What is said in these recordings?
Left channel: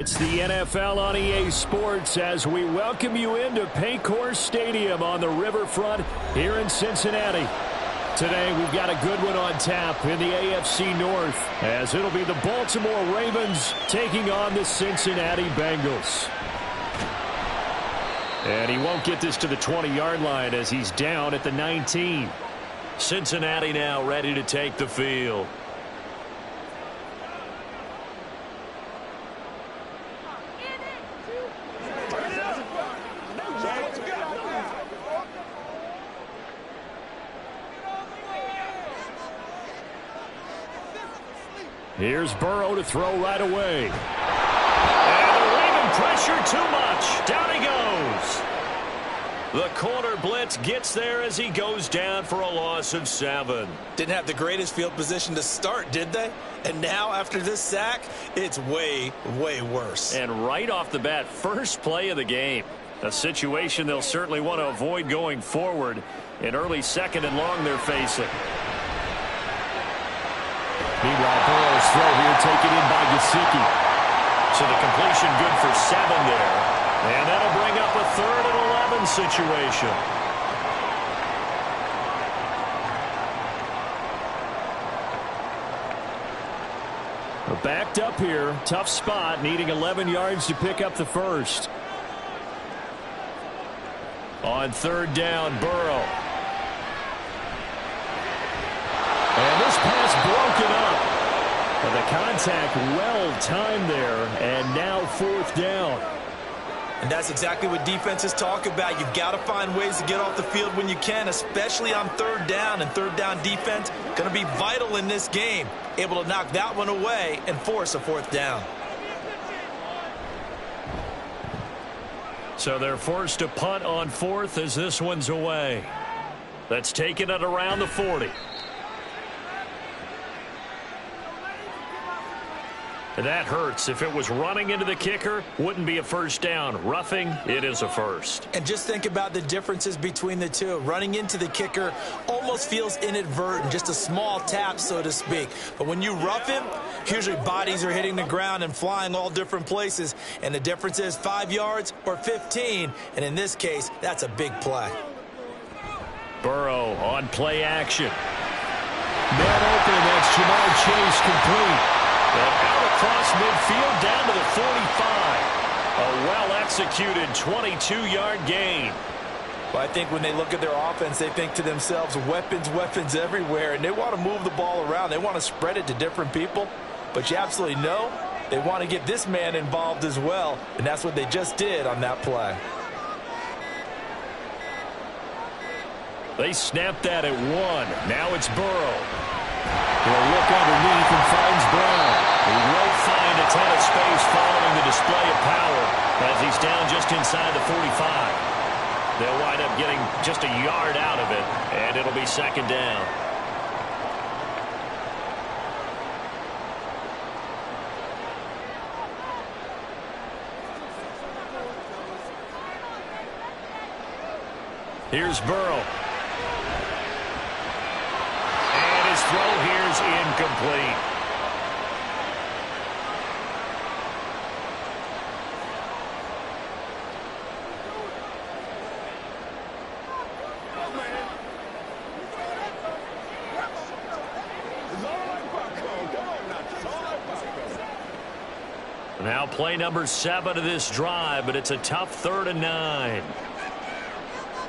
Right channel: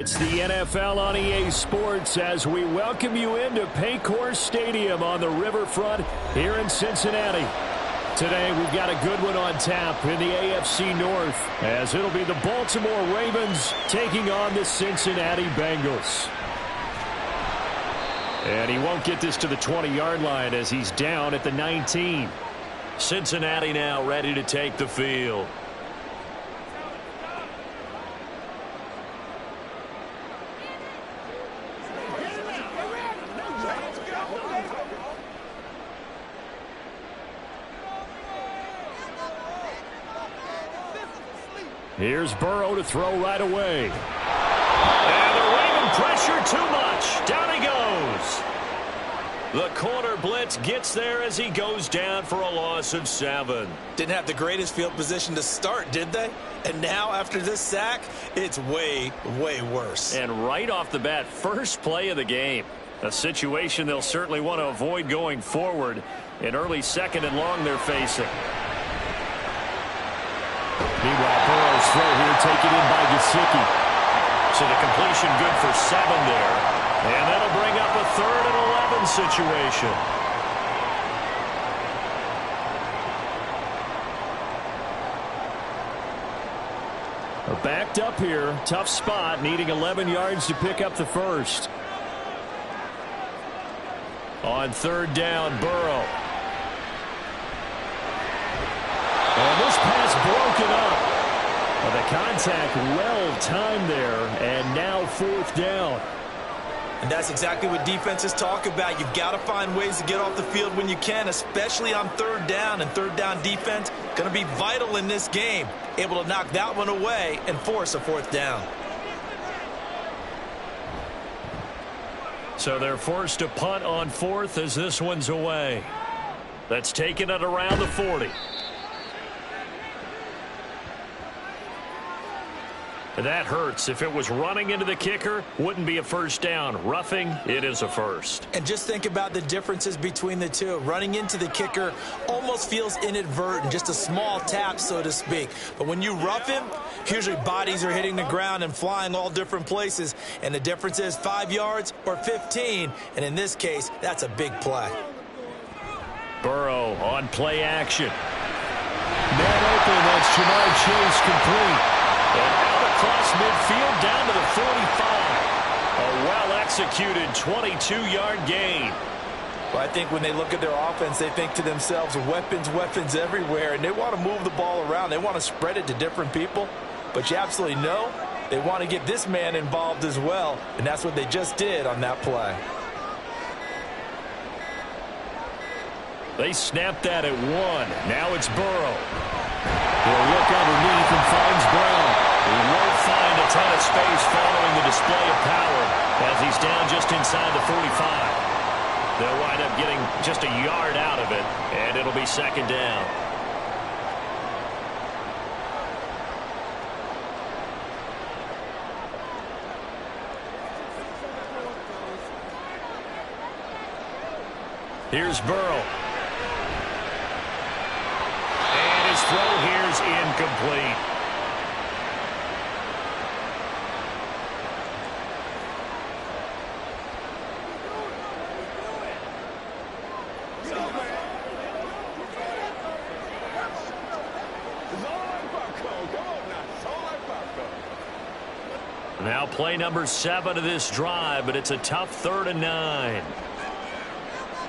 It's the NFL on EA Sports as we welcome you into Paycor Stadium on the riverfront here in Cincinnati. Today we've got a good one on tap in the AFC North as it'll be the Baltimore Ravens taking on the Cincinnati Bengals. And he won't get this to the 20-yard line as he's down at the 19. Cincinnati now ready to take the field. Here's Burrow to throw right away. And the Raven pressure too much. Down he goes. The corner blitz gets there as he goes down for a loss of 7. Didn't have the greatest field position to start, did they? And now after this sack, it's way, way worse. And right off the bat, first play of the game. A situation they'll certainly want to avoid going forward. An early second and long they're facing. Meanwhile, Burrow's throw here taken in by Gesicki. So the completion good for 7 there. And that'll bring up a 3rd and 11 situation. Backed up here. Tough spot, needing 11 yards to pick up the first. On 3rd down, Burrow. And this pass broken up. And the contact well timed there. And now 4th down. And that's exactly what defenses talk about. You've got to find ways to get off the field when you can, especially on 3rd down. And 3rd down defense going to be vital in this game. Able to knock that one away and force a 4th down. So they're forced to punt on 4th as this one's away. That's taken it around the 40. That hurts. If it was running into the kicker, wouldn't be a first down. Roughing, it is a first. And just think about the differences between the two. Running into the kicker almost feels inadvertent, just a small tap, so to speak. But when you rough him, usually bodies are hitting the ground and flying all different places. And the difference is 5 yards or 15. And in this case, that's a big play. Burrow on play action. Man open, that's Jamar Chase complete. And out across midfield down to the 45. A well-executed 22-yard gain. Well, I think when they look at their offense, they think to themselves, weapons, weapons everywhere. And they want to move the ball around. They want to spread it to different people. But you absolutely know they want to get this man involved as well. And that's what they just did on that play. They snapped that at 1. Now it's Burrow. He'll look underneath and finds Brown. He won't find a ton of space following the display of power as he's down just inside the 45. They'll wind up getting just a yard out of it, and it'll be 2nd down. Here's Burrow. His throw here's incomplete. Now play number 7 of this drive, but it's a tough 3rd and 9.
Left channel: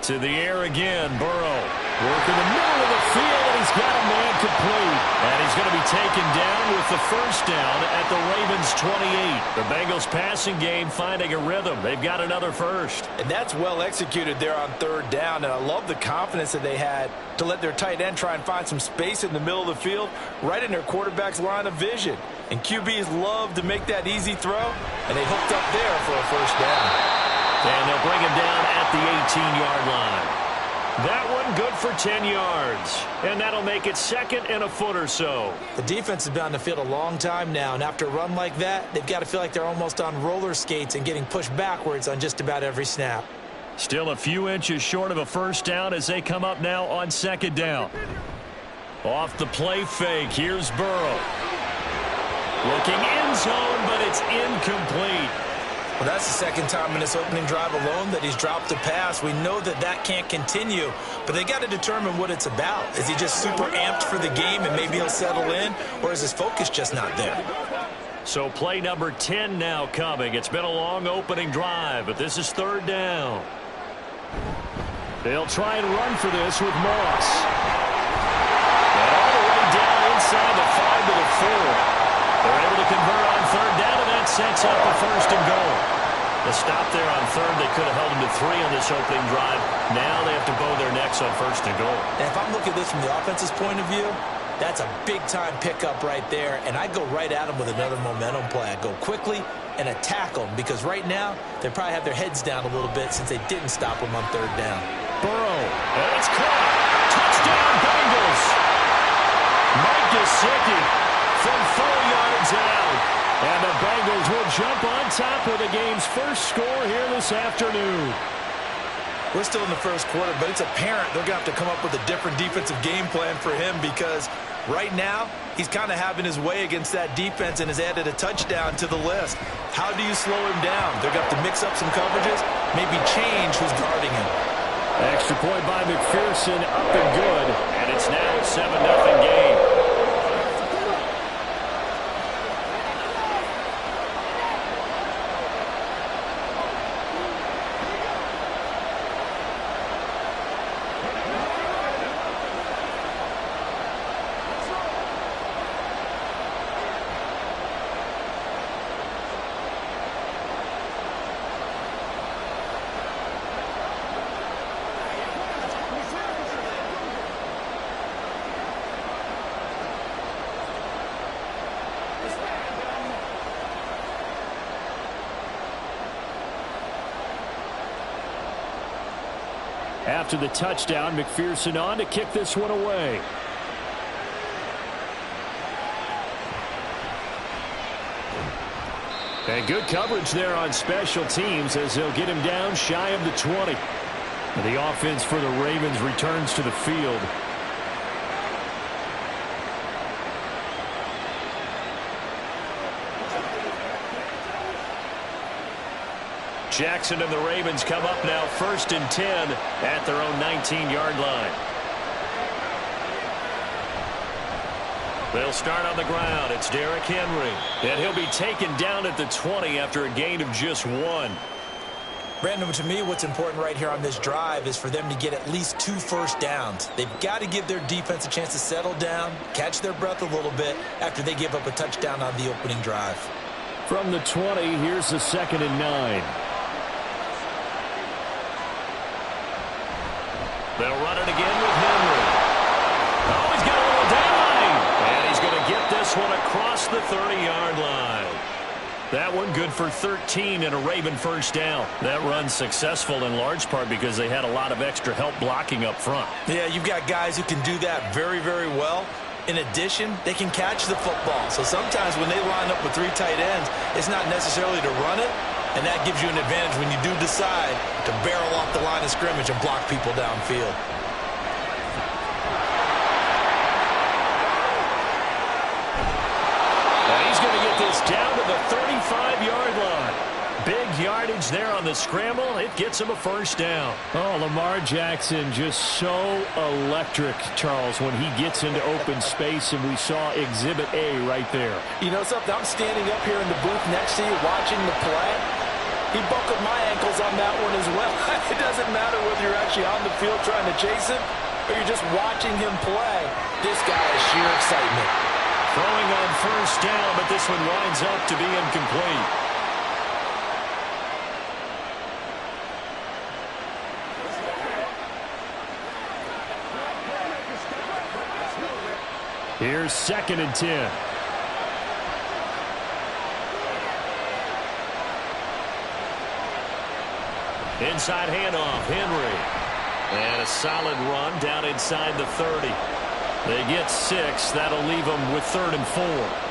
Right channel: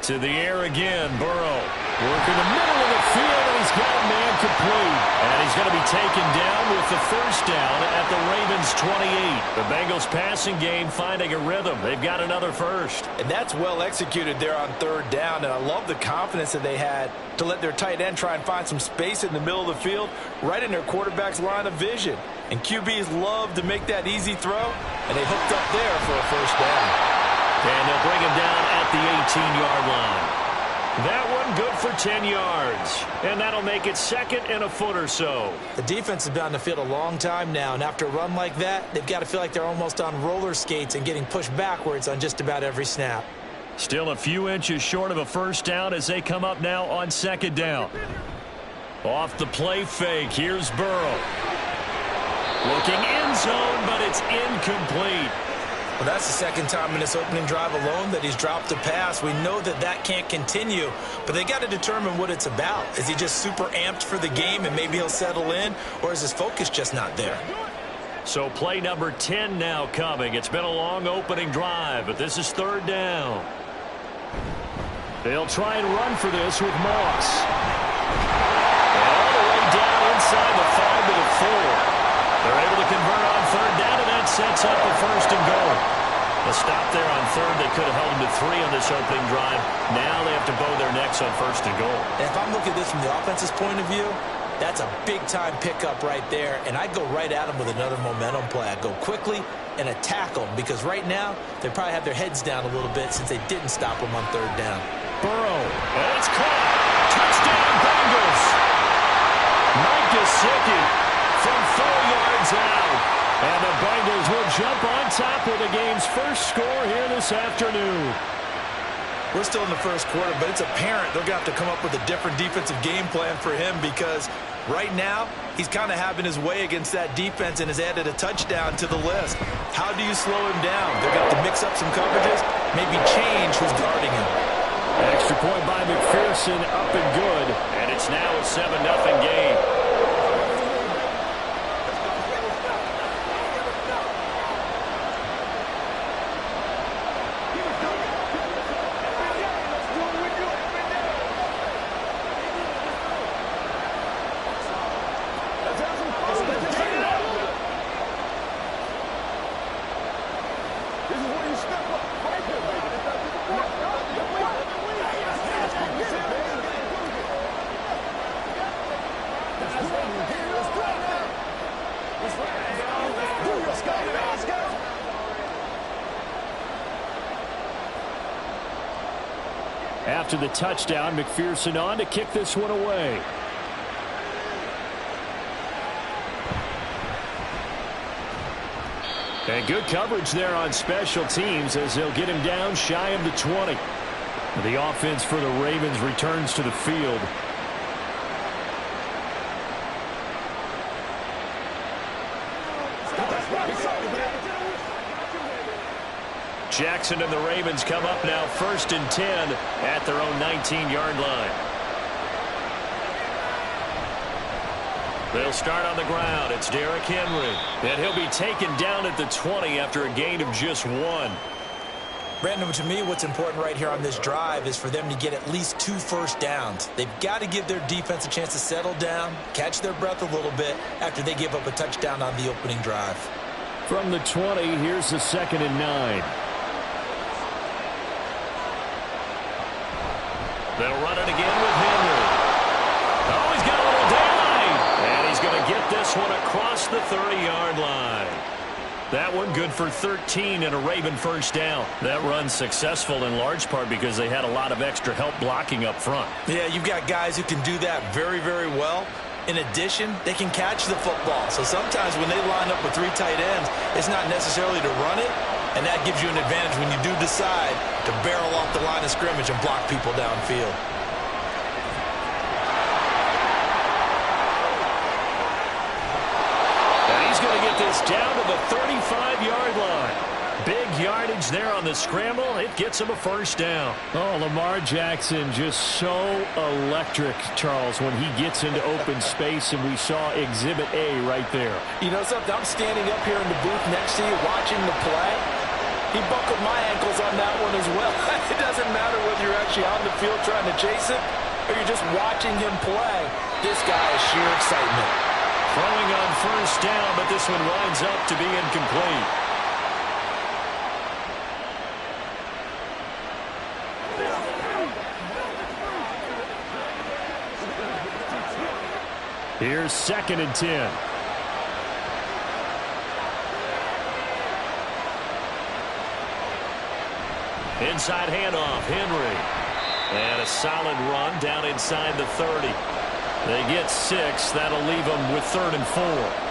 To the air again, Burrow. Working the middle of the field, and he's got a man complete. And he's going to be taken down with the first down at the Ravens' 28. The Bengals passing game finding a rhythm. They've got another first. And that's well executed there on 3rd down. And I love the confidence that they had to let their tight end try and find some space in the middle of the field, right in their quarterback's line of vision. And QBs love to make that easy throw, and they hooked up there for a first down. And they'll bring him down at the 18-yard line. That one good for 10 yards. And that'll make it 2nd and a foot or so. The defense has been on the field a long time now, and after a run like that, they've got to feel like they're almost on roller skates and getting pushed backwards on just about every snap. Still a few inches short of a first down as they come up now on 2nd down. Off the play fake, here's Burrow. Looking end zone, but it's incomplete. Well, that's the second time in this opening drive alone that he's dropped a pass. We know that that can't continue, but they got to determine what it's about. Is he just super amped for the game and maybe he'll settle in, or is his focus just not there? So play number 10 now coming. It's been a long opening drive, but this is third down. They'll try and run for this with Moss. And all the way down inside the 5 to the 4. They're able to convert on third down, and that sets up a first and goal. The stop there on third, they could have held them to 3 on this opening drive. Now they have to bow their necks on first and goal. And if I'm looking at this from the offense's point of view, that's a big-time pickup right there, and I go right at them with another momentum play. I go quickly and attack them, because right now they probably have their heads down a little bit since they didn't stop them on third down. Burrow, and it's caught. Touchdown, Bengals. Mike Gesicki from 4 yards out. And the Bengals will jump on top with the game's first score here this afternoon. We're still in the first quarter, but it's apparent they're going to have to come up with a different defensive game plan for him, because right now he's kind of having his way against that defense and has added a touchdown to the list. How do you slow him down? They're going to have to mix up some coverages, maybe change who's guarding him. Extra point by McPherson, up and good. And it's now a 7-0 game. After the touchdown, McPherson on to kick this one away. And good coverage there on special teams as they'll get him down shy of the 20. And the offense for the Ravens returns to the field. Jackson and the Ravens come up now 1st and 10 at their own 19-yard line. They'll start on the ground. It's Derrick Henry. And he'll be taken down at the 20 after a gain of just 1. Brandon, to me, what's important right here on this drive is for them to get at least 2 first downs. They've got to give their defense a chance to settle down, catch their breath a little bit after they give up a touchdown on the opening drive. From the 20, here's the 2nd and 9. They'll run it again with Henry. Oh, he's got a little daylight. And he's going to get this one across the 30-yard line. That one good for 13 and a Raven first down. That run's successful in large part because they had a lot of extra help blocking up front. Yeah, you've got guys who can do that very, very well. In addition, they can catch the football. So sometimes when they line up with 3 tight ends, it's not necessarily to run it. And that gives you an advantage when you do decide to barrel off the line of scrimmage and block people downfield. And he's going to get this down to the 35-yard line. Big yardage there on the scramble. It gets him a first down. Oh, Lamar Jackson just so electric, Charles, when he gets into open space, and we saw Exhibit A right there. You know something? I'm standing up here in the booth next to you watching the play. He buckled my ankles on that one as well. It doesn't matter whether you're actually on the field trying to chase it or you're just watching him play. This guy is sheer excitement. Throwing on first down, but this one winds up to be incomplete. Here's 2nd and 10. Inside handoff, Henry. And a solid run down inside the 30. They get 6. That'll leave them with 3rd and 4.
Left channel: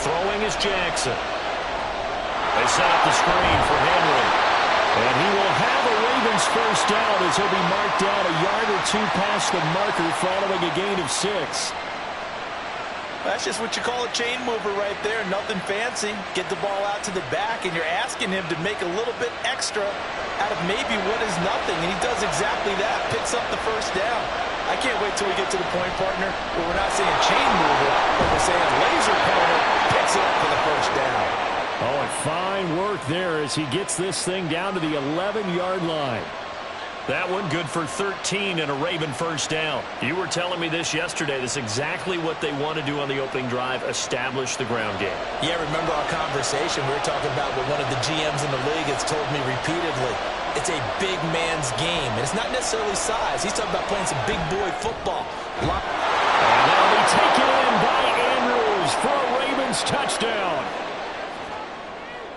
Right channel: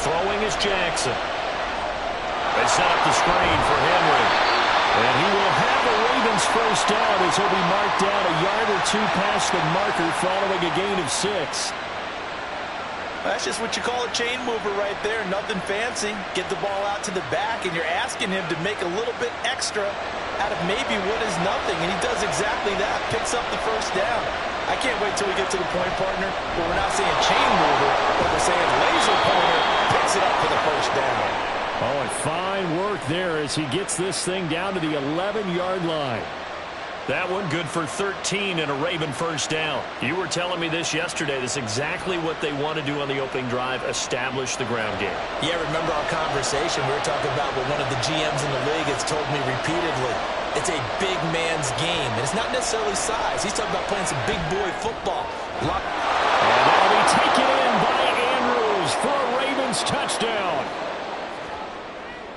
Throwing is Jackson. They set up the screen for Henry. And he will have a Ravens first down as he'll be marked down a yard or two past the marker following a gain of 6. That's just what you call a chain mover right there. Nothing fancy. Get the ball out to the back, and you're asking him to make a little bit extra out of maybe what is nothing, and he does exactly that. Picks up the first down. I can't wait till we get to the point, partner, where we're not saying chain mover, but we're saying laser pointer picks it up for the first down. Oh, and fine work there as he gets this thing down to the 11-yard line. That one good for 13 and a Raven first down. You were telling me this yesterday. This is exactly what they want to do on the opening drive, establish the ground game. Yeah, remember our conversation. We were talking about what one of the GMs in the league has told me repeatedly. It's a big man's game, and it's not necessarily size. He's talking about playing some big boy football. And that'll be taken in by Andrews for a Ravens touchdown.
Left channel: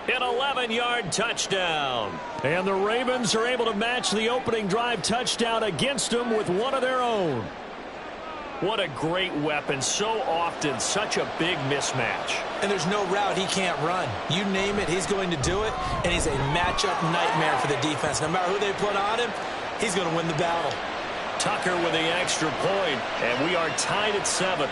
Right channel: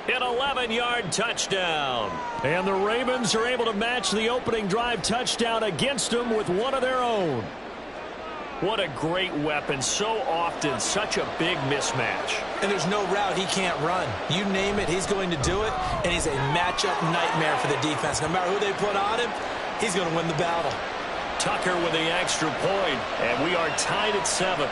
An 11-yard touchdown. And the Ravens are able to match the opening drive touchdown against them with one of their own. What a great weapon. So often, such a big mismatch. And there's no route he can't run. You name it, he's going to do it. And he's a matchup nightmare for the defense. No matter who they put on him, he's going to win the battle. Tucker with the extra point. And we are tied at 7.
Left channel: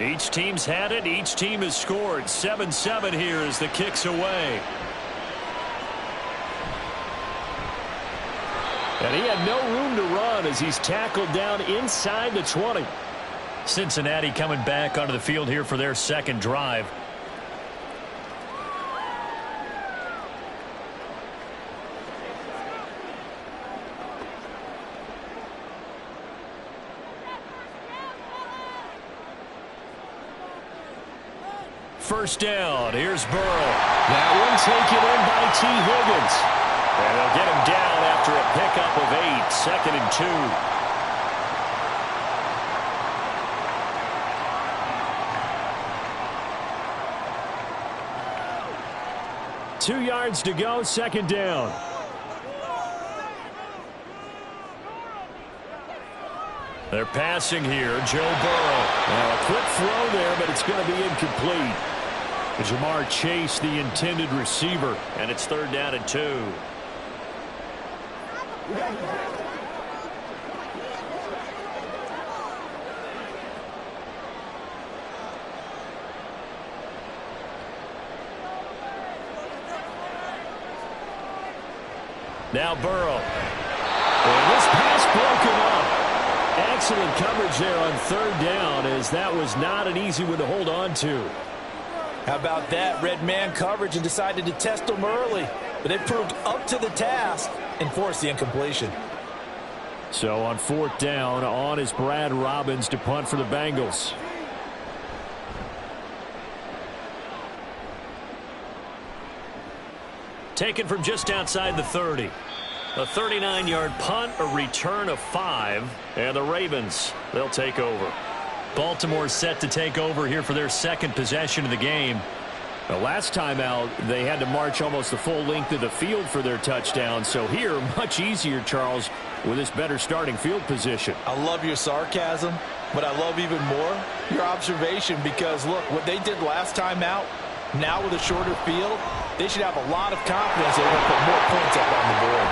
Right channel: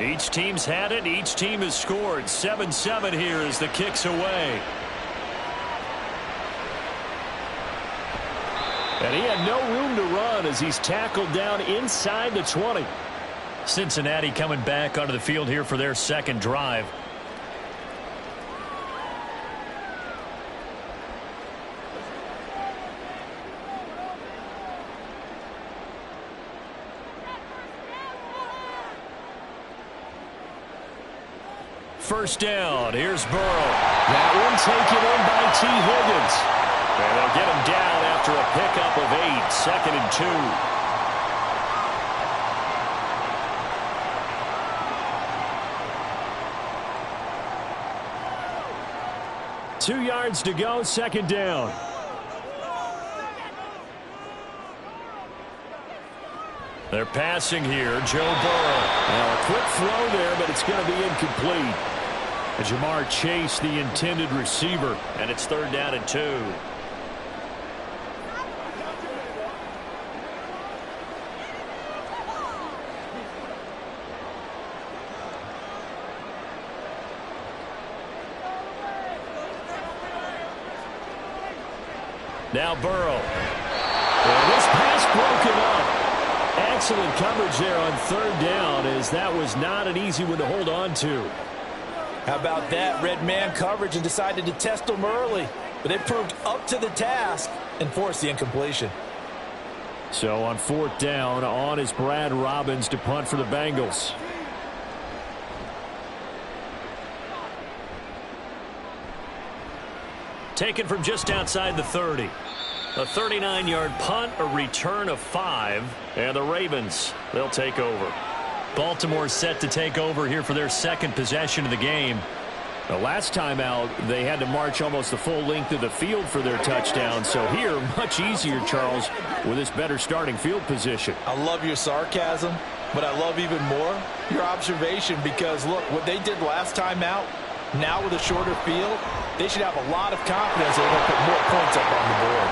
Each team's had it. Each team has scored. 7-7 here as the kick's away. And he had no room to run as he's tackled down inside the 20. Cincinnati coming back onto the field here for their second drive. First down. Here's Burrow. That one taken in by T. Higgins. And they'll get him down after a pickup of 8. 2nd and 2. 2 yards to go. 2nd down. They're passing here. Joe Burrow. Now a quick throw there, but it's going to be incomplete. Jamar Chase, the intended receiver, and it's 3rd down and 2. Now Burrow. And this pass broken up. Excellent coverage there on 3rd down, as that was not an easy one to hold on to. How about that? Red man coverage and decided to test them early. But they proved up to the task and forced the incompletion. So on 4th down, on is Brad Robbins to punt for the Bengals. Taken from just outside the 30. A 39-yard punt, a return of 5. And the Ravens, they'll take over. Baltimore set to take over here for their second possession of the game. The last time out, they had to march almost the full length of the field for their touchdown. So here, much easier, Charles, with this better starting field position. I love your sarcasm, but I love even more your observation, because, look, what they did last time out, now with a shorter field, they should have a lot of confidence they're going to put more points up on the board.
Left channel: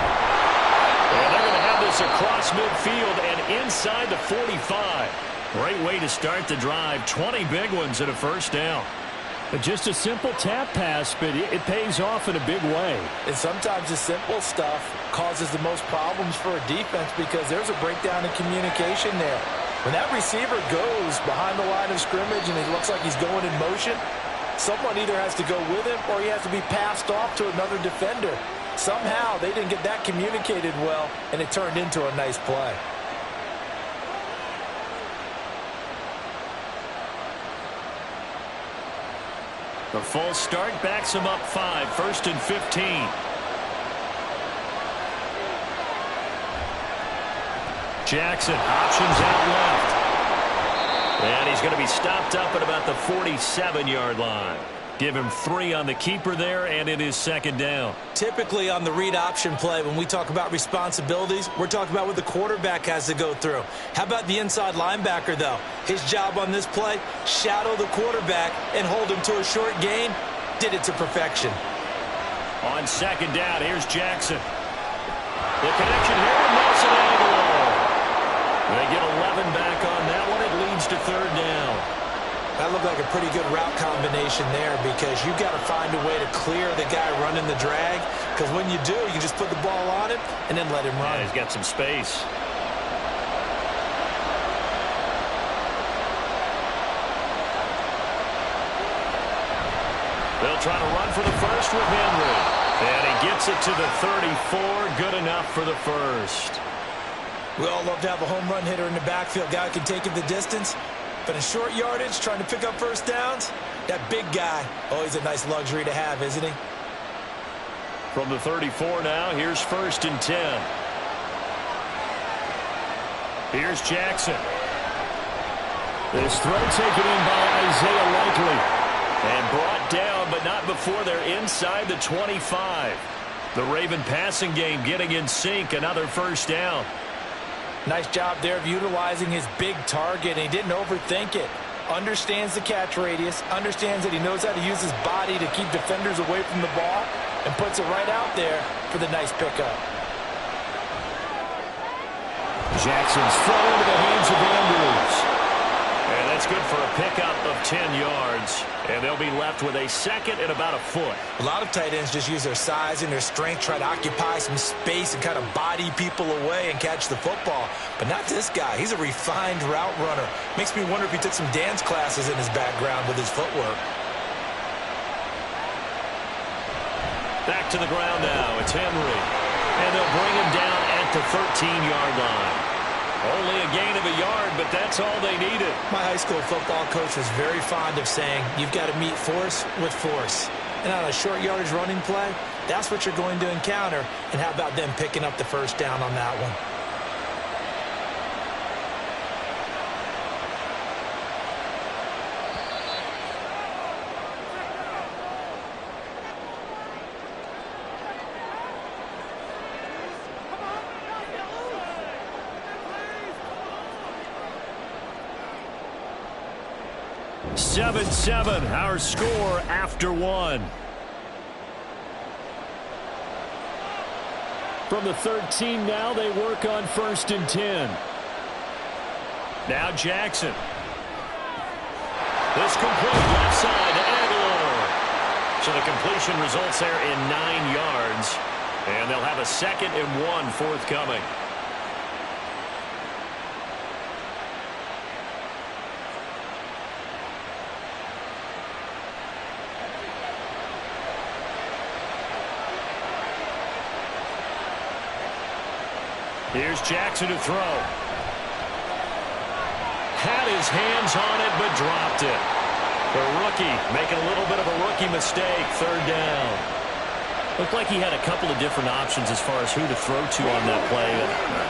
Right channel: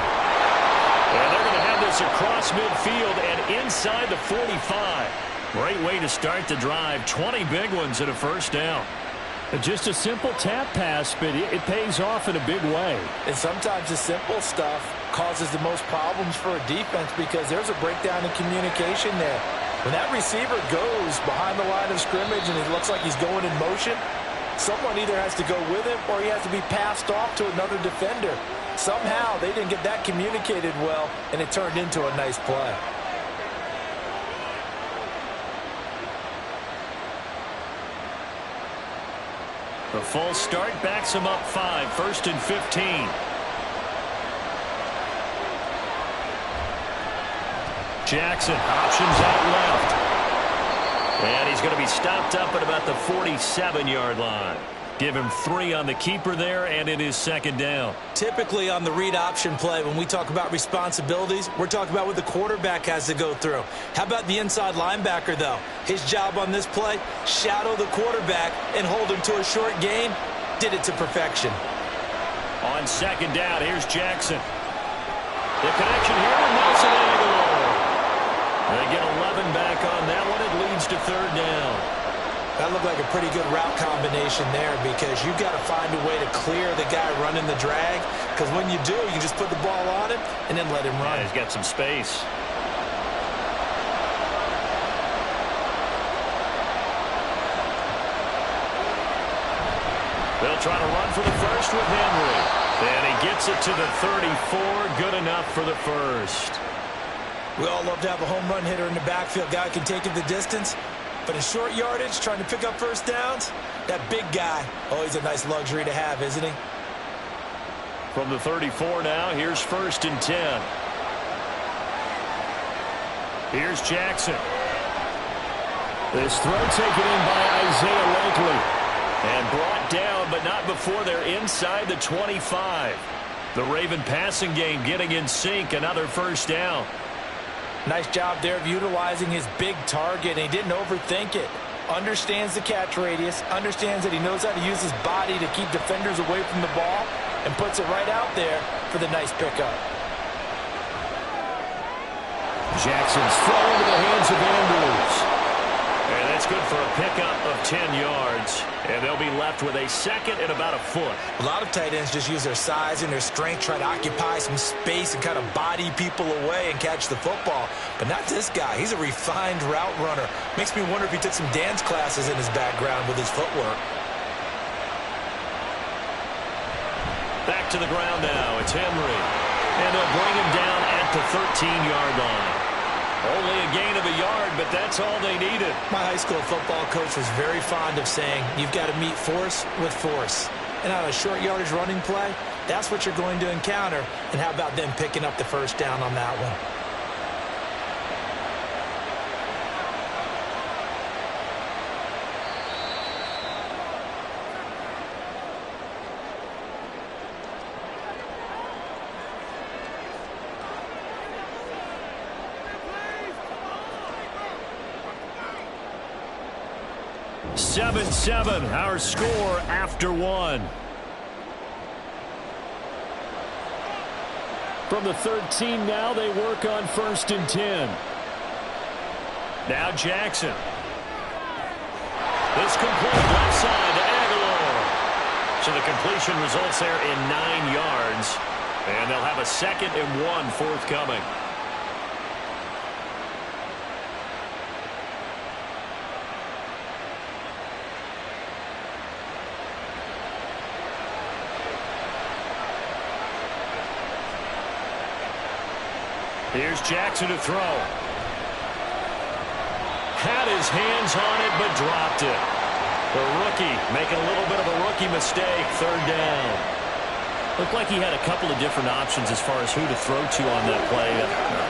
And they're going to have this across midfield and inside the 45. Great way to start the drive. 20 big ones at a first down. Just a simple tap pass, but it pays off in a big way. And sometimes the simple stuff causes the most problems for a defense, because there's a breakdown in communication there. When that receiver goes behind the line of scrimmage and it looks like he's going in motion, Someone either has to go with him or he has to be passed off to another defender. Somehow they didn't get that communicated well, and it turned into a nice play. The false start backs him up 5, 1st and 15. Jackson, options out left. And he's going to be stopped up at about the 47-yard line. Give him 3 on the keeper there, and it is 2nd down. Typically on the read option play, when we talk about responsibilities, we're talking about what the quarterback has to go through. How about the inside linebacker, though? His job on this play, shadow the quarterback and hold him to a short gain. Did it to perfection. On 2nd down, here's Jackson. The connection here with Nelson Aguilar. They get 11 back on that one. It leads to 3rd down. That looked like a pretty good route combination there, because you've got to find a way to clear the guy running the drag, because when you do, you just put the ball on him and then let him run. Yeah, he's got some space. They'll try to run for the first with Henry. And he gets it to the 34. Good enough for the first. We all love to have a home run hitter in the backfield. Guy can take it the distance. But in short yardage, trying to pick up first downs, that big guy, always a nice luxury to have, isn't he? From the 34 now, here's 1st and 10. Here's Jackson. This throw taken in by Isaiah Likely. And brought down, but not before they're inside the 25. The Raven passing game getting in sync, another first down. Nice job there of utilizing his big target, and he didn't overthink it. Understands the catch radius, understands that he knows how to use his body to keep defenders away from the ball, and puts it right out there for the nice pickup. Jackson's throw into the hands of Andrews. And that's good for a pickup of 10 yards. And they'll be left with a 2nd and about a foot. A lot of tight ends just use their size and their strength, try to occupy some space and kind of body people away and catch the football. But not this guy. He's a refined route runner. Makes me wonder if he took some dance classes in his background with his footwork. Back to the ground now. It's Henry. And they'll bring him down at the 13-yard line. Only a gain of a yard, but that's all they needed. My high school football coach was very fond of saying, you've got to meet force with force. And on a short yardage running play, that's what you're going to encounter. And how about them picking up the first down on that one? Seven, our score after 1. From the 13 now, they work on 1st and 10. Now Jackson. This complete left side to Aguilar. So the completion results there in 9 yards. And they'll have a 2nd and 1 forthcoming. Here's Jackson to throw. Had his hands on it, but dropped it. The rookie making a little bit of a rookie mistake. 3rd down. Looked like he had a couple of different options as far as who to throw to on that play.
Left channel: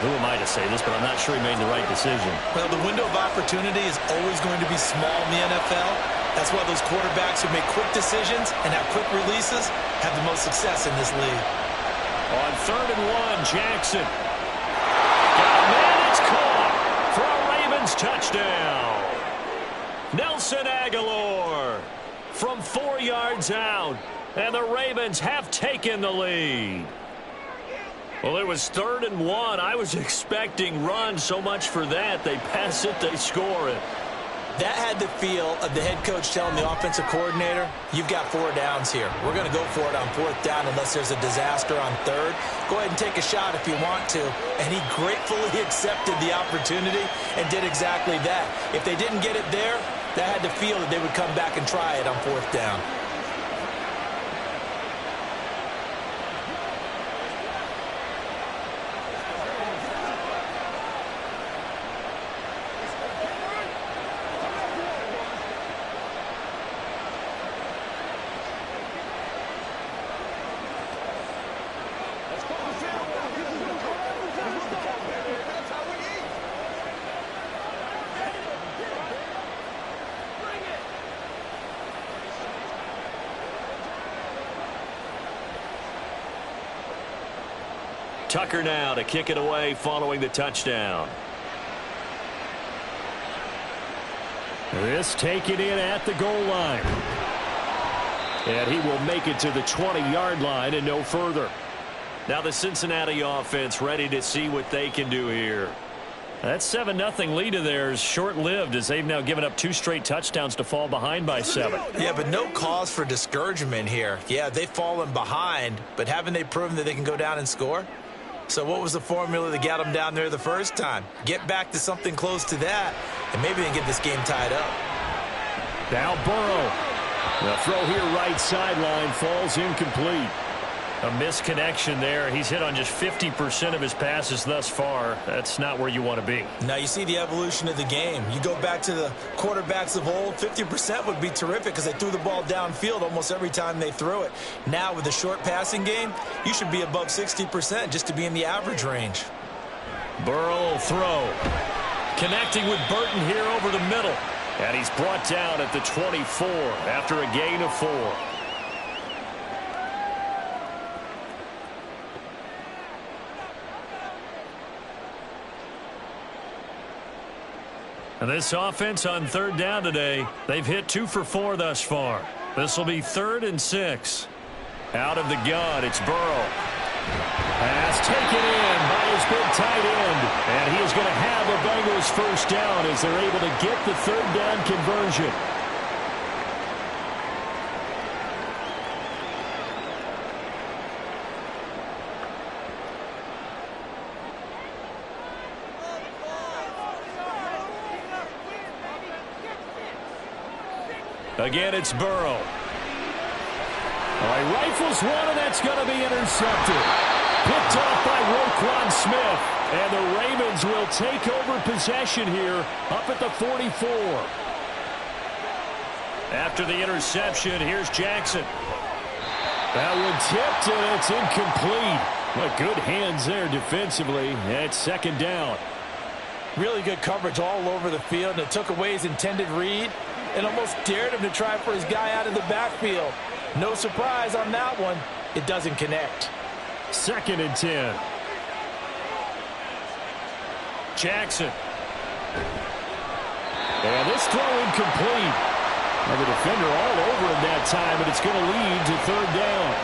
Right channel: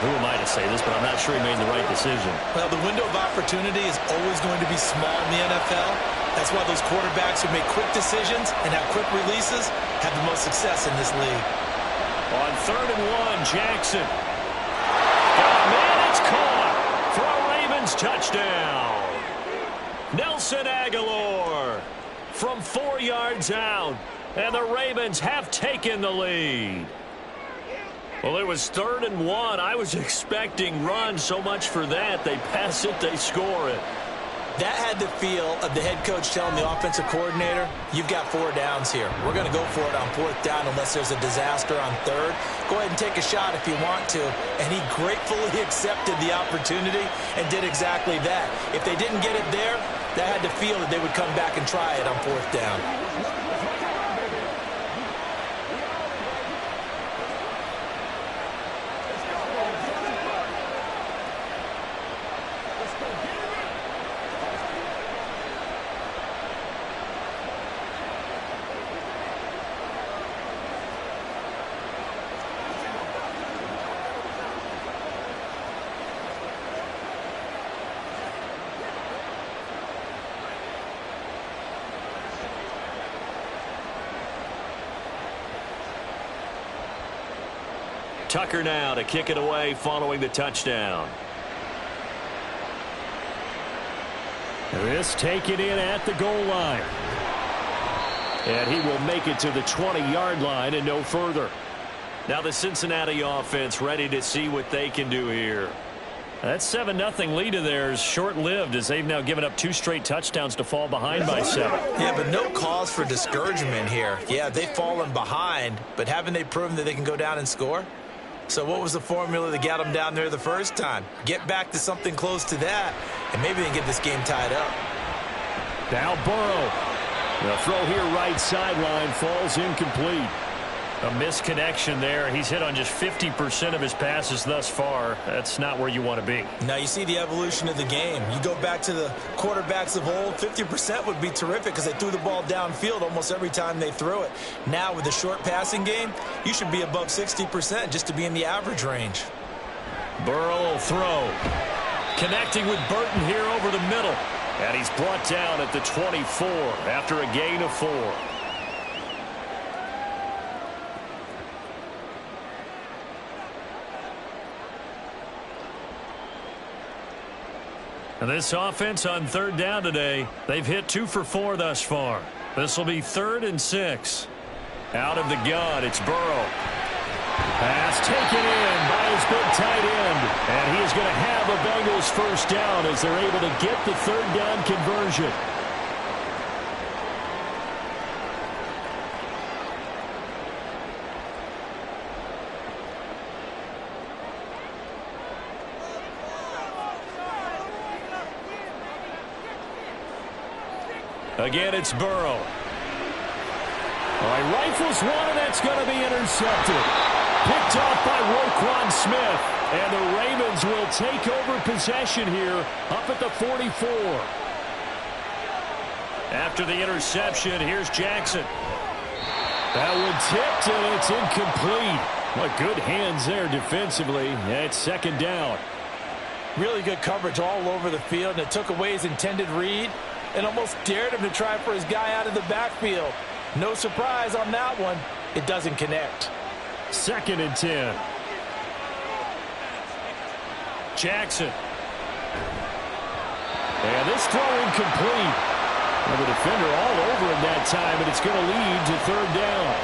Who am I to say this, but I'm not sure he made the right decision. Well, the window of opportunity is always going to be small in the NFL. That's why those quarterbacks who make quick decisions and have quick releases have the most success in this league. On 3rd and 1, Jackson. Got a man, it's caught for a Ravens touchdown. Nelson Aguilar from 4 yards out, and the Ravens have taken the lead. Well, it was 3rd and 1. I was expecting run, so much for that. They pass it, they score it. That had the feel of the head coach telling the offensive coordinator, you've got 4 downs here. We're going to go for it on 4th down unless there's a disaster on 3rd. Go ahead and take a shot if you want to. And he gratefully accepted the opportunity and did exactly that. If they didn't get it there, That had to feel that they would come back and try it on fourth down. Tucker now to kick it away following the touchdown. This taken in at the goal line. And he will make it to the 20-yard line and no further. Now the Cincinnati offense ready to see what they can do here. That 7-0 lead of theirs short-lived as they've now given up 2 straight touchdowns to fall behind by 7. Yeah, but no cause for discouragement here. Yeah, they've fallen behind, but haven't they proven that they can go down and score? So what was the formula that got them down there the first time? Get back to something close to that, and maybe they can get this game tied up. Now Burrow. The throw here right sideline falls incomplete. A misconnection there. He's hit on just 50% of his passes thus far. That's not where you want to be. Now you see the evolution of the game. You go back to the quarterbacks of old, 50% would be terrific because they threw the ball downfield almost every time they threw it. Now with the short passing game, you should be above 60% just to be in the average range. Burrow will throw. Connecting with Burton here over the middle. And he's brought down at the 24 after a gain of 4. And this offense on third down today, they've hit 2 for 4 thus far. This will be 3rd and 6. Out of the gun, it's Burrow. Pass taken in by his big tight end. And he is going to have a Bengals first down as they're able to get the 3rd down conversion. Again, it's Burrow. He rifles one, and that's going to be intercepted. Picked off by Roquan Smith. And the Ravens will take over possession here up at the 44. After the interception, here's Jackson. That one tipped, and it's incomplete. What good hands there defensively. It's 2nd down. Really good coverage all over the field, and it took away his intended read and almost dared him to try for his guy out of the backfield. No surprise on that one. It doesn't connect. 2nd and 10. Jackson. And this throw incomplete. Well, the defender all over him that time, and it's going to lead to 3rd down.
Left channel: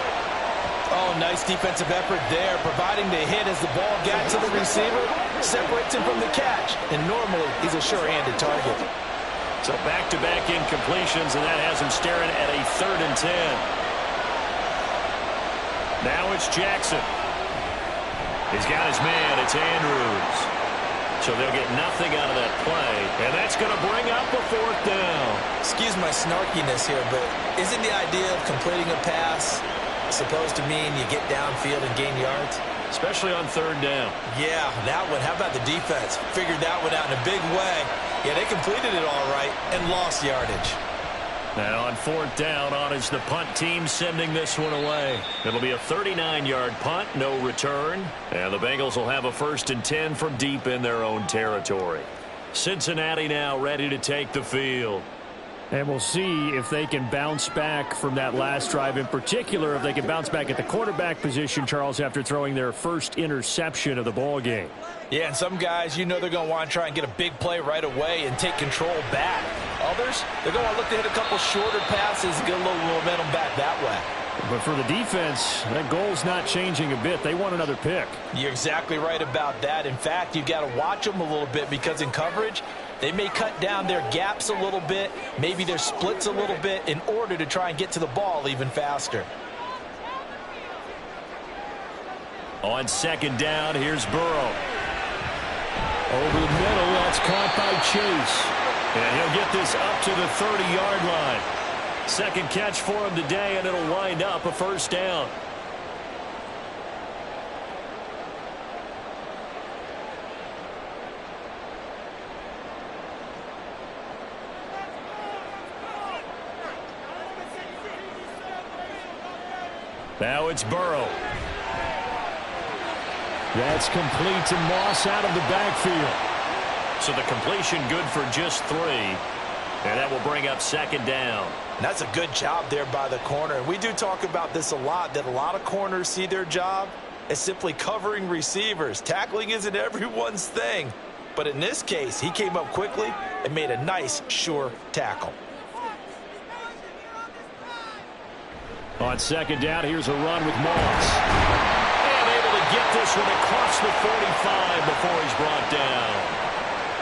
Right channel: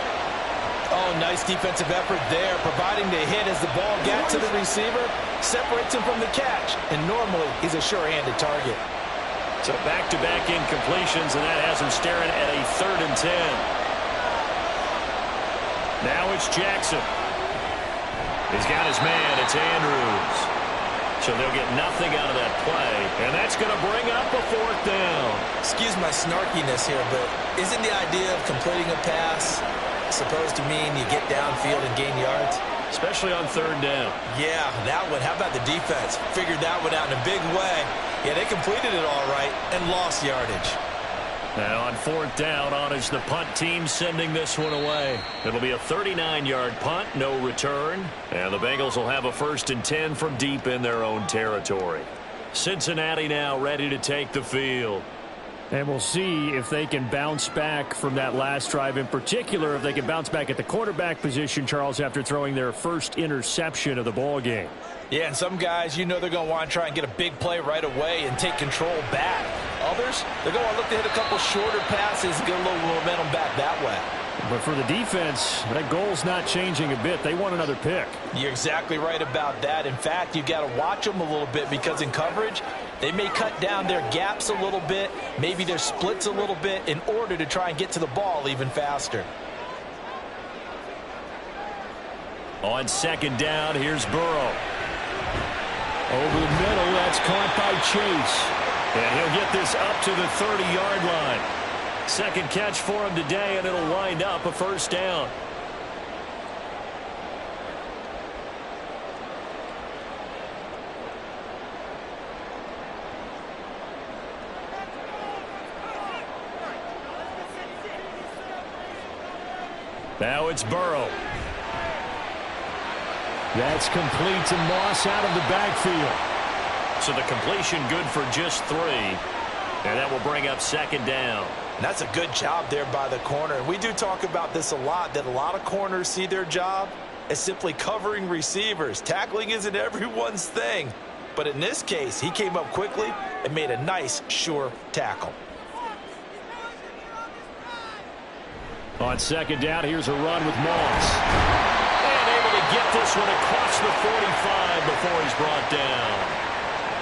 Oh, nice defensive effort there, providing the hit as the ball got to the receiver, separates him from the catch, and normally he's a sure-handed target. So back-to-back incompletions, and that has him staring at a 3rd and 10. Now it's Jackson. He's got his man. It's Andrews. So they'll get nothing out of that play, and that's going to bring up a 4th down. Excuse my snarkiness here, but isn't the idea of completing a pass supposed to mean you get downfield and gain yards? Especially on 3rd down. Yeah, that one. How about the defense? Figured that one out in a big way. Yeah, they completed it all right and lost yardage. Now on 4th down, on is the punt team sending this one away. It'll be a 39-yard punt, no return. And the Bengals will have a 1st and 10 from deep in their own territory. Cincinnati now ready to take the field. And we'll see if they can bounce back from that last drive, in particular if they can bounce back at the quarterback position, Charles, after throwing their first interception of the ball game. Yeah, and some guys, you know they're going to want to try and get a big play right away and take control back. Others, they're going to look to hit a couple shorter passes and get a little momentum back that way. But for the defense, that goal's not changing a bit. They want another pick. You're exactly right about that. In fact, you've got to watch them a little bit because in coverage, they may cut down their gaps a little bit, maybe their splits a little bit in order to try and get to the ball even faster. On 2nd down, here's Burrow. Over the middle, that's caught by Chase. And he'll get this up to the 30-yard line. Second catch for him today, and it'll wind up a first down. Now it's Burrow. That's complete to Moss out of the backfield. So the completion good for just 3. And that will bring up second down. And that's a good job there by the corner. And we do talk about this a lot, that a lot of corners see their job as simply covering receivers. Tackling isn't everyone's thing. But in this case, he came up quickly and made a nice, sure tackle. On second down, here's a run with Moss. And able to get this one across the 45 before he's brought down.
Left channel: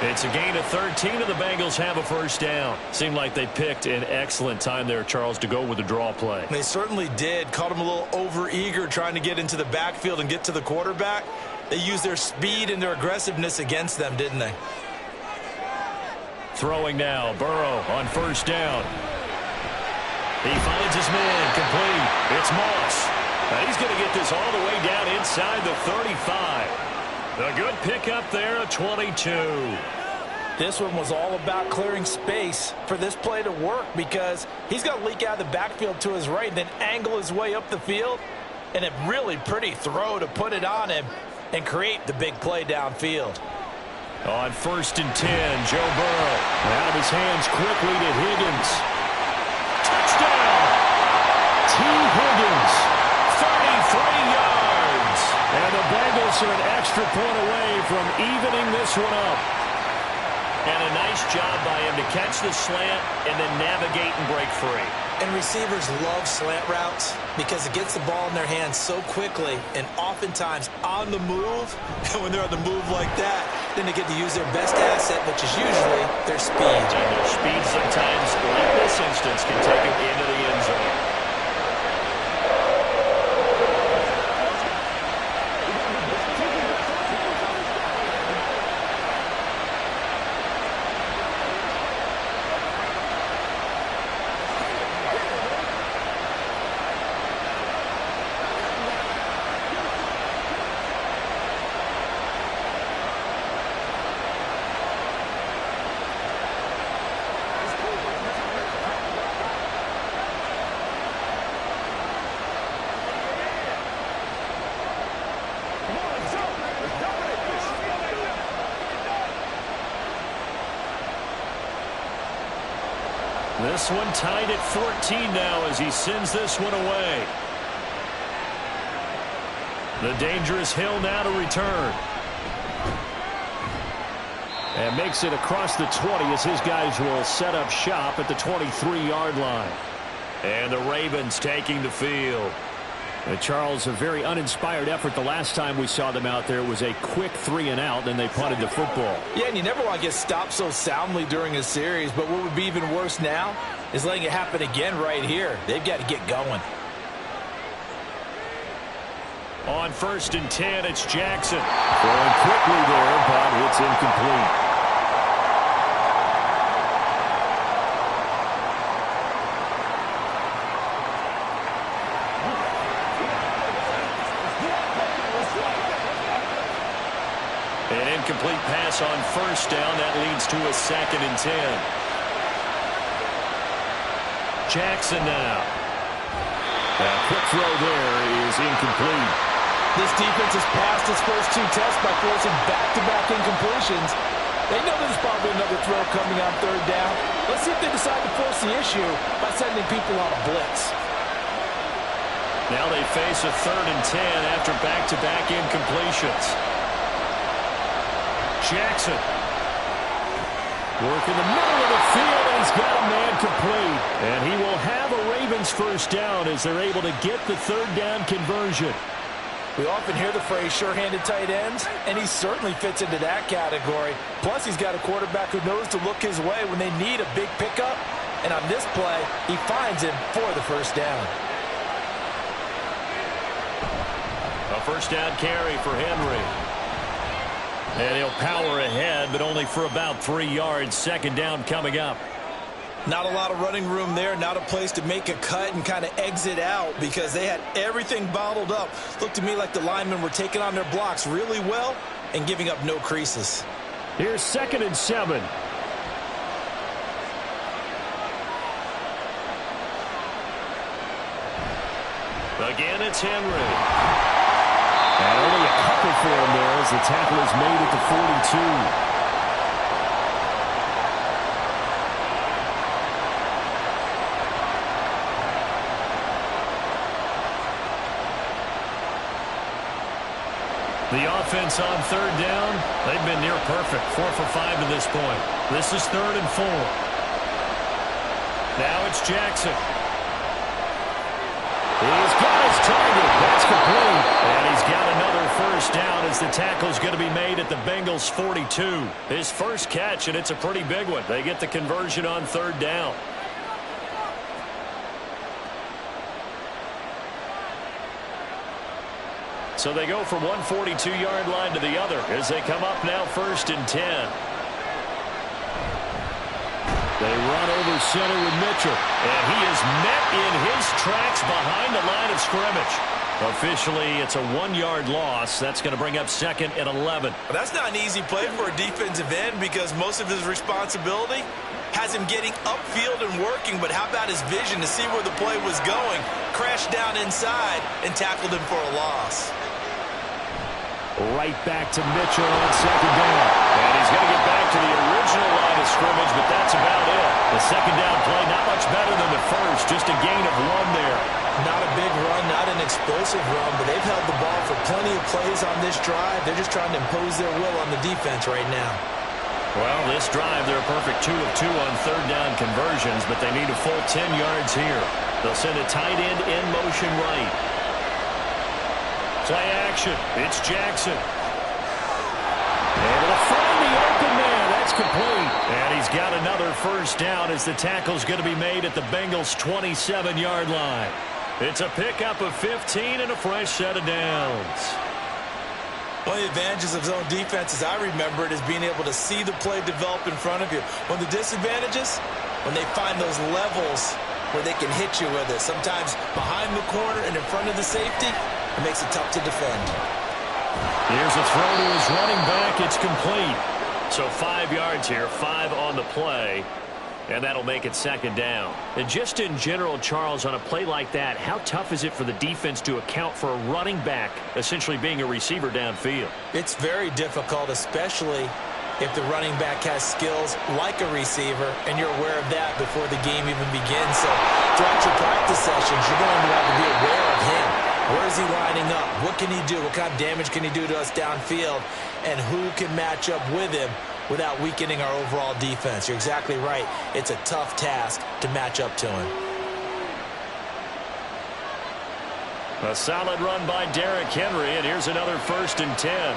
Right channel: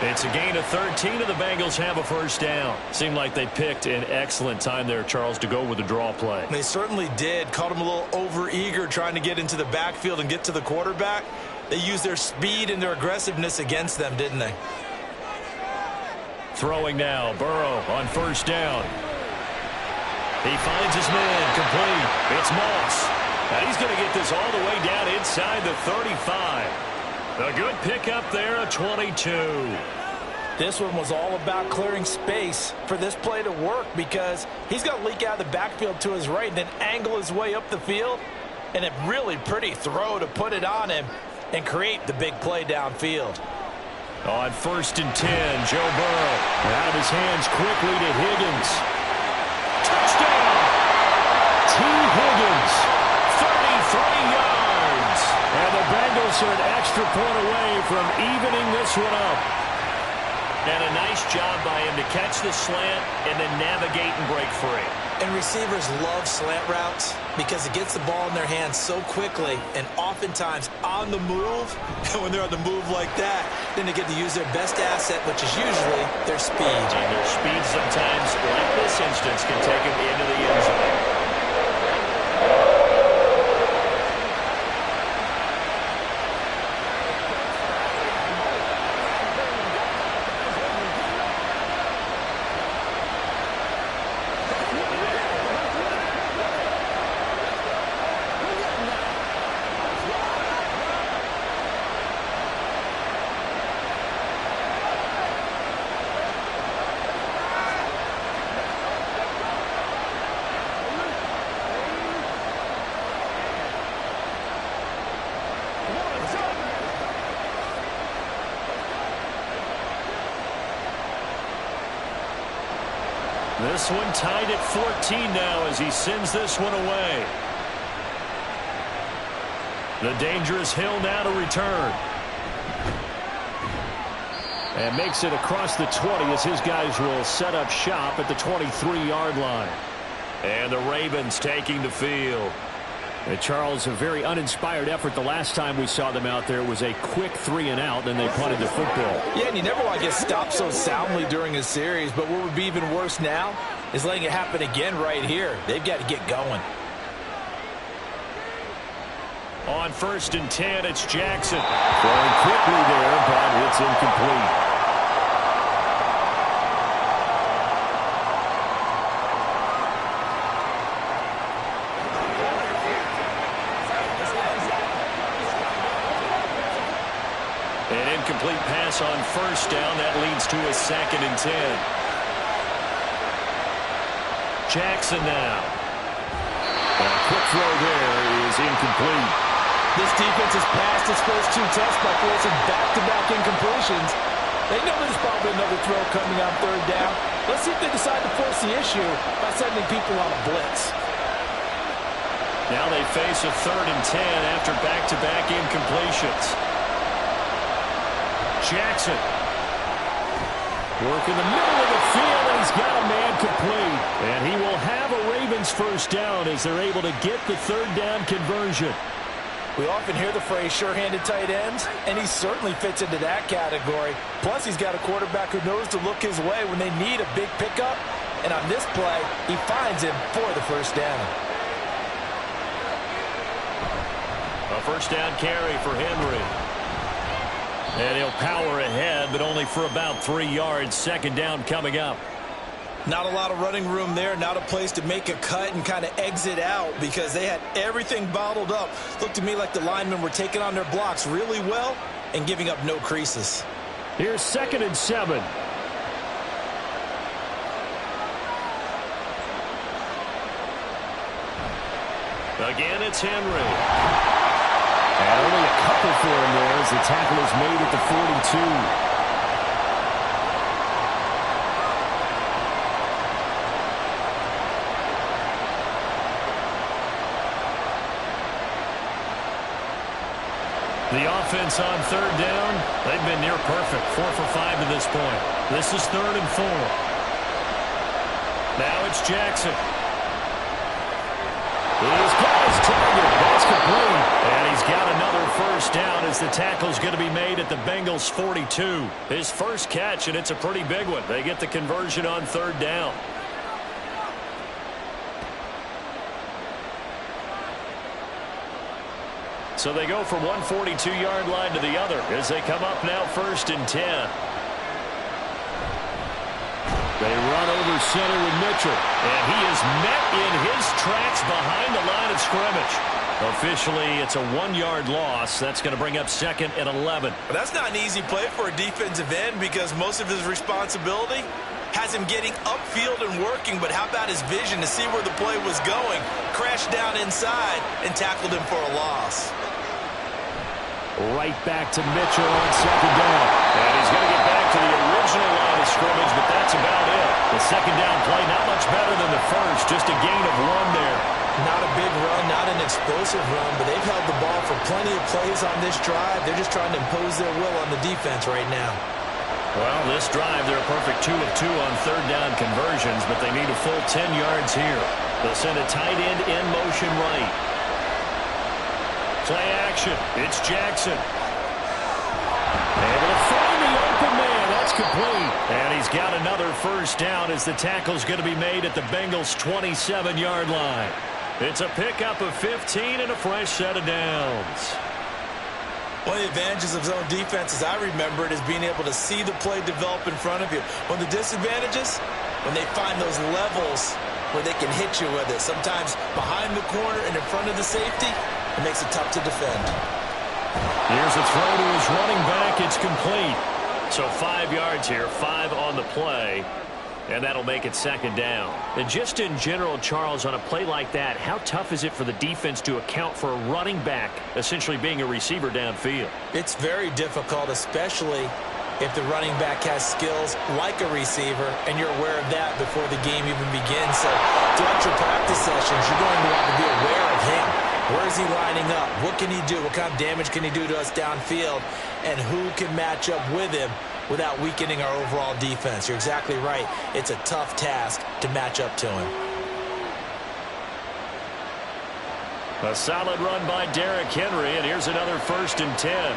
It's a gain of 13, and the Bengals have a first down. Seemed like they picked an excellent time there, Charles, to go with the draw play. They certainly did. Caught him a little over-eager trying to get into the backfield and get to the quarterback. They used their speed and their aggressiveness against them, didn't they? Throwing now, Burrow on first down. He finds his man, complete. It's Moss. And he's going to get this all the way down inside the 35. A good pickup there, a 22. This one was all about clearing space for this play to work because he's got to leak out of the backfield to his right and then angle his way up the field. And a really pretty throw to put it on him and create the big play downfield. On 1st and 10, Joe Burrow. Out of his hands quickly to Higgins. Touchdown! T. Higgins, 33 yards. And the Bengals are an extra point away from evening this one up. And a nice job by him to catch the slant and then navigate and break free. And receivers love slant routes because it gets the ball in their hands so quickly and oftentimes on the move. And when they're on the move like that, then they get to use their best asset, which is usually their speed. And their speed sometimes, like this instance, can take them into the end zone. This one tied at 14 now as he sends this one away. The dangerous Hill now to return. And makes it across the 20 as his guys will set up shop at the 23-yard line. And the Ravens taking the field. Charles, a very uninspired effort the last time we saw them out there. It was a quick 3-and-out, then they punted the football. Yeah, and you never want to get stopped so soundly during a series, but what would be even worse now is letting it happen again right here. They've got to get going. On 1st and 10, it's Jackson. Throwing quickly there, but it's incomplete. An incomplete pass on 1st down. That leads to a 2nd and 10. Jackson now. A quick throw there is incomplete. This defense has passed its first 2 tests by forcing back-to-back incompletions. They know there's probably another throw coming on 3rd down. Let's see if they decide to force the issue by sending people on a blitz. Now they face a 3rd and 10 after back-to-back incompletions. Jackson. Work in the middle of the field, and he's got a man complete. And he will have a Ravens first down as they're able to get the 3rd down conversion. We often hear the phrase sure-handed tight ends, and he certainly fits into that category. Plus, he's got a quarterback who knows to look his way when they need a big pickup. And on this play, he finds him for the first down. A first down carry for Henry. And he'll power ahead, but only for about 3 yards. Second down coming up. Not a lot of running room there, not a place to make a cut and kind of exit out because they had everything bottled up. Looked to me like the linemen were taking on their blocks really well and giving up no creases. Here's 2nd and 7. Again, it's Henry. And only a couple for him there as the tackle is made at the 42. The offense on 3rd down, they've been near perfect. 4 for 5 to this point. This is 3rd and 4. Now it's Jackson. He's got his target. That's complete. And he's got another first down as the tackle's going to be made at the Bengals 42. His first catch, and it's a pretty big one. They get the conversion on 3rd down. So they go from one 42-yard line to the other as they come up now 1st and 10. They run over center with Mitchell. And he is met in his tracks behind the line of scrimmage. Officially, it's a 1-yard loss. That's going to bring up 2nd and 11. That's not an easy play for a defensive end because most of his responsibility has him getting upfield and working. But how about his vision to see where the play was going? Crashed down inside and tackled him for a loss. Right back to Mitchell on 2nd down. And he's going to get back to the original line of scrimmage, but that's about it. The 2nd down play, not much better than the first, just a gain of 1 there. Not a big run, not an explosive run, but they've held the ball for plenty of plays on this drive. They're just trying to impose their will on the defense right now. Well, this drive, they're a perfect 2 of 2 on 3rd down conversions, but they need a full 10 yards here. They'll send a tight end in motion right. Play action. It's Jackson. Able to find the open man. That's complete. And he's got another first down as the tackle's going to be made at the Bengals' 27-yard line. It's a pickup of 15 and a fresh set of downs. One of the advantages of zone defense, as I remember it, is being able to see the play develop in front of you. One of the disadvantages, when they find those levels where they can hit you with it. Sometimes behind the corner and in front of the safety, it makes it tough to defend. Here's a throw to his running back. It's complete. So 5 yards here, 5 on the play. And that'll make it 2nd down. And just in general, Charles, on a play like that, how tough is it for the defense to account for a running back essentially being a receiver downfield? It's very difficult, especially if the running back has skills like a receiver, and you're aware of that before the game even begins. So throughout your practice sessions, you're going to want to be aware of him. Where is he lining up? What can he do? What kind of damage can he do to us downfield? And who can match up with him without weakening our overall defense? You're exactly right. It's a tough task to match up to him. A solid run by Derrick Henry, and here's another 1st and 10.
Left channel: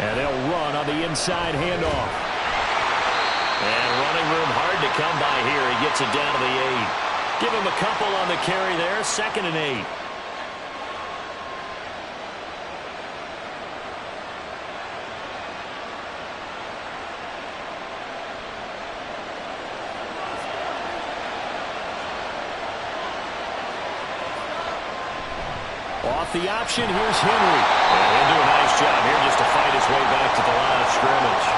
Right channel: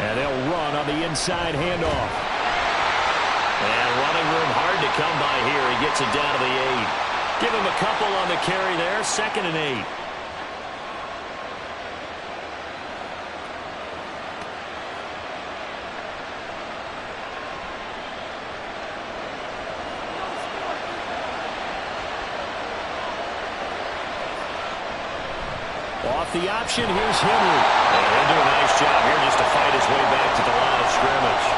And they'll run on the inside handoff. And running room hard to come by here. He gets it down to the 8. Give him a couple on the carry there. 2nd and 8. Off the option, here's Henry. And he'll do a nice job here just to fight his way back to the line of scrimmage.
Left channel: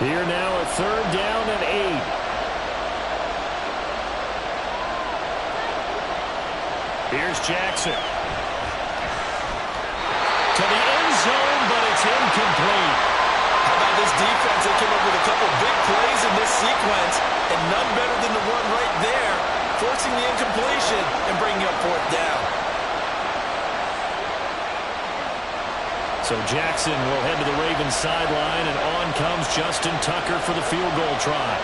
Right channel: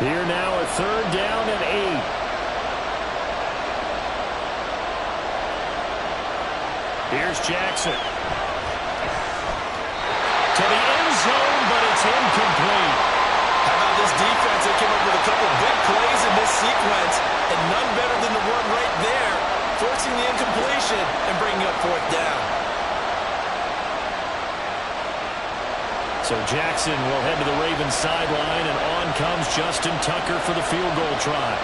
Here now a 3rd down and 8. Here's Jackson. To the end zone, but it's incomplete. How about this defense? They came up with a couple big plays in this sequence, and none better than the one right there, forcing the incompletion and bringing up 4th down. So Jackson will head to the Ravens sideline, and on comes Justin Tucker for the field goal try.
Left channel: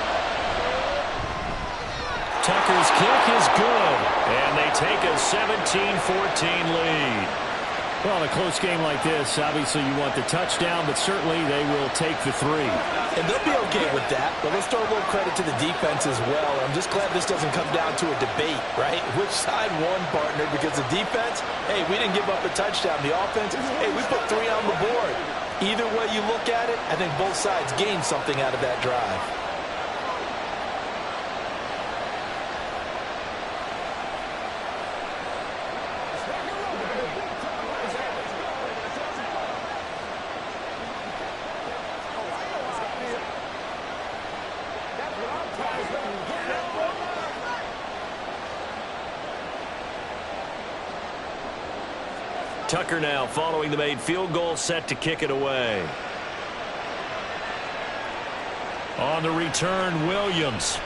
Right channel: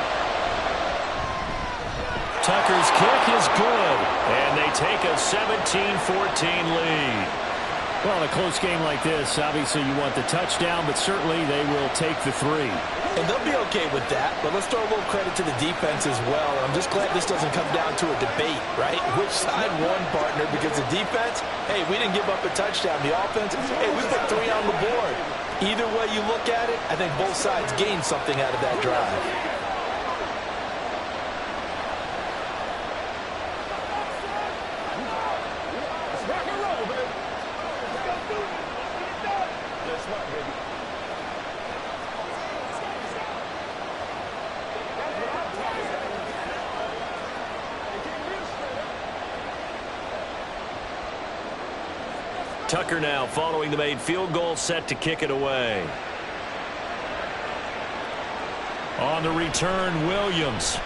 Tucker's kick is good, and they take a 17-14 lead. Well, in a close game like this, obviously you want the touchdown, but certainly they will take the 3. And they'll be okay with that, but let's throw a little credit to the defense as well. I'm just glad this doesn't come down to a debate, right? Which side won, partner? Because the defense, hey, we didn't give up a touchdown. The offense, hey, we put 3 on the board. Either way you look at it, I think both sides gained something out of that drive. Tucker now following the made field goal, set to kick it away. On the return, Williams.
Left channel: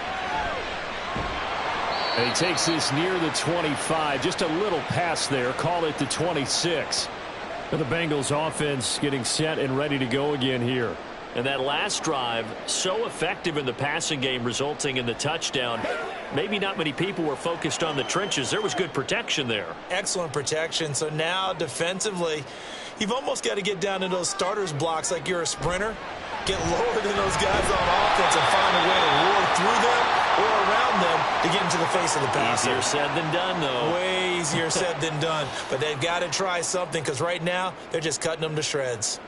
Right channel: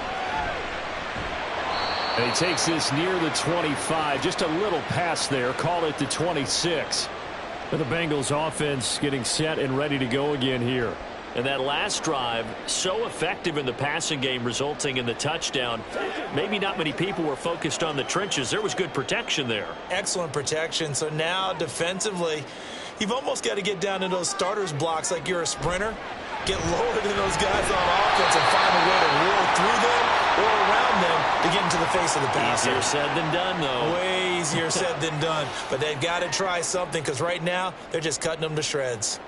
And he takes this near the 25. Just a little pass there. Call it the 26. And the Bengals offense getting set and ready to go again here. And that last drive, so effective in the passing game, resulting in the touchdown. Maybe not many people were focused on the trenches. There was good protection there. Excellent protection. So now defensively, you've almost got to get down in those starters blocks like you're a sprinter. Get lower than those guys on offense and find a way to roar through them or around them to get into the face of the passer. Easier said than done, though. Way easier said than done. But they've got to try something because right now they're just cutting them to shreds.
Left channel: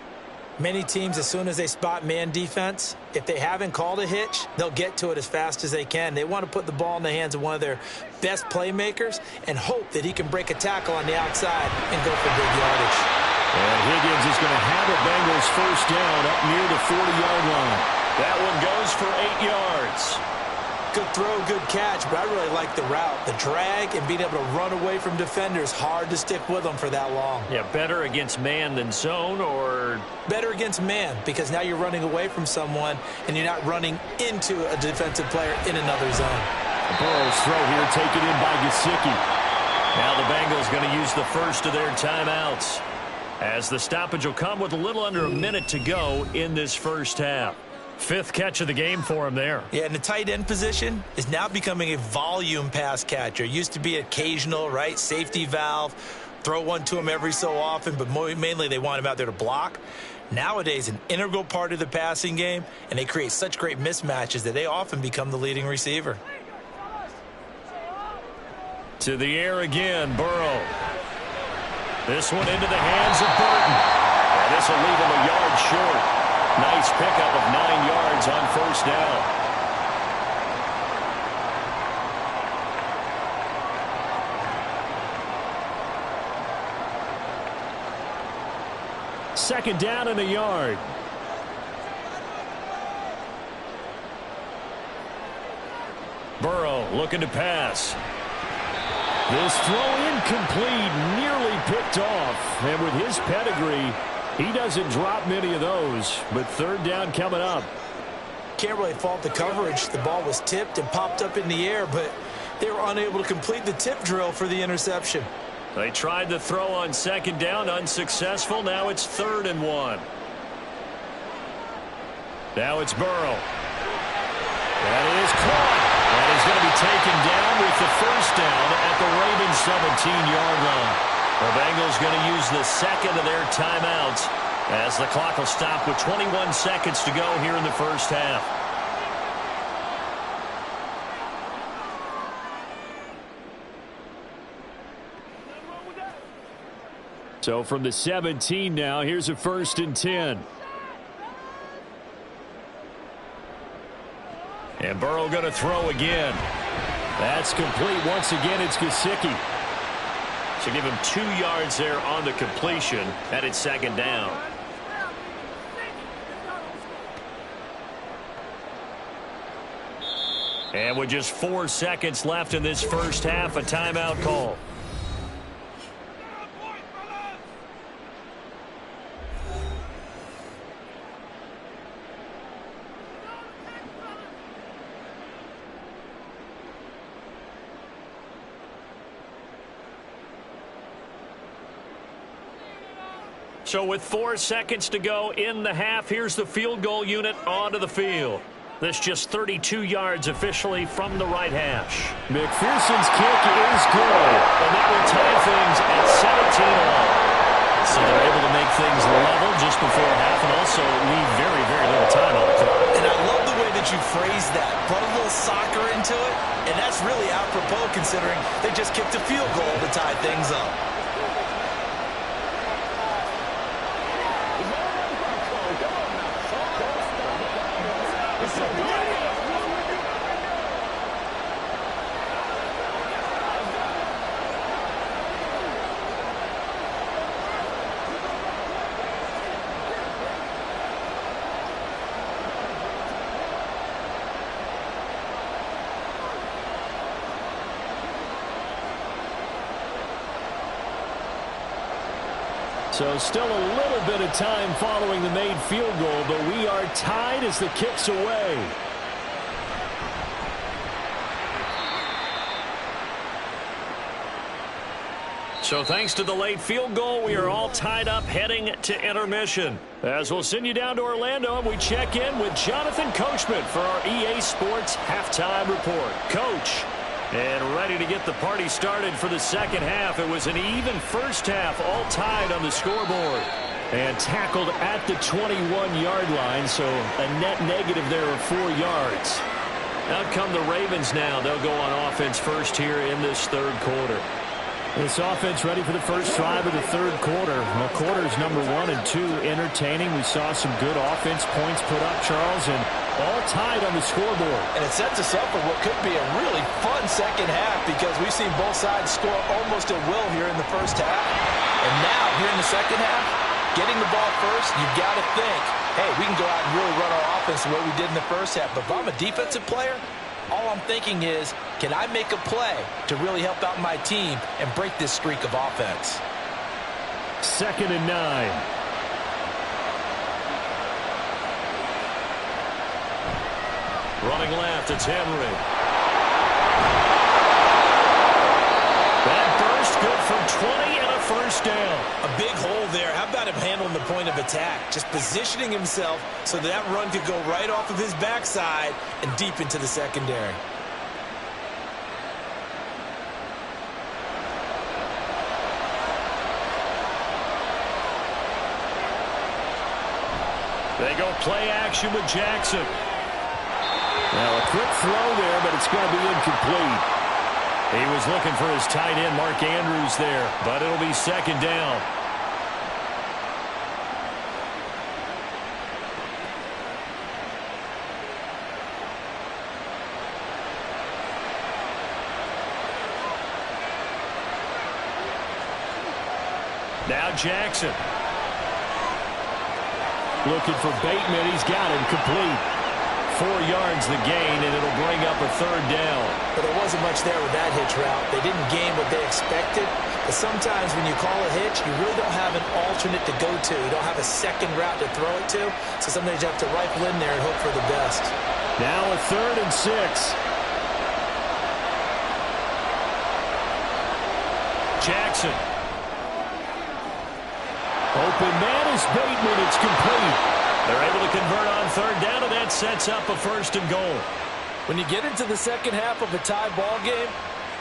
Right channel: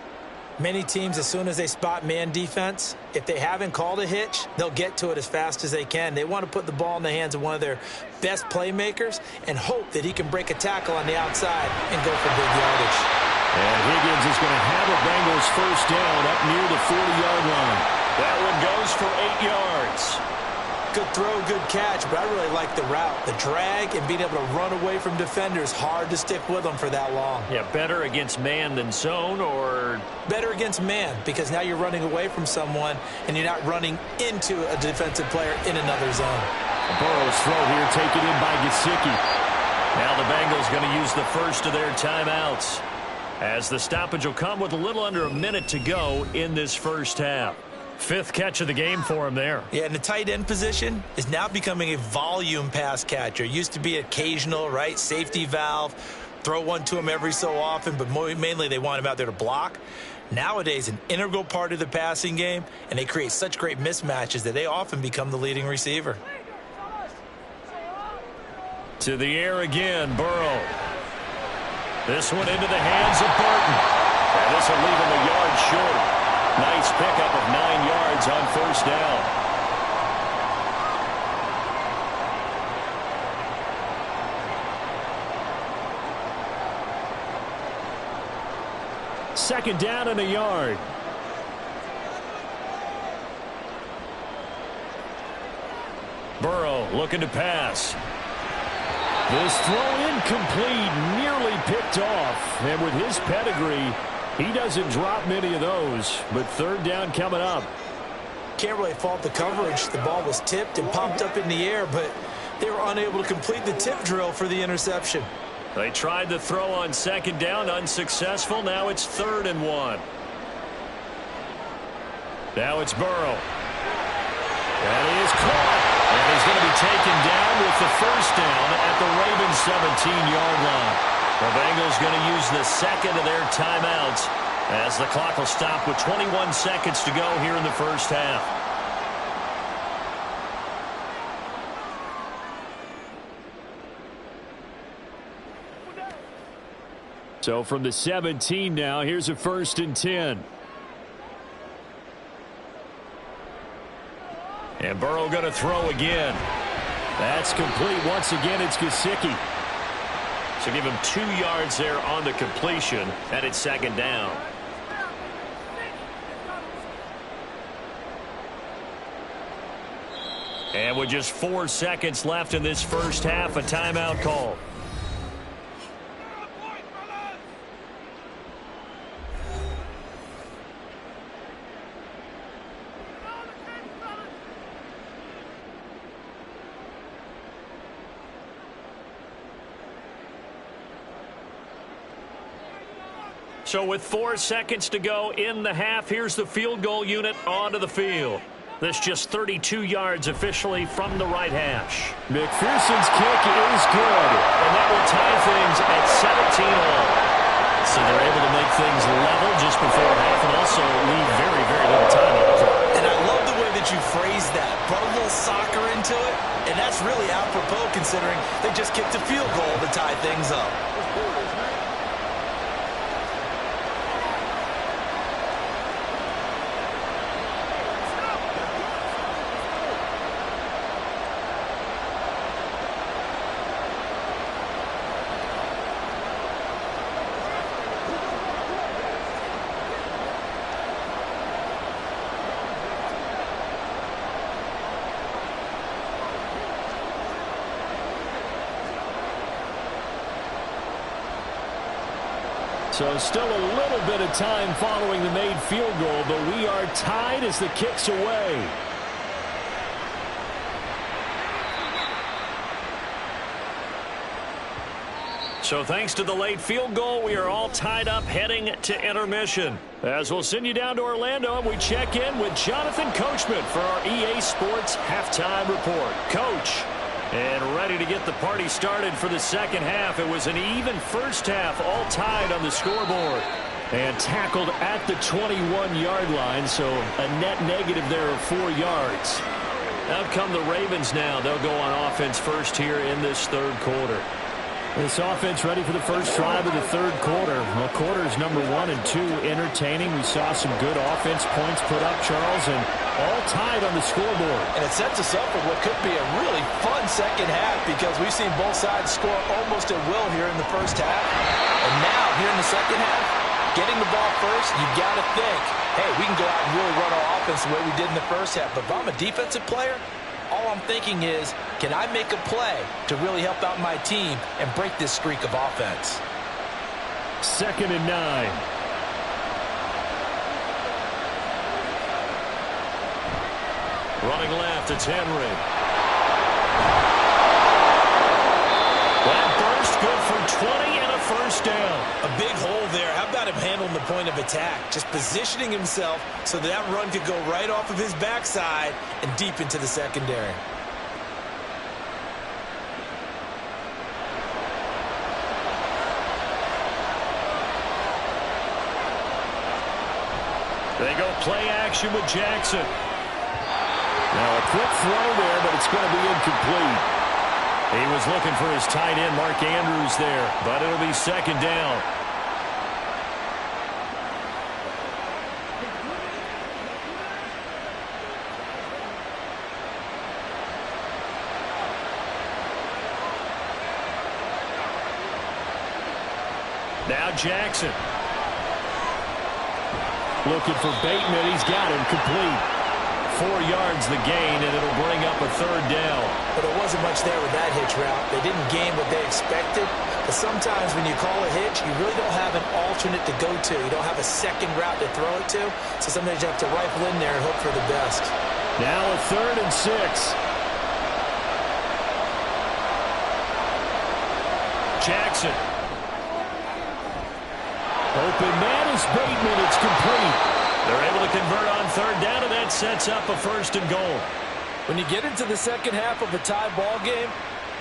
Many teams, as soon as they spot man defense, if they haven't called a hitch, they'll get to it as fast as they can. They want to put the ball in the hands of one of their best playmakers and hope that he can break a tackle on the outside and go for big yardage. And Higgins is going to have a Bengals first down up near the 40-yard line. That one goes for 8 yards. Good throw, good catch, but I really like the route. The drag and being able to run away from defenders, hard to stick with them for that long. Yeah, better against man than zone, or? Better against man, because now you're running away from someone and you're not running into a defensive player in another zone. Burrow's throw here taken in by Gesicki. Now the Bengals going to use the first of their timeouts, as the stoppage will come with a little under a minute to go in this first half. 5th catch of the game for him there. Yeah, and the tight end position is now becoming a volume pass catcher. Used to be occasional, right? Safety valve. Throw one to him every so often, but mainly they want him out there to block. Nowadays, an integral part of the passing game, and they create such great mismatches that they often become the leading receiver. To the air again, Burrow. This one into the hands of Burton. And this will leave him a yard short. Nice pickup of 9 yards on first down. Second down and a yard. Burrow looking to pass. This throw incomplete, nearly picked off. And with his pedigree, he doesn't drop many of those, but third down coming up. Can't really fault the coverage. The ball was tipped and popped up in the air, but they were unable to complete the tip drill for the interception. They tried the throw on second down, unsuccessful. Now it's 3rd and 1. Now it's Burrow. That is caught. And he's going to be taken down with the first down at the Ravens' 17-yard line. The Bengals going to use the second of their timeouts as the clock will stop with 21 seconds to go here in the first half. So from the 17 now, here's a 1st and 10. And Burrow going to throw again. That's complete. Once again, it's Gesicki. So give him 2 yards there on the completion, and it's 2nd down. And with just 4 seconds left in this first half, a timeout call. So with 4 seconds to go in the half, here's the field goal unit onto the field. This just 32 yards officially from the right hash. McPherson's kick is good, and that will tie things at 17 all. So they're able to make things level just before half and also leave very, very little time on the clock. And I love the way that you phrased that. Brought a little soccer into it, and that's really apropos considering they just kicked a field goal to tie things up. So still a little bit of time following the made field goal, but we are tied as the kick's away. So thanks to the late field goal, we are all tied up heading to intermission. As we'll send you down to Orlando, and we check in with Jonathan Coachman for our EA Sports Halftime Report. Coach. And ready to get the party started for the second half. It was an even first half, all tied on the scoreboard. And tackled at the 21-yard line, so a net negative there of 4 yards. Out come the Ravens now. They'll go on offense first here in this third quarter. This offense ready for the first drive of the third quarter. Well, quarters number 1 and 2 entertaining. We saw some good offense points put up, Charles, and all tied on the scoreboard. And it sets us up for what could be a really fun second half because we've seen both sides score almost at will here in the first half. And now, here in the second half, getting the ball first, you've got to think, hey, we can go out and really run our offense the way we did in the first half. But if I'm a defensive player, all I'm thinking is, can I make a play to really help out my team and break this streak of offense? 2nd and 9. Running left, it's Henry. That burst good for 20 and a first down. A big hole there. How about him handling the point of attack? Just positioning himself so that run could go right off of his backside and deep into the secondary. They go play action with Jackson. Now a quick throw there, but it's going to be incomplete. He was looking for his tight end, Mark Andrews, there, but it'll be second down. Now Jackson. Looking for Bateman. He's got him complete. 4 yards the gain, and it'll bring up a third down. But there wasn't much there with that hitch route. They didn't gain what they expected. But sometimes when you call a hitch, you really don't have an alternate to go to. You don't have a second route to throw it to. So sometimes you have to rifle in there and hope for the best. Now a 3rd and 6. Jackson. Open man is Bateman. It's complete. They're able to convert on third down, and that sets up a 1st and goal. When you get into the second half of a tie ball game,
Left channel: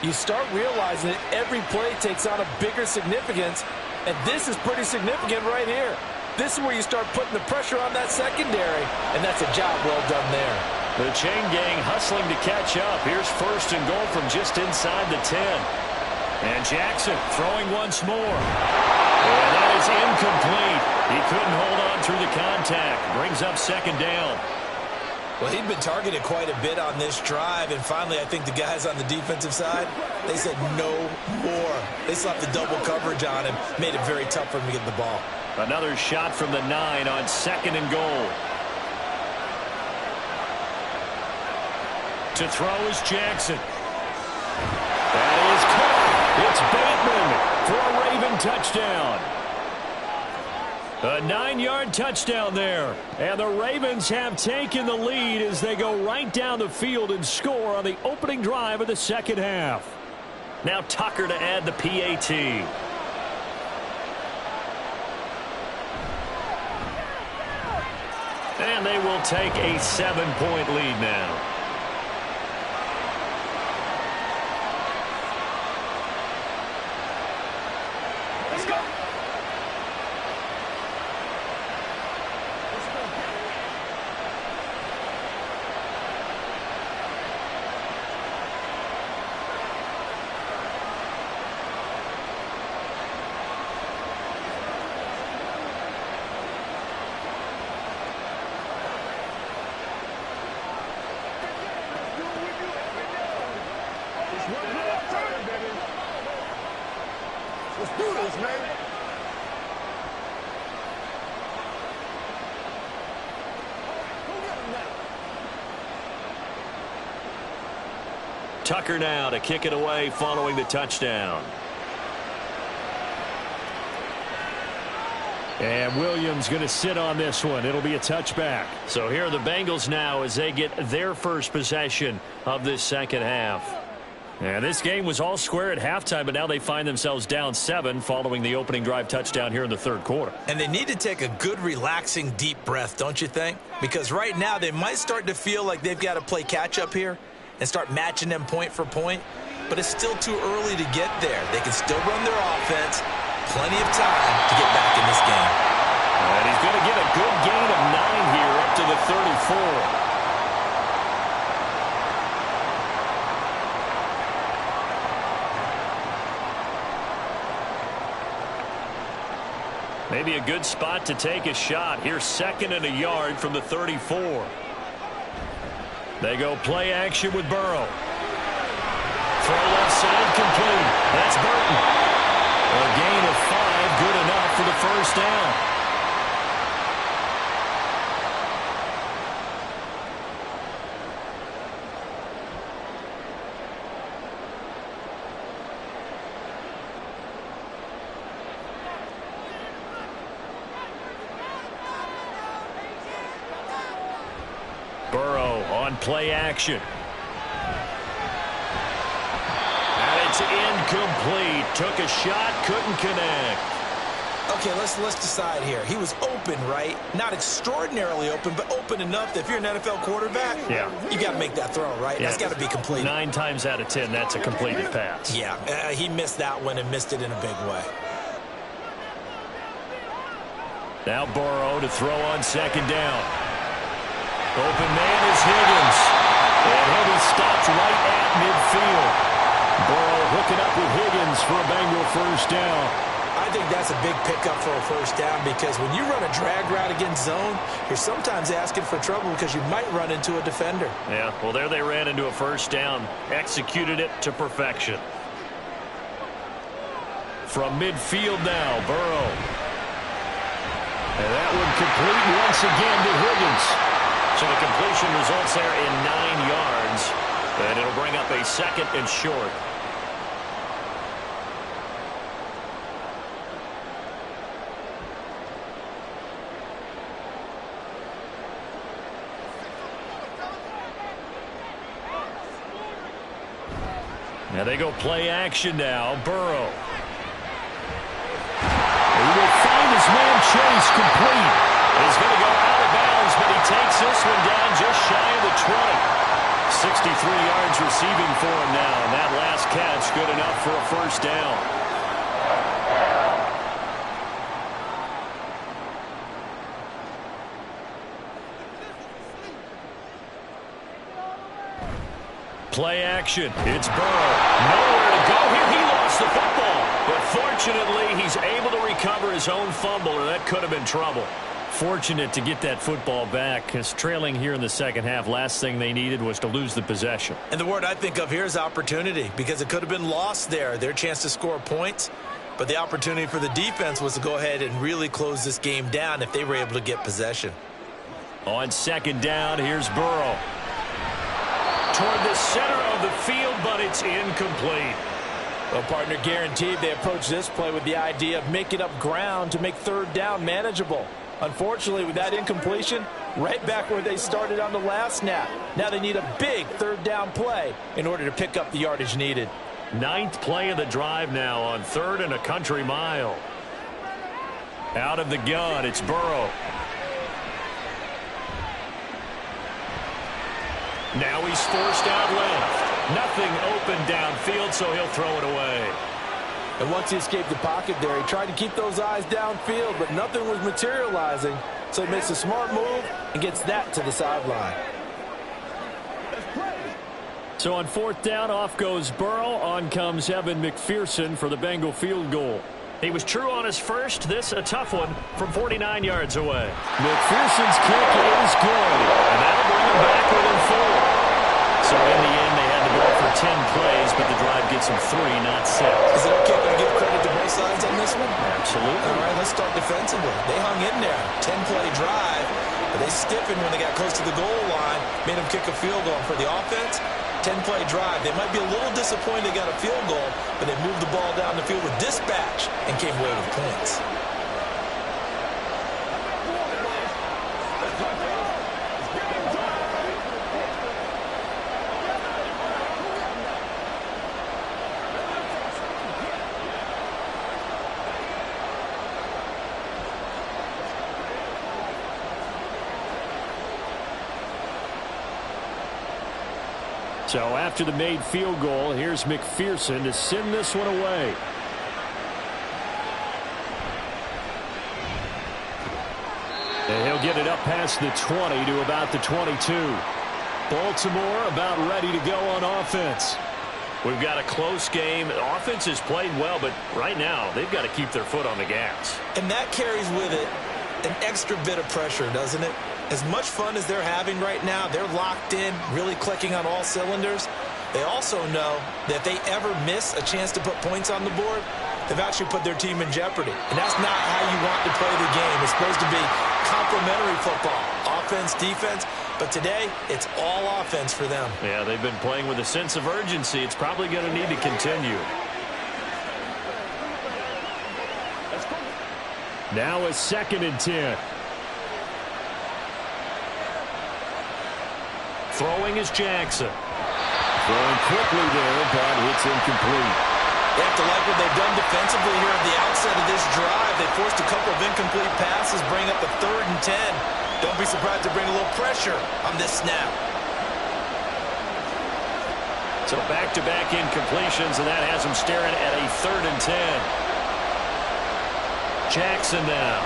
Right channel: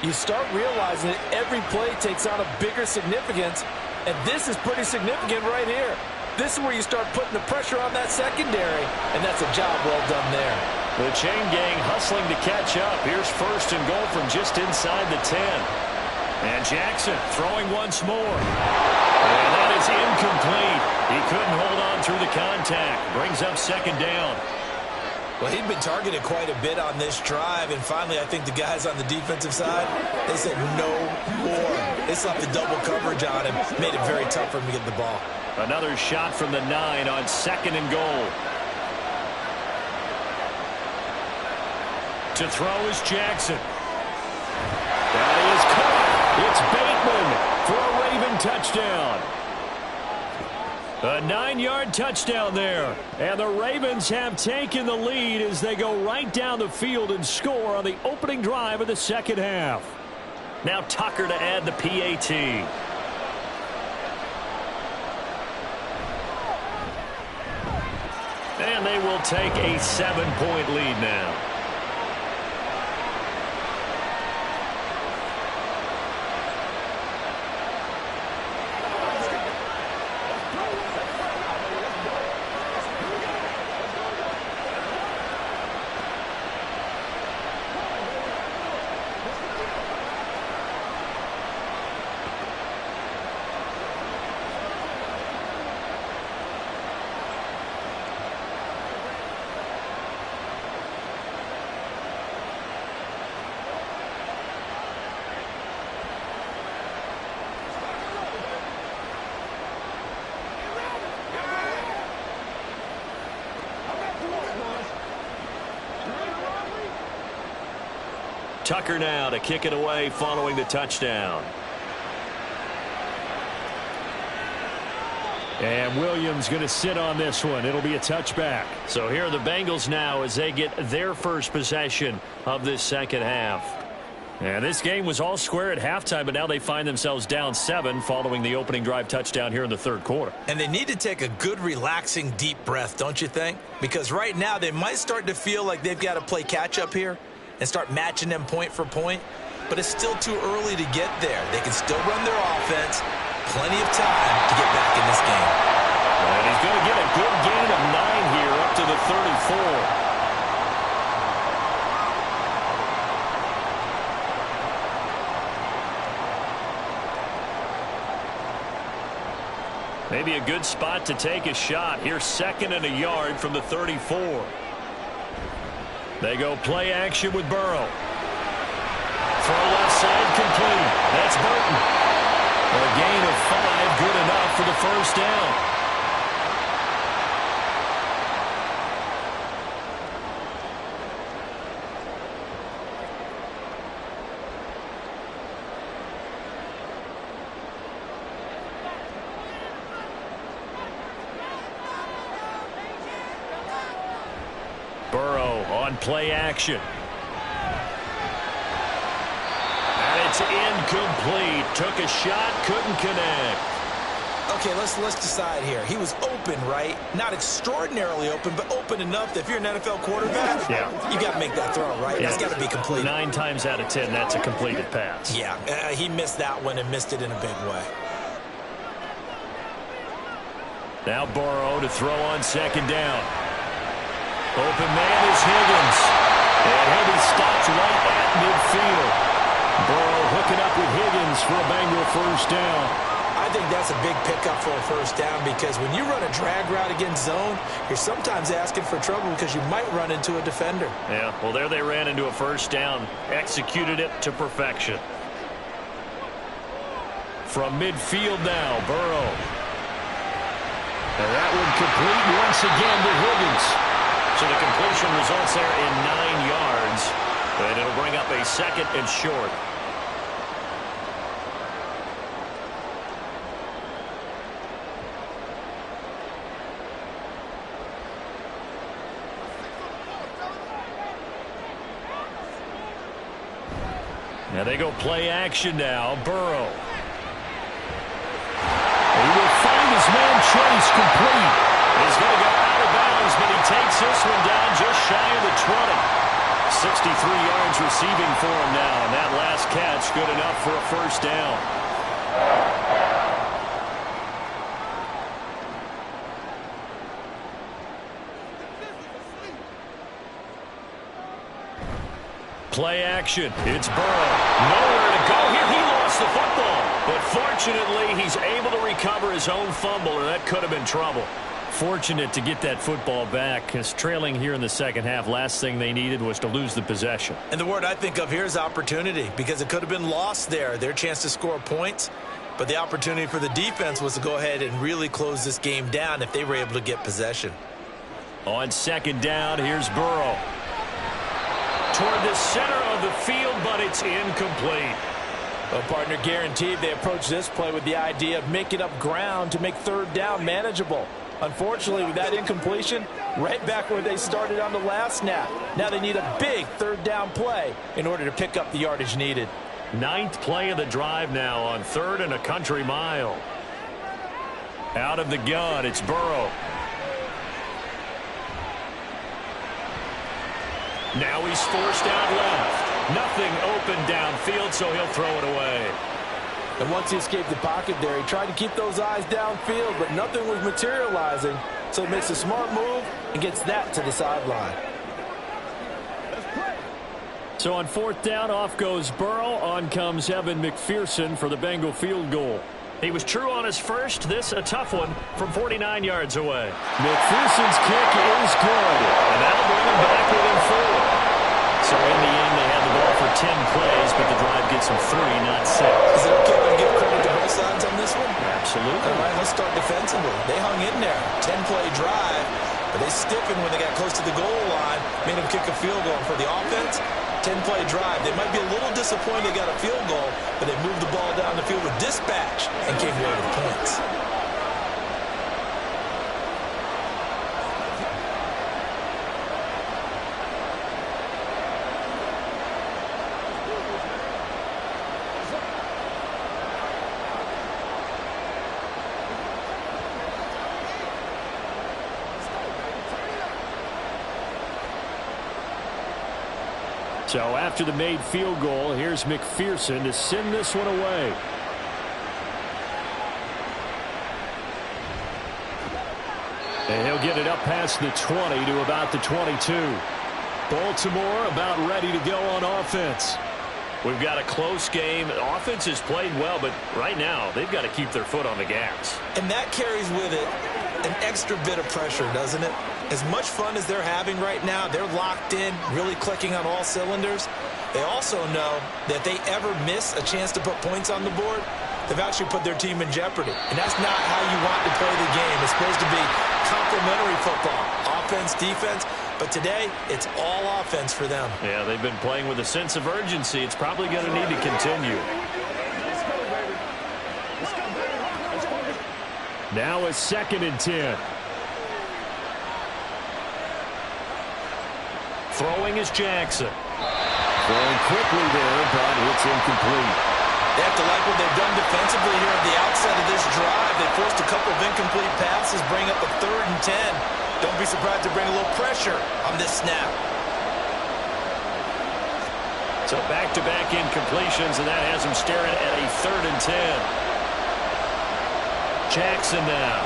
you start realizing that every play takes on a bigger significance, and this is pretty significant right here. This is where you start putting the pressure on that secondary, and that's a job well done there. The chain gang hustling to catch up. Here's 1st and goal from just inside the 10. And Jackson throwing once more. And that is incomplete. He couldn't hold on through the contact. Brings up 2nd down. Well, he'd been targeted quite a bit on this drive, and finally I think the guys on the defensive side, they said no more. They slapped the double coverage on him, made it very tough for him to get the ball. Another shot from the 9 on 2nd and goal. To throw is Jackson. That is caught. It's Bateman for a Raven touchdown. A 9-yard touchdown there. And the Ravens have taken the lead as they go right down the field and score on the opening drive of the second half. Now Tucker to add the PAT. And they will take a 7-point lead now. Tucker now to kick it away following the touchdown. And Williams going to sit on this one. It'll be a touchback. So here are the Bengals now as they get their first possession of this second half. And this game was all square at halftime, but now they find themselves down 7 following the opening drive touchdown here in the third quarter. And they need to take a good, relaxing, deep breath, don't you think? Because right now they might start to feel like they've got to play catch-up here and start matching them point for point. But it's still too early to get there. They can still run their offense. Plenty of time to get back in this game. And he's going to get a good gain of 9 here up to the 34. Maybe a good spot to take a shot. Here's 2nd and a yard from the 34. They go play action with Burrow. Throw left side complete. That's Burton. A gain of 5, good enough for the first down. Burrow on play action. And it's incomplete. Took a shot, couldn't connect. Okay, let's decide here. He was open, right? Not extraordinarily open, but open enough that if you're an NFL quarterback, you got to make that throw, right? Yeah. That's got to be completed. 9 times out of 10, that's a completed pass. Yeah, he missed that one and missed it in a big way. Now Burrow to throw on 2nd down. Open man is Higgins. And he'll be stopped right at midfield. Burrow hooking up with Higgins for a Bengal first down. I think that's a big pickup for a first down because when you run a drag route against zone, you're sometimes asking for trouble because you might run into a defender. Yeah, well, there they ran into a first down. Executed it to perfection. From midfield now, Burrow. And that one complete once again to Higgins. So the completion results there in 9 yards. And it'll bring up a 2nd and short. Now they go play action now. Burrow. He will find his man Chase complete. He's going to go out of bounds, but he takes this one down just shy of the 20. 63 yards receiving for him now, and that last catch good enough for a first down. Play action. It's Burrow. Nowhere to go here. He lost the football. But fortunately, he's able to recover his own fumble, or that could have been trouble. Fortunate to get that football back, because trailing here in the second half, last thing they needed was to lose the possession. And the word I think of here is opportunity, because it could have been lost there. Their chance to score points, but the opportunity for the defense was to go ahead and really close this game down if they were able to get possession. On 2nd down, here's Burrow. Toward the center of the field, but it's incomplete. Well, partner, guaranteed they approach this play with the idea of making up ground to make 3rd down manageable. Unfortunately, with that incompletion, right back where they started on the last snap. Now they need a big 3rd down play in order to pick up the yardage needed. 9th play of the drive now on 3rd and a country mile. Out of the gun, it's Burrow. Now he's forced out left. Nothing open downfield, so he'll throw it away. And once he escaped the pocket there, he tried to keep those eyes downfield, but nothing was materializing. So he makes a smart move and gets that to the sideline. So on 4th down, off goes Burrow. On comes Evan McPherson for the Bengal field goal. He was true on his first. This a tough one from 49 yards away. McPherson's kick is good, and that'll bring him back within 4. So in the end, they had the ball for 10 plays, but the drive gets them 3, not 6. Is it okay if I give credit to both sides on this one? Absolutely. All right, let's start defensively. They hung in there. 10-play drive, but they stiffened when they got close to the goal line, made them kick a field goal. And for the offense, 10-play drive. They might be a little disappointed they got a field goal, but they moved the ball down the field with dispatch and came away with points. So after the made field goal, here's McPherson to send this one away. And he'll get it up past the 20 to about the 22. Baltimore about ready to go on offense. We've got a close game. Offense has played well, but right now they've got to keep their foot on the gas. And that carries with it an extra bit of pressure, doesn't it? As much fun as they're having right now, they're locked in, really clicking on all cylinders. They also know that if they ever miss a chance to put points on the board, they've actually put their team in jeopardy. And that's not how you want to play the game. It's supposed to be complementary football, offense, defense. But today, it's all offense for them. Yeah, they've been playing with a sense of urgency. It's probably going to need to continue. Now a 2nd and 10. Throwing is Jackson. Throwing quickly there, but it's incomplete. They have to like what they've done defensively here at the outset of this drive. They forced a couple of incomplete passes, bring up a 3rd and 10. Don't be surprised to bring a little pressure on this snap. So back-to-back incompletions, and that has them staring at a 3rd and 10. Jackson now.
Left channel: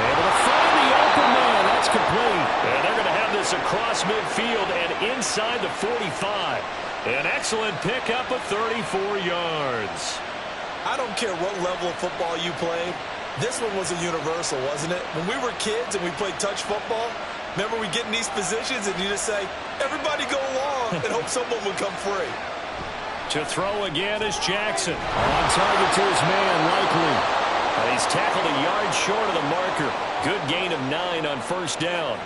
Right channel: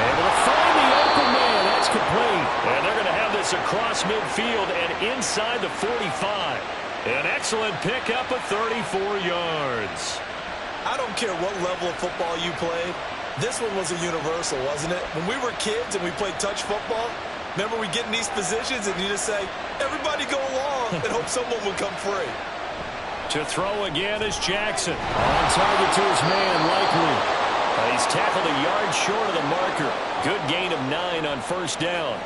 Able to find the open man. That's complete. And they're going to have this across midfield and inside the 45. An excellent pickup of 34 yards. I don't care what level of football you played. This one was a universal, wasn't it? When we were kids and we played touch football, remember we get in these positions and you just say, everybody go along and hope someone would come free. To throw again is Jackson. On target to his man, Likely. He's tackled a yard short of the marker. Good gain of 9 on 1st down.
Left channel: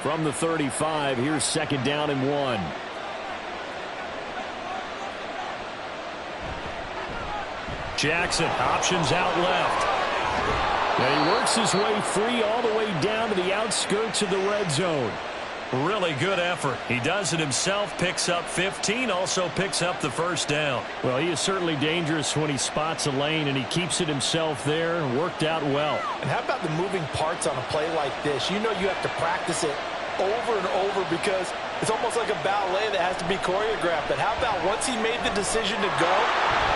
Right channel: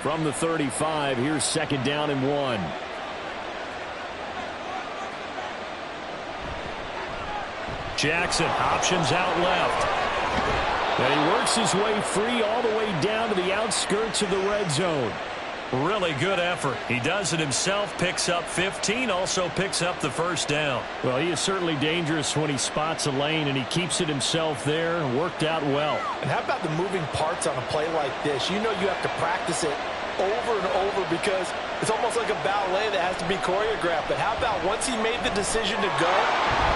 From the 35, here's 2nd down and 1. Jackson options out left. And he works his way free all the way down to the outskirts of the red zone. Really good effort. He does it himself, picks up 15, also picks up the 1st down. Well, he is certainly dangerous when he spots a lane, and he keeps it himself there. Worked out well. And how about the moving parts on a play like this? You know you have to practice it over and over because it's almost like a ballet that has to be choreographed. But how about once he made the decision to go,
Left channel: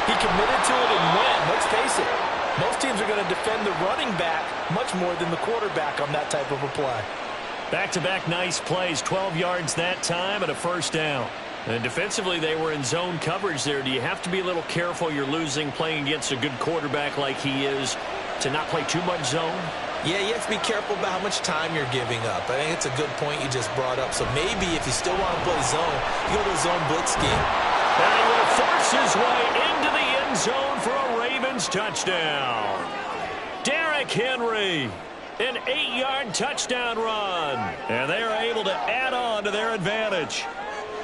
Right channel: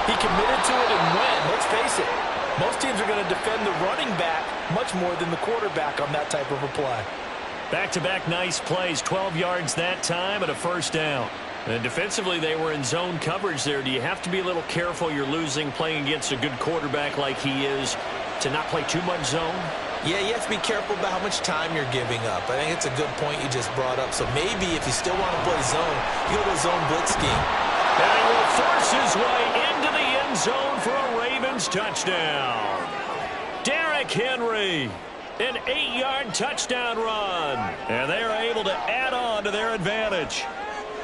he committed to it and went. Let's face it, most teams are going to defend the running back much more than the quarterback on that type of a play. Back-to-back nice plays, 12 yards that time and a 1st down. And defensively, they were in zone coverage there. Do you have to be a little careful you're losing playing against a good quarterback like he is to not play too much zone? Yeah, you have to be careful about how much time you're giving up. I think it's a good point you just brought up. So maybe if you still want to play zone, you go to a zone blitz scheme. And he will force his way into the end zone for a Ravens touchdown. Derrick Henry. An 8-yard touchdown run. And they are able to add on to their advantage.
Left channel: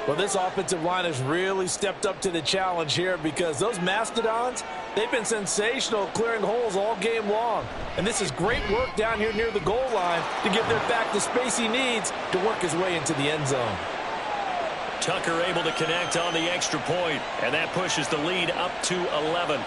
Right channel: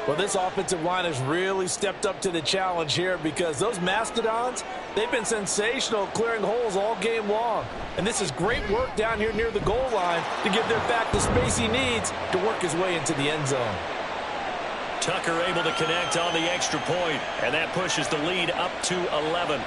Well, this offensive line has really stepped up to the challenge here because those Mastodons, they've been sensational clearing holes all game long. And this is great work down here near the goal line to give their back the space he needs to work his way into the end zone. Tucker able to connect on the extra point, and that pushes the lead up to 11.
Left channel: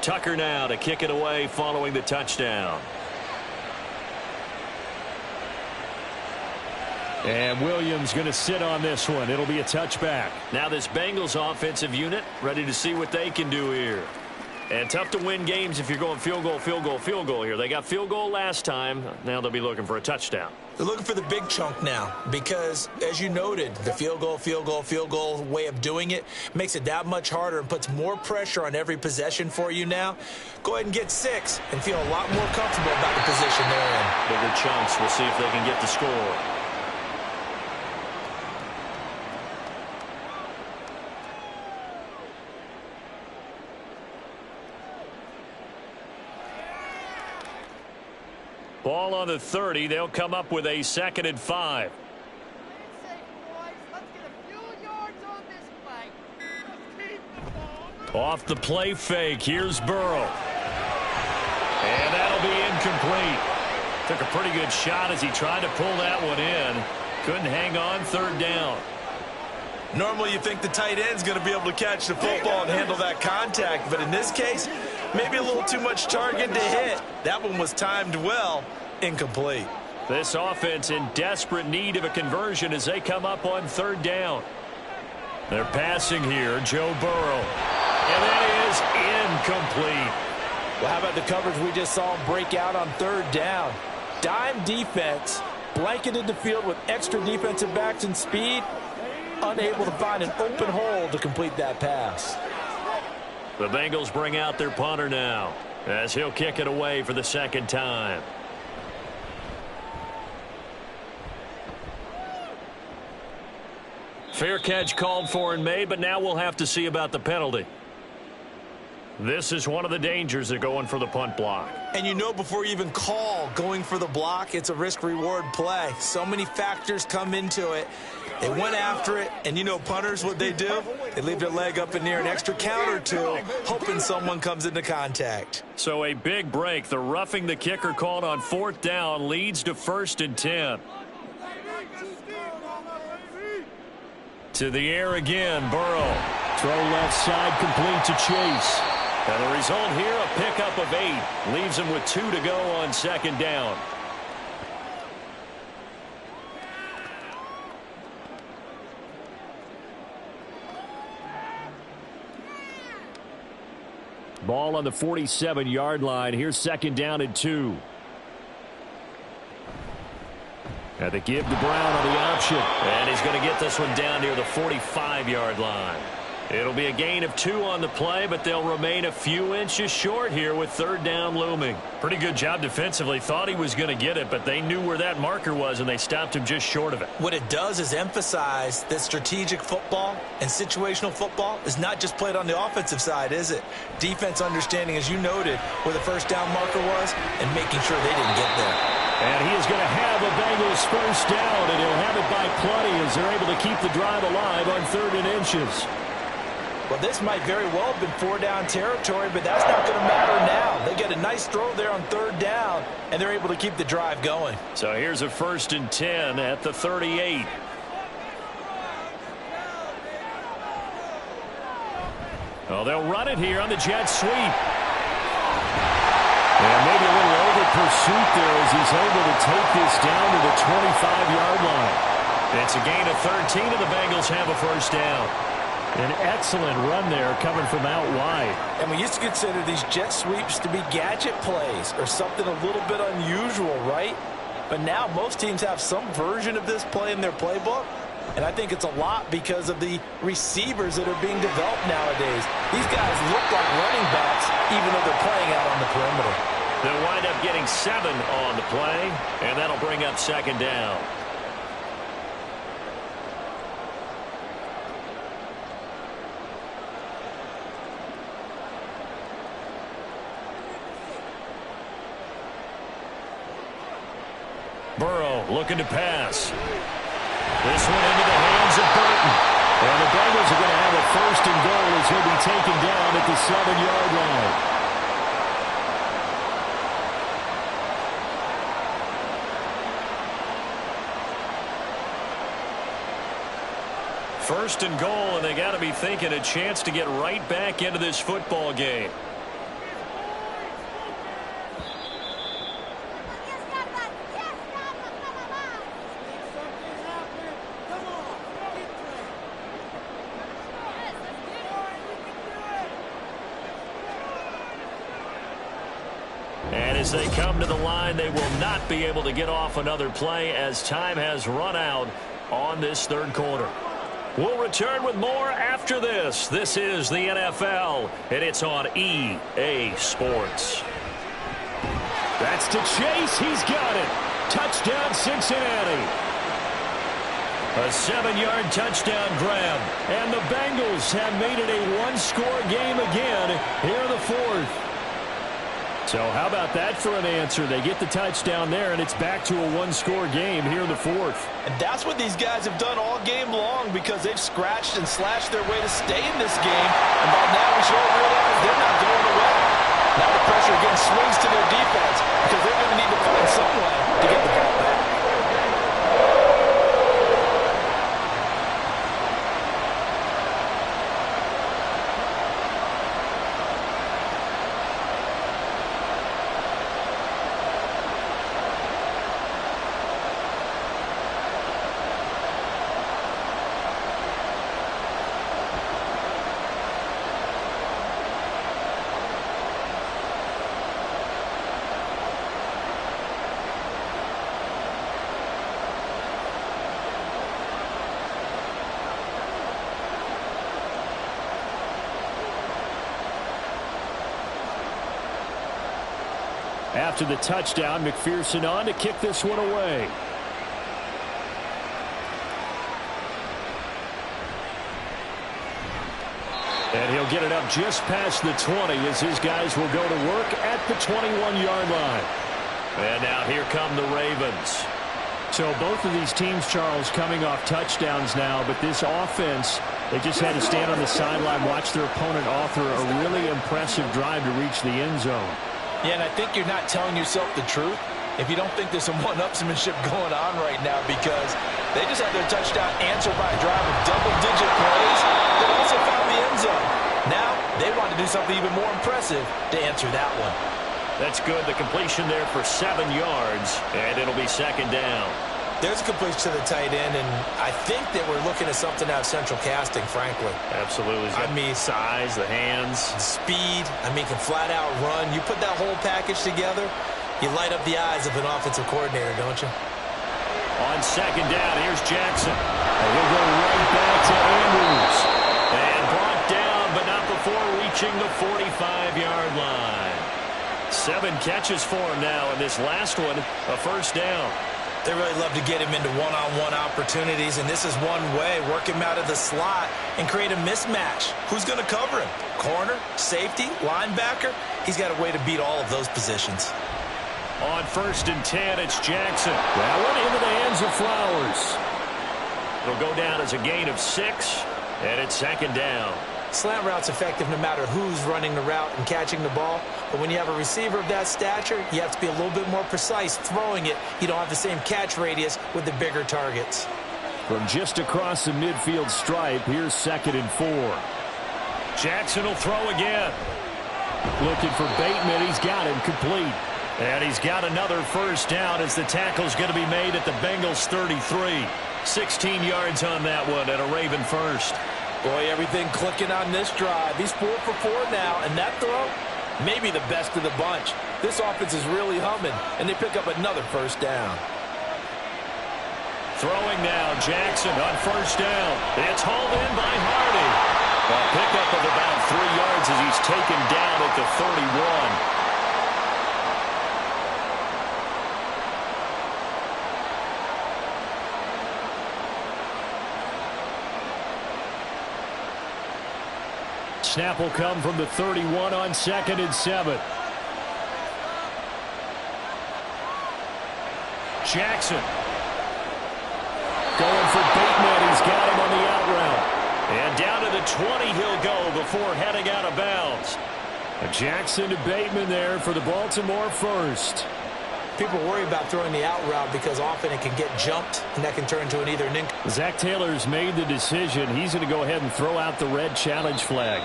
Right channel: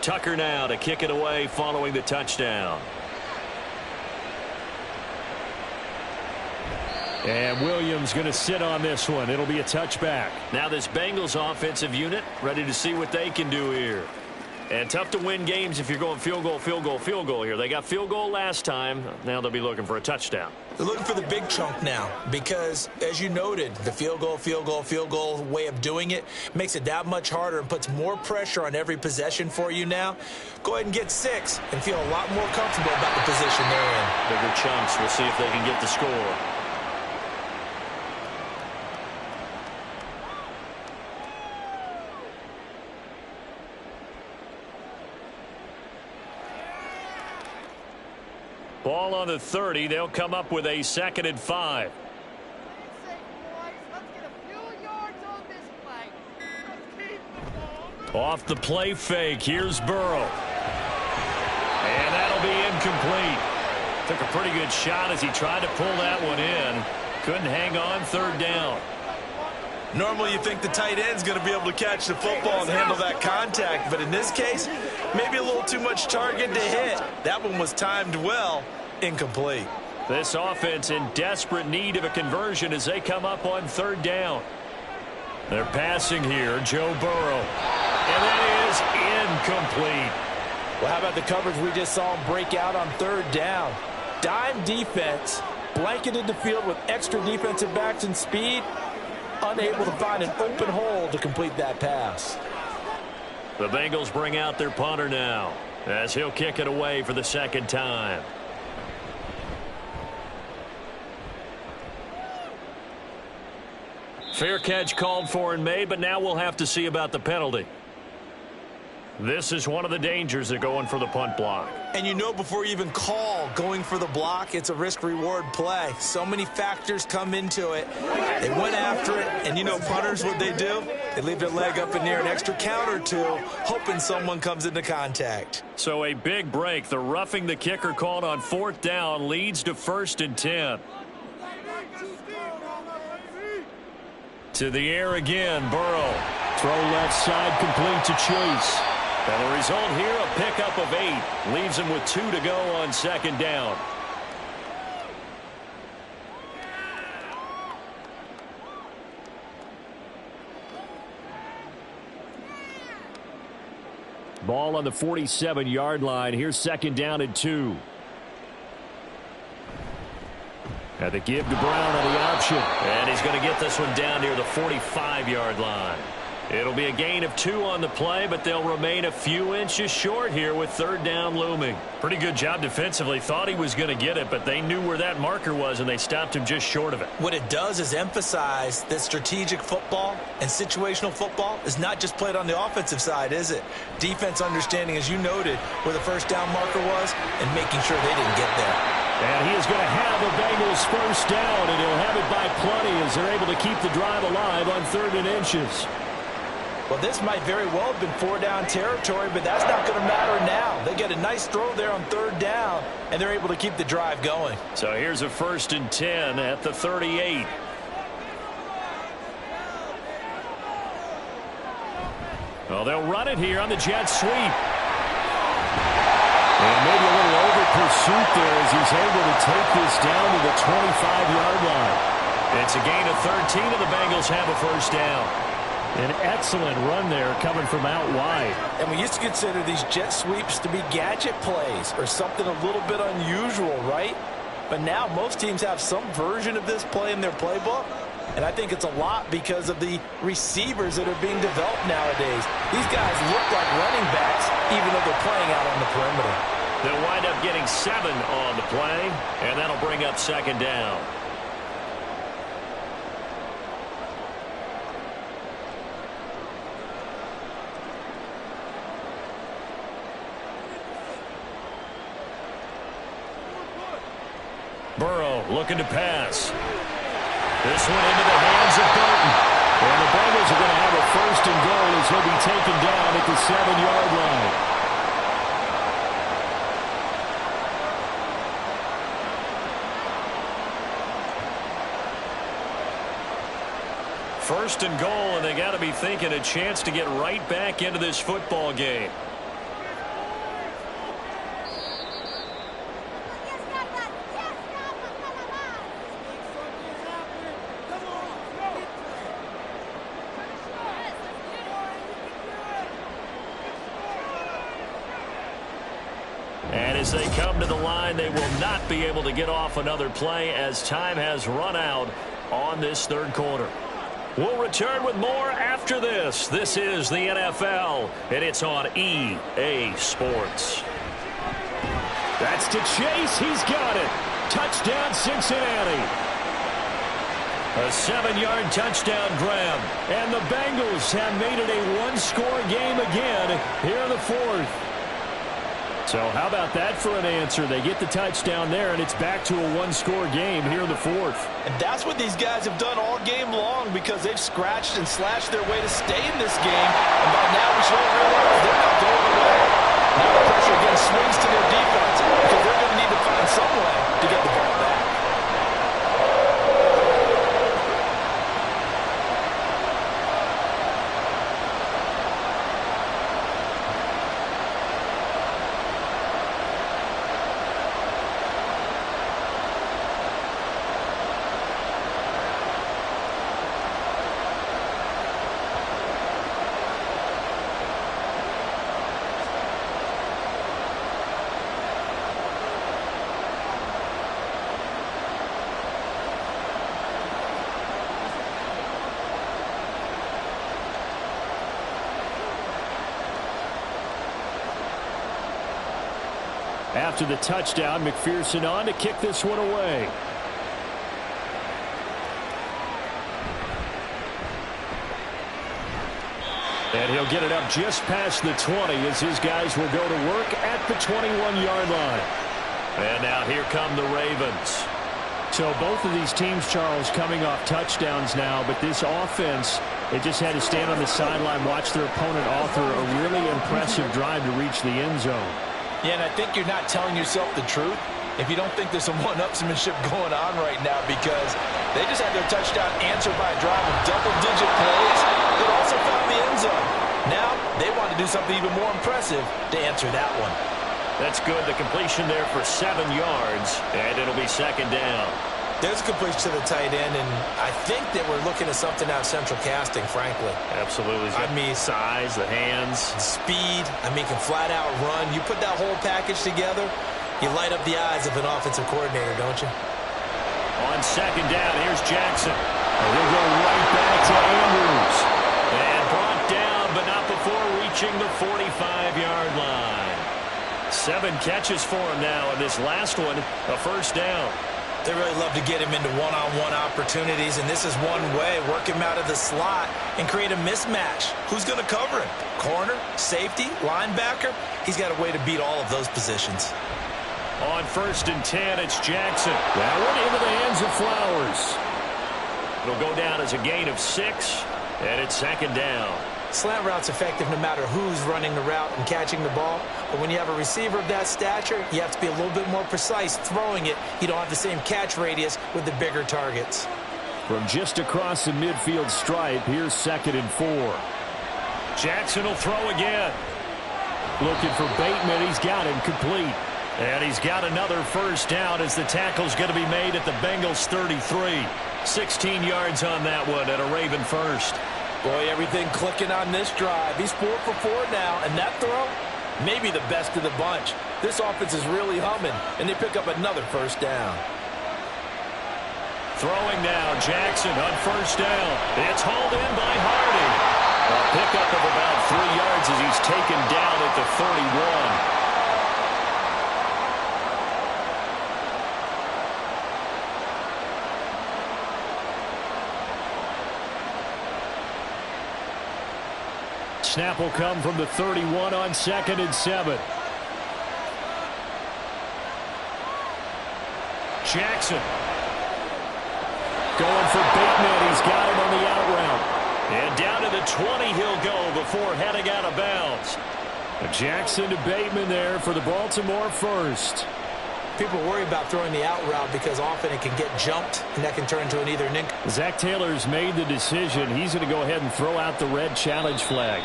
Tucker now to kick it away following the touchdown. And Williams going to sit on this one. It'll be a touchback. Now this Bengals offensive unit ready to see what they can do here. And tough to win games if you're going field goal, field goal, field goal here. They got field goal last time. Now they'll be looking for a touchdown. They're looking for the big chunk now because, as you noted, the field goal, field goal, field goal way of doing it makes it that much harder and puts more pressure on every possession for you now. Go ahead and get 6 and feel a lot more comfortable about the position they're in. Bigger chunks. We'll see if they can get the score. Ball on the 30. They'll come up with a 2nd and 5. Off the play fake. Here's Burrow. And that'll be incomplete. Took a pretty good shot as he tried to pull that one in. Couldn't hang on. 3rd down. Normally you think the tight end's going to be able to catch the football and handle that contact, but in this case, maybe a little too much target to hit. That one was timed well. Incomplete. This offense in desperate need of a conversion as they come up on 3rd down. They're passing here. Joe Burrow. And that is incomplete. Well, how about the coverage we just saw him break out on 3rd down? Dime defense, blanketed the field with extra defensive backs and speed. Unable to find an open hole to complete that pass. The Bengals bring out their punter now as he'll kick it away for the 2nd time. Fair catch called for and made, but now we'll have to see about the penalty. This is one of the dangers of going for the punt block. And you know before you even call going for the block, it's a risk-reward play. So many factors come into it. They went after it, and you know punters, what they do? They leave their leg up in the air an extra count or two, hoping someone comes into contact. So a big break. The roughing the kicker called on 4th down leads to 1st and 10. To the air again, Burrow. Throw left side complete to Chase. And the result here, a pickup of 8. Leaves him with 2 to go on 2nd down. Ball on the 47-yard line. Here's 2nd down and 2. And they give to Brown on the option. And he's going to get this one down near the 45-yard line. It'll be a gain of 2 on the play, but they'll remain a few inches short here with 3rd down looming. Pretty good job defensively. Thought he was going to get it, but they knew where that marker was, and they stopped him just short of it. What it does is emphasize that strategic football and situational football is not just played on the offensive side, is it? Defense understanding, as you noted, where the 1st down marker was and making sure they didn't get there. And he is going to have a Bengals 1st down, and he'll have it by plenty as they're able to keep the drive alive on 3rd and inches. Well, this might very well have been 4-down territory, but that's not going to matter now. They get a nice throw there on 3rd down, and they're able to keep the drive going. So here's a 1st and 10 at the 38. Well, they'll run it here on the jet sweep. And maybe a little over pursuit there as he's able to take this down to the 25-yard line. It's a gain of 13, and the Bengals have a 1st down. An excellent run there coming from out wide. And we used to consider these jet sweeps to be gadget plays or something a little bit unusual, right? But now most teams have some version of this play in their playbook. And I think it's a lot because of the receivers that are being developed nowadays. These guys look like running backs even though they're playing out on the perimeter. They'll wind up getting 7 on the play, and that'll bring up 2nd down. Burrow looking to pass. This one into the hands of Burton. And the Bengals are going to have a 1st and goal as he'll be taken down at the 7-yard line. First and goal, and they got to be thinking a chance to get right back into this football game. as they come to the line, they will not be able to get off another play as time has run out on this third quarter. We'll return with more after this. This is the NFL, and it's on EA Sports. That's to Chase. He's got it. Touchdown, Cincinnati. A 7-yard touchdown grab. And the Bengals have made it a one-score game again here in the fourth. So how about that for an answer? They get the touchdown there, and it's back to a one-score game here in the fourth. And that's what these guys have done all game long because they've scratched and slashed their way to stay in this game. And by now we should all realize they're not going away. Now the pressure again swings to their defense because they're going to need to find some way to get the ball back. After the touchdown, McPherson on to kick this one away. And he'll get it up just past the 20 as his guys will go to work at the 21-yard line. And now here come the Ravens. So both of these teams, Charles, coming off touchdowns now, but this offense, they just had to stand on the sideline, watch their opponent author a really impressive drive to reach the end zone. Yeah, and I think you're not telling yourself the truth if you don't think there's some one-upsmanship going on right now because they just had their touchdown answered by a drive of double-digit plays that also found the end zone. Now they want to do something even more impressive to answer that one. That's good. The completion there for 7 yards, and it'll be second down. There's a completion to the tight end, and I think that we're looking at something out of central casting, frankly. Absolutely. I mean, size, the hands. Speed. I mean, can flat out run. You put that whole package together, you light up the eyes of an offensive coordinator, don't you? On second down, here's Jackson. And he'll go right back to Andrews. And brought down, but not before reaching the 45-yard line. 7 catches for him now, and this last one, a first down. They really love to get him into one-on-one opportunities, and this is one way. Work him out of the slot and create a mismatch. Who's going to cover him? Corner, safety, linebacker? He's got a way to beat all of those positions. On 1st and 10, it's Jackson. That one into the hands of Flowers. It'll go down as a gain of 6, and it's second down. Slant route's effective no matter who's running the route and catching the ball. But when you have a receiver of that stature, you have to be a little bit more precise throwing it. You don't have the same catch radius with the bigger targets. From just across the midfield stripe, here's 2nd and 4. Jackson will throw again. Looking for Bateman. He's got him complete. And he's got another first down as the tackle's going to be made at the Bengals 33. 16 yards on that one and a Raven first. Boy, everything clicking on this drive. He's 4 for 4 now, and that throw, maybe the best of the bunch. This offense is really humming, and they pick up another first down. Throwing now, Jackson on first down. It's hauled in by Hardy. A pickup of about 3 yards as he's taken down at the 31. Snap will come from the 31 on 2nd and 7. Jackson going for Bateman. He's got him on the out route. And down to the 20 he'll go before heading out of bounds. Jackson to Bateman there for the Baltimore first. People worry about throwing the out route because often it can get jumped, and that can turn into an either nink. Zach Taylor's made the decision. He's going to go ahead and throw out the red challenge flag.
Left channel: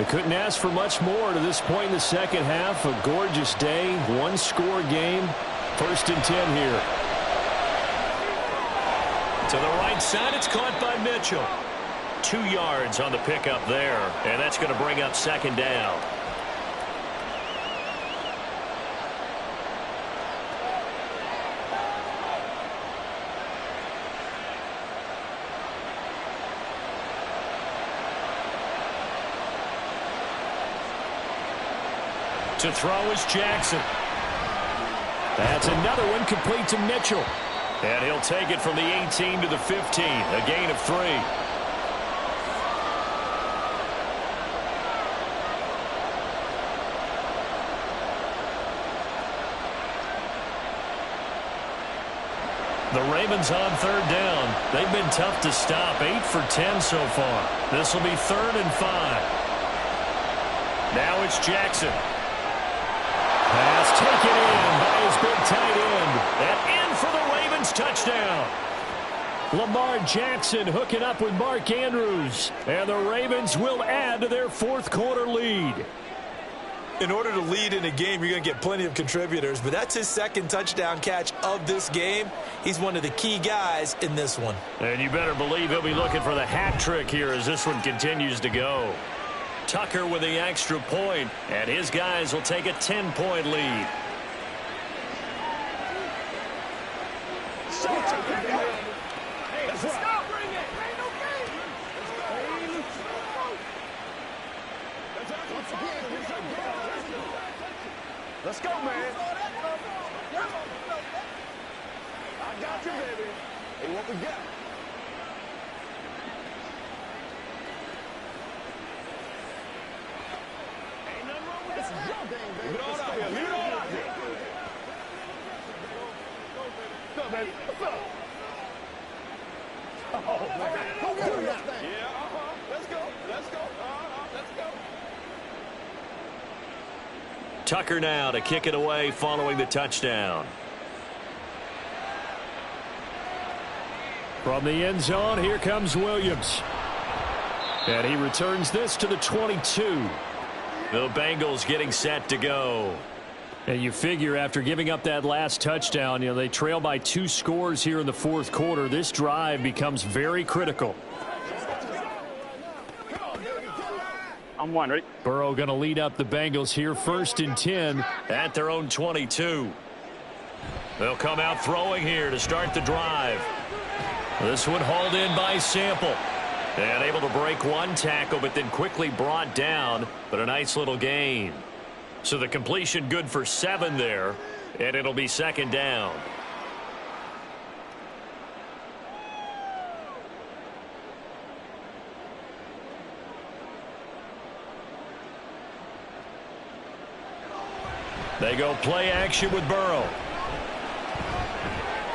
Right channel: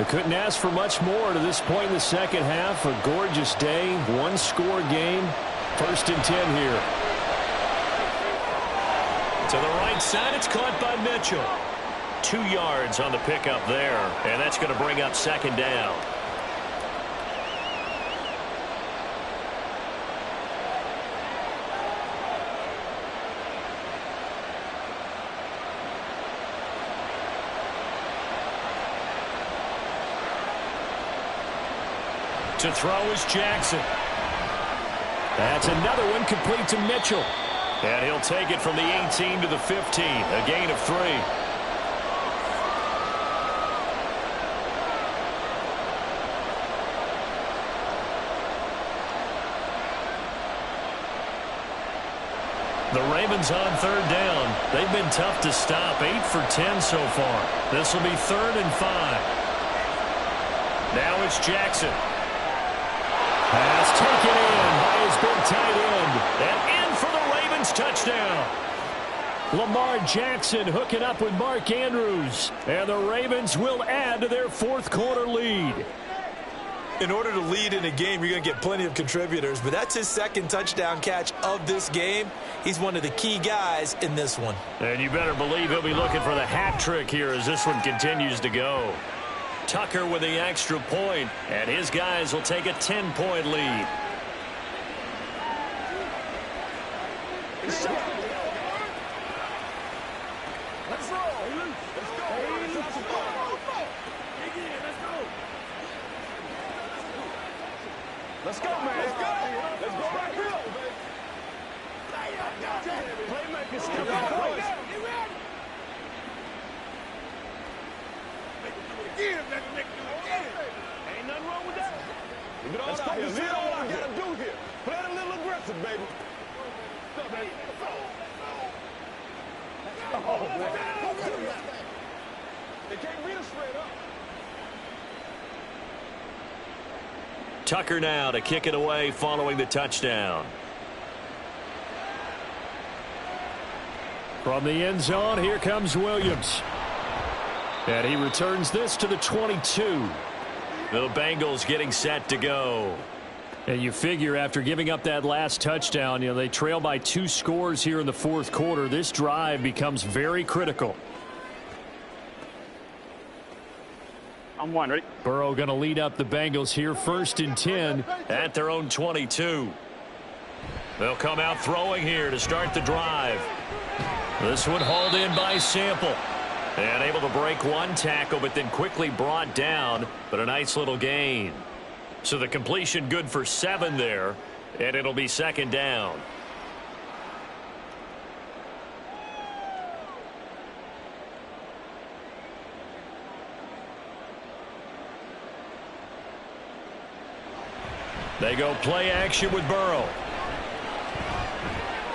They couldn't ask for much more to this point in the second half. A gorgeous day, one-score game. 1st and 10 here. To the right side, it's caught by Mitchell. 2 yards on the pickup there, and that's going to bring up 2nd down. To throw is Jackson. That's another one complete to Mitchell. And he'll take it from the 18 to the 15, a gain of 3. The Ravens on 3rd down. They've been tough to stop, 8 for 10 so far. This will be 3rd and 5. Now it's Jackson. Pass taken in by his big tight end. And in for the Ravens touchdown. Lamar Jackson hooking up with Mark Andrews. And the Ravens will add to their 4th quarter lead. In order to lead in a game, you're going to get plenty of contributors. But that's his 2nd touchdown catch of this game. He's one of the key guys in this one. And you better believe he'll be looking for the hat trick here as this one continues to go. Tucker with the extra point, and his guys will take a 10-point lead. Let's go, man. I got you, baby. Ain't nothing wrong with that. Leave it all out here. Leave it all out here. Play a little aggressive, baby. What's up, baby? What's up? Oh, man. Go get him that thing. Let's go. Let's go. Tucker now to kick it away following the touchdown. From the end zone, here comes Williams. And he returns this to the 22. The Bengals getting set to go. And you figure after giving up that last touchdown, they trail by 2 scores here in the 4th quarter. This drive becomes very critical. I'm one, ready? Burrow going to lead up the Bengals here, 1st and 10 at their own 22. They'll come out throwing here to start the drive. This one hauled in by Sample. And able to break 1 tackle, but then quickly brought down, but a nice little gain. So the completion good for 7 there, and it'll be 2nd down. They go play action with Burrow.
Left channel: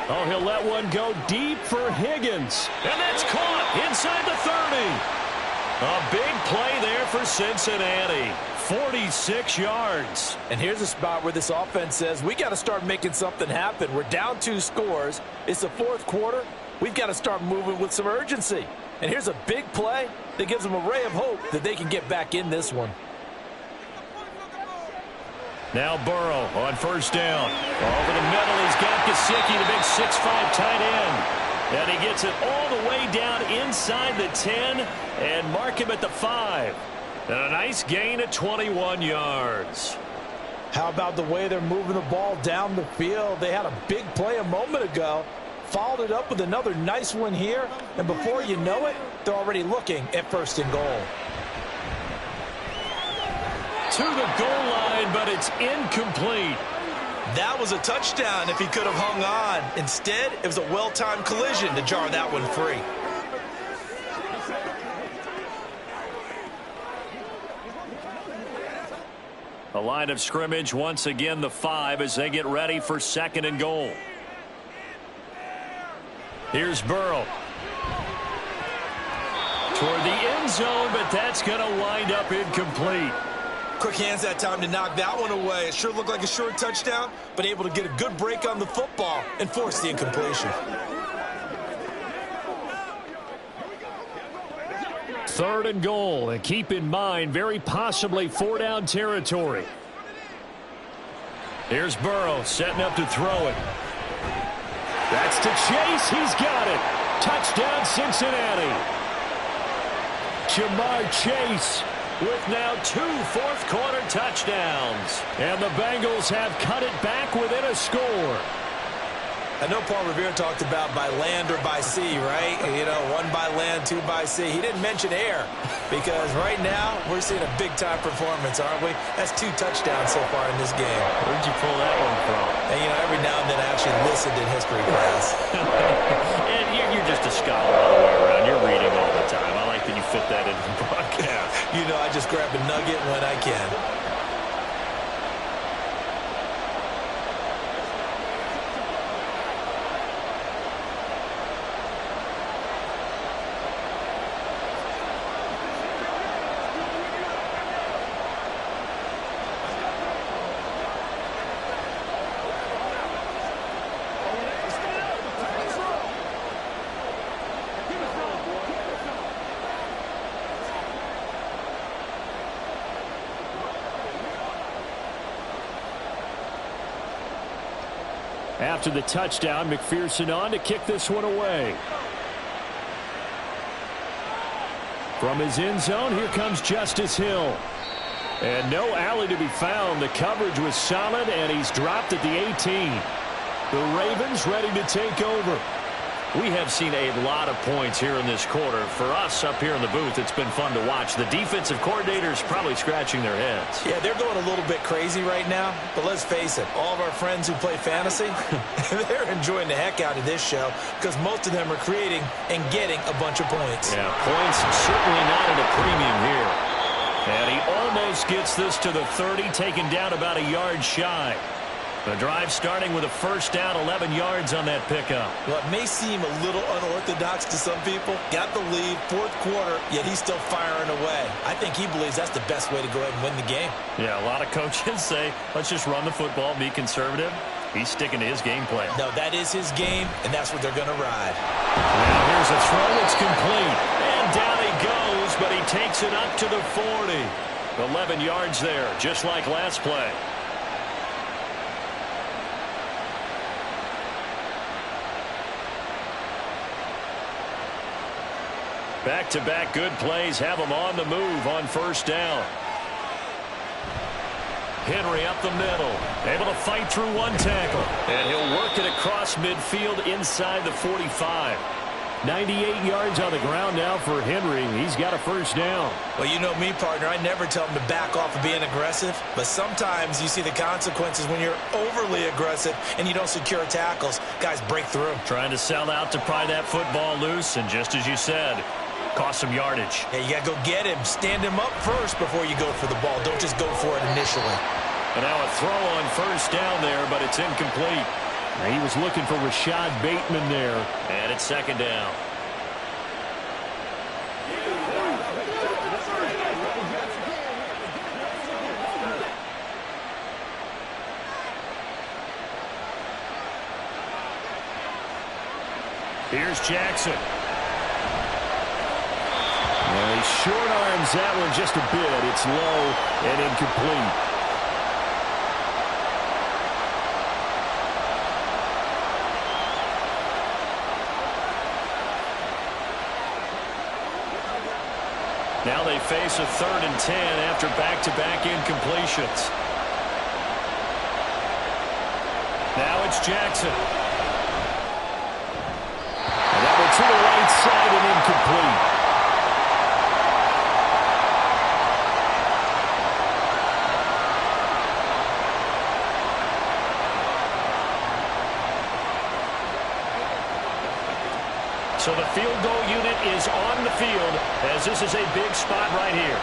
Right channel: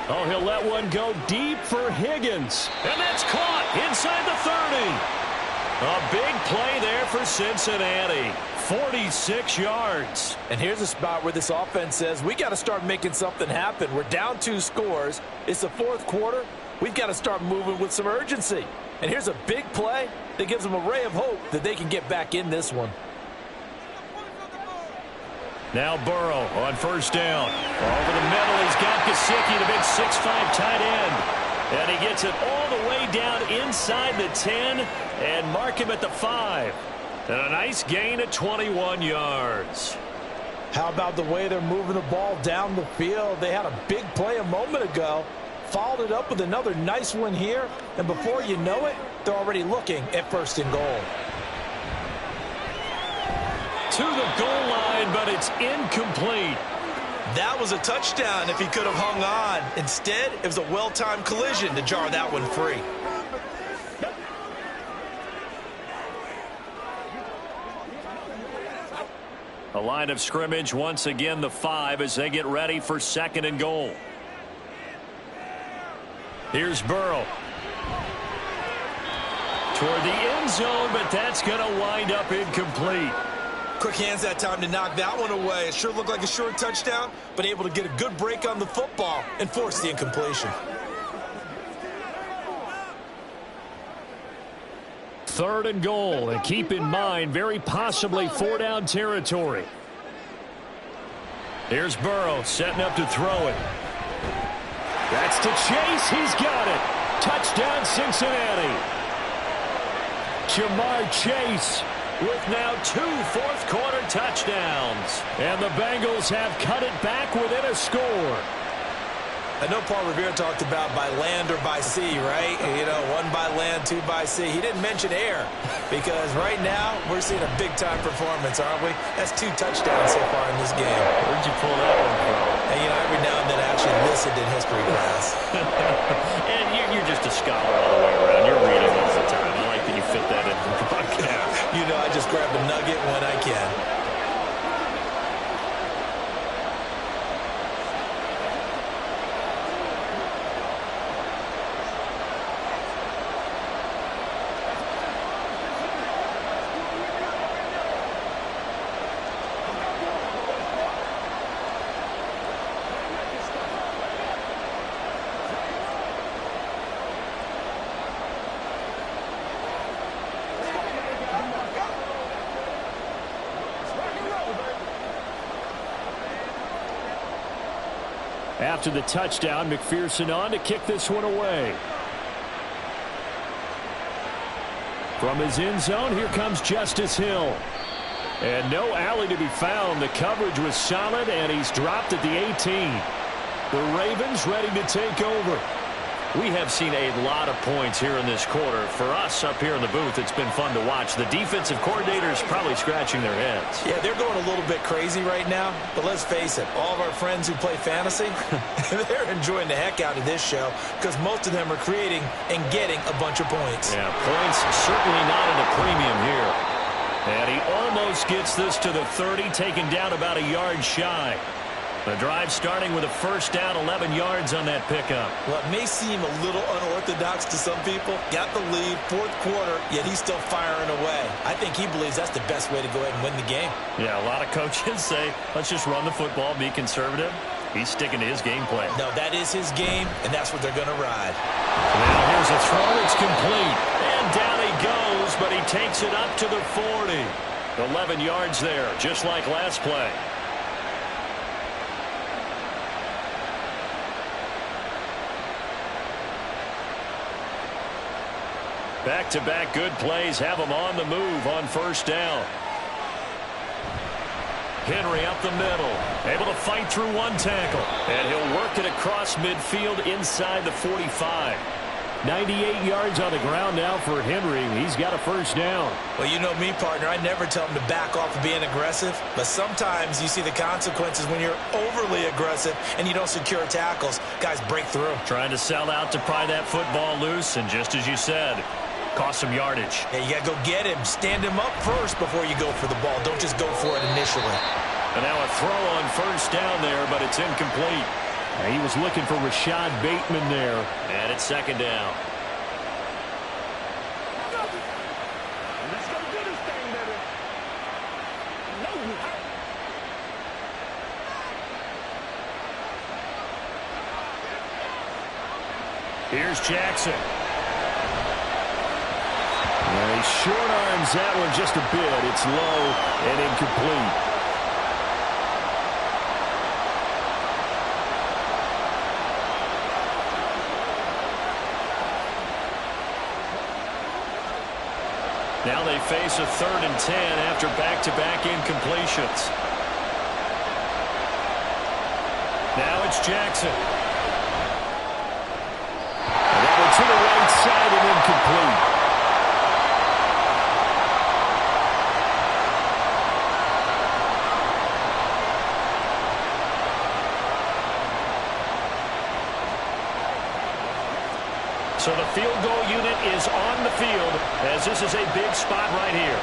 Oh, he'll let one go deep for Higgins. And that's caught inside the 30. A big play there for Cincinnati. 46 yards. And here's a spot where this offense says, we got to start making something happen. We're down 2 scores. It's the 4th quarter. We've got to start moving with some urgency. And here's a big play that gives them a ray of hope that they can get back in this one. Now Burrow on 1st down. Over the middle, he's got Gesicki, the big 6'5" tight end. And he gets it all the way down inside the 10 and mark him at the 5. And a nice gain of 21 yards. How about the way they're moving the ball down the field? They had a big play a moment ago. Followed it up with another nice one here. And before you know it, they're already looking at 1st and goal. To the goal line, but it's incomplete. That was a touchdown if he could have hung on. Instead, it was a well-timed collision to jar that one free. A line of scrimmage once again, the 5 as they get ready for 2nd and goal. Here's Burrow. Toward the end zone, but that's going to wind up incomplete. Quick hands that time to knock that one away. It sure looked like a short touchdown, but able to get a good break on the football and force the incompletion. 3rd and goal. And keep in mind, very possibly 4-down territory. Here's Burrow setting up to throw it. That's to Chase. He's got it. Touchdown, Cincinnati. Jamar Chase with now 2 fourth-quarter touchdowns. And the Bengals have cut it back within a score. I know Paul Revere talked about by land or by sea, right? You know, 1 by land, 2 by sea. He didn't mention air because right now we're seeing a big-time performance, aren't we? That's 2 touchdowns so far in this game. Where'd you pull that one from? And, you know, every now and then I actually listened in history class. And you're just a scholar all the way around. You're reading all the time. I like that you fit that into the broadcast. You know, I just grab a nugget when I can. After the touchdown, McPherson on to kick this one away. From his end zone, here comes Justice Hill. And no alley to be found. The coverage was solid, and he's dropped at the 18. The Ravens ready to take over. We have seen a lot of points here in this quarter. For us up here in the booth, it's been fun to watch. The defensive coordinators probably scratching their heads. Yeah, they're going a little bit crazy right now. But let's face it, all of our friends who play fantasy, they're enjoying the heck out of this show because most of them are creating and getting a bunch of points. Yeah, points certainly not at a premium here. And he almost gets this to the 30, taken down about a yard shy. The drive starting with a first down, 11 yards on that pickup. Well, it may seem a little unorthodox to some people. Got the lead, 4th quarter, yet he's still firing away. I think he believes that's the best way to go ahead and win the game. Yeah, a lot of coaches say, let's just run the football, be conservative. He's sticking to his game plan. No, that is his game, and that's what they're going to ride. Now here's a throw. It's complete. And down he goes, but he takes it up to the 40. 11 yards there, just like last play. Back-to-back good plays have him on the move on first down. Henry up the middle, able to fight through 1 tackle. And he'll work it across midfield inside the 45. 98 yards on the ground now for Henry. He's got a first down. Well, you know me, partner. I never tell him to back off of being aggressive. But sometimes you see the consequences when you're overly aggressive and you don't secure tackles. Guys break through. Trying to sell out to pry that football loose. And just as you said, cost some yardage. Yeah, you got to go get him. Stand him up first before you go for the ball. Don't just go for it initially. And now a throw on first down there, but it's incomplete. He was looking for Rashad Bateman there. And it's 2nd down. Here's Jackson. He short arms that one just a bit. It's low and incomplete. Now they face a 3rd and 10 after back-to-back incompletions. Now it's Jackson. And that one to the right side and incomplete. So the field goal unit is on the field as this is a big spot right here.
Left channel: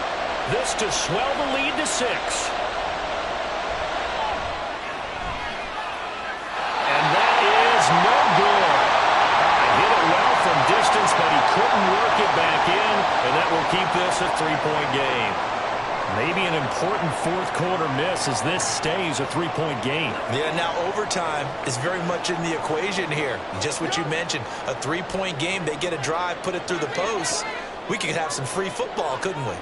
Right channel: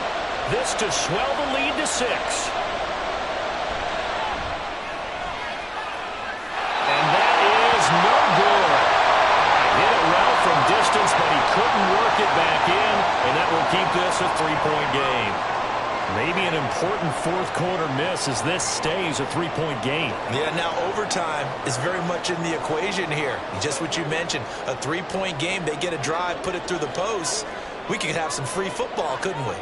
This to swell the lead to 6. And that is no good. Hit it well from distance, but he couldn't work it back in, and that will keep this a 3-point game. Maybe an important 4th quarter miss as this stays a 3-point game. Yeah, now overtime is very much in the equation here. Just what you mentioned, a 3-point game. They get a drive, put it through the post. we could have some free football, couldn't we?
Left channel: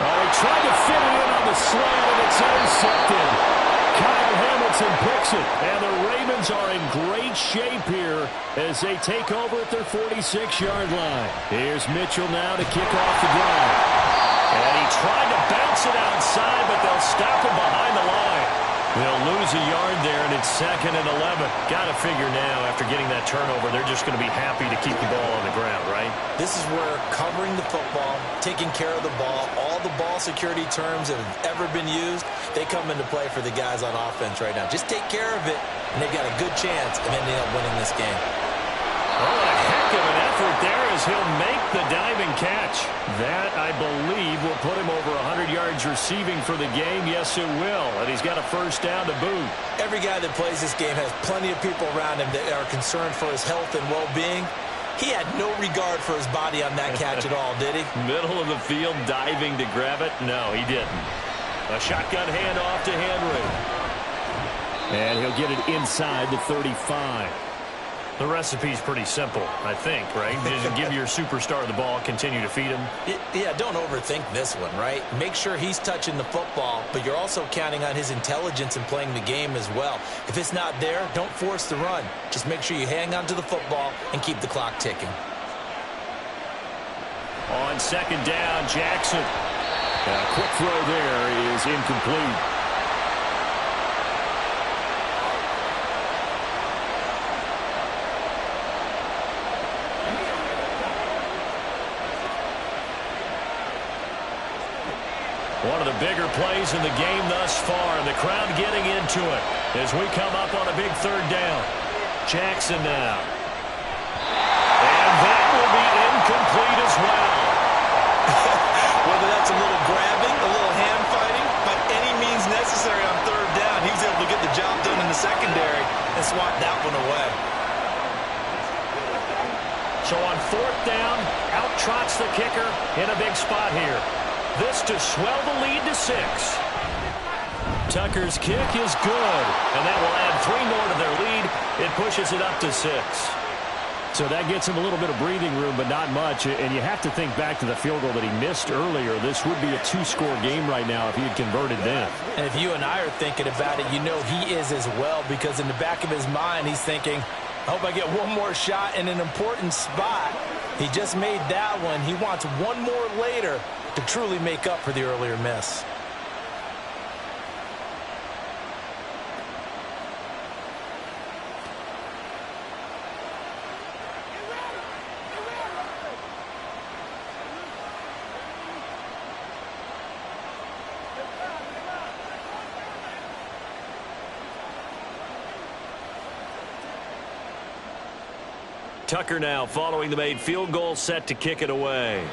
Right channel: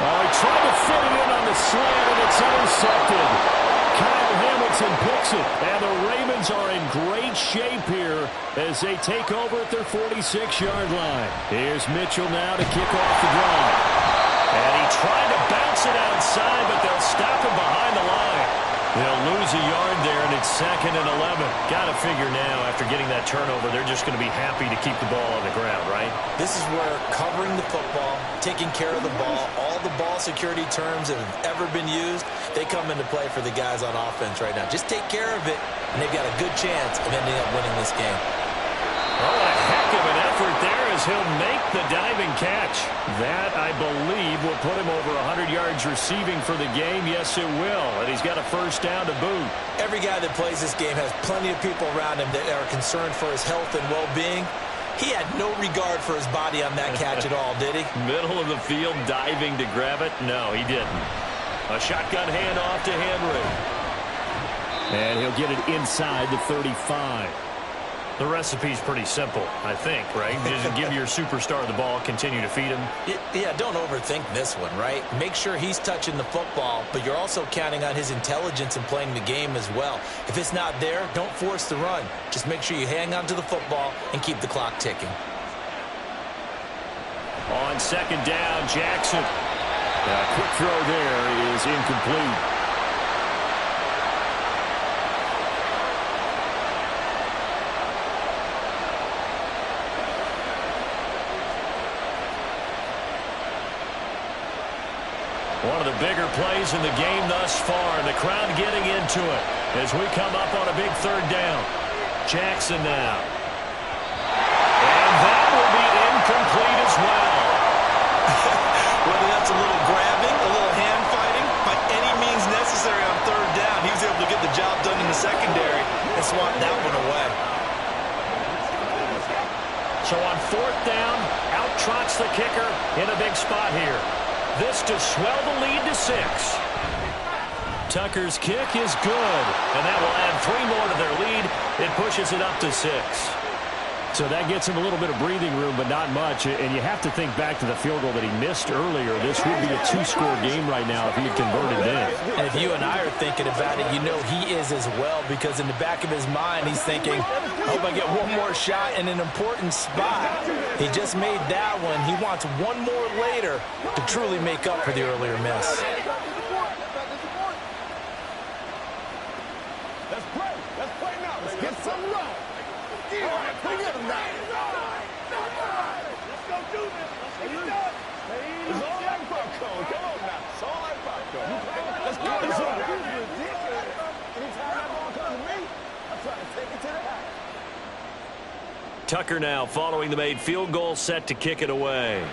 Oh, he tried to fit it in on the slant, and it's intercepted. Kyle Hamilton picks it, and the Ravens are in great shape here as they take over at their 46-yard line. Here's Mitchell now to kick off the drive. And he tried to bounce it outside, but they'll stop him behind the line. They'll lose a yard there, and it's 2nd and 11. Got to figure now, after getting that turnover, they're just going to be happy to keep the ball on the ground, right? This is where covering the football, taking care of the ball, all the ball security terms that have ever been used, they come into play for the guys on offense right now. Just take care of it, and they've got a good chance of ending up winning this game. Oh, and a heck of an effort there as he'll make the diving catch. That, I believe, will put him over 100 yards receiving for the game. Yes, it will. And he's got a first down to boot. Every guy that plays this game has plenty of people around him that are concerned for his health and well-being. He had no regard for his body on that catch at all, did he? Middle of the field, diving to grab it? No, he didn't. A shotgun handoff to Henry. And he'll get it inside the 35. The recipe's pretty simple, I think, right? Just give your superstar the ball, continue to feed him. Yeah, don't overthink this one, right? Make sure he's touching the football, but you're also counting on his intelligence in playing the game as well. If it's not there, don't force the run. Just make sure you hang on to the football and keep the clock ticking. On 2nd down, Jackson. A quick throw there is incomplete. One of the bigger plays in the game thus far. The crowd getting into it as we come up on a big 3rd down. Jackson now. And that will be incomplete as well. Whether that's a little grabbing, a little hand fighting, by any means necessary on 3rd down, he was able to get the job done in the secondary and swat that one away. So on 4th down, out trots the kicker in a big spot here. This to swell the lead to 6. Tucker's kick is good, and that will add 3 more to their lead. It pushes it up to 6. So that gets him a little bit of breathing room, but not much. And you have to think back to the field goal that he missed earlier. This would be a 2-score game right now if he had converted then. And if you and I are thinking about it, you know he is as well, because in the back of his mind, he's thinking, I hope I get one more shot in an important spot. He just made that one. He wants one more later to truly make up for the earlier miss. Tucker now following the made field goal, set to kick it away.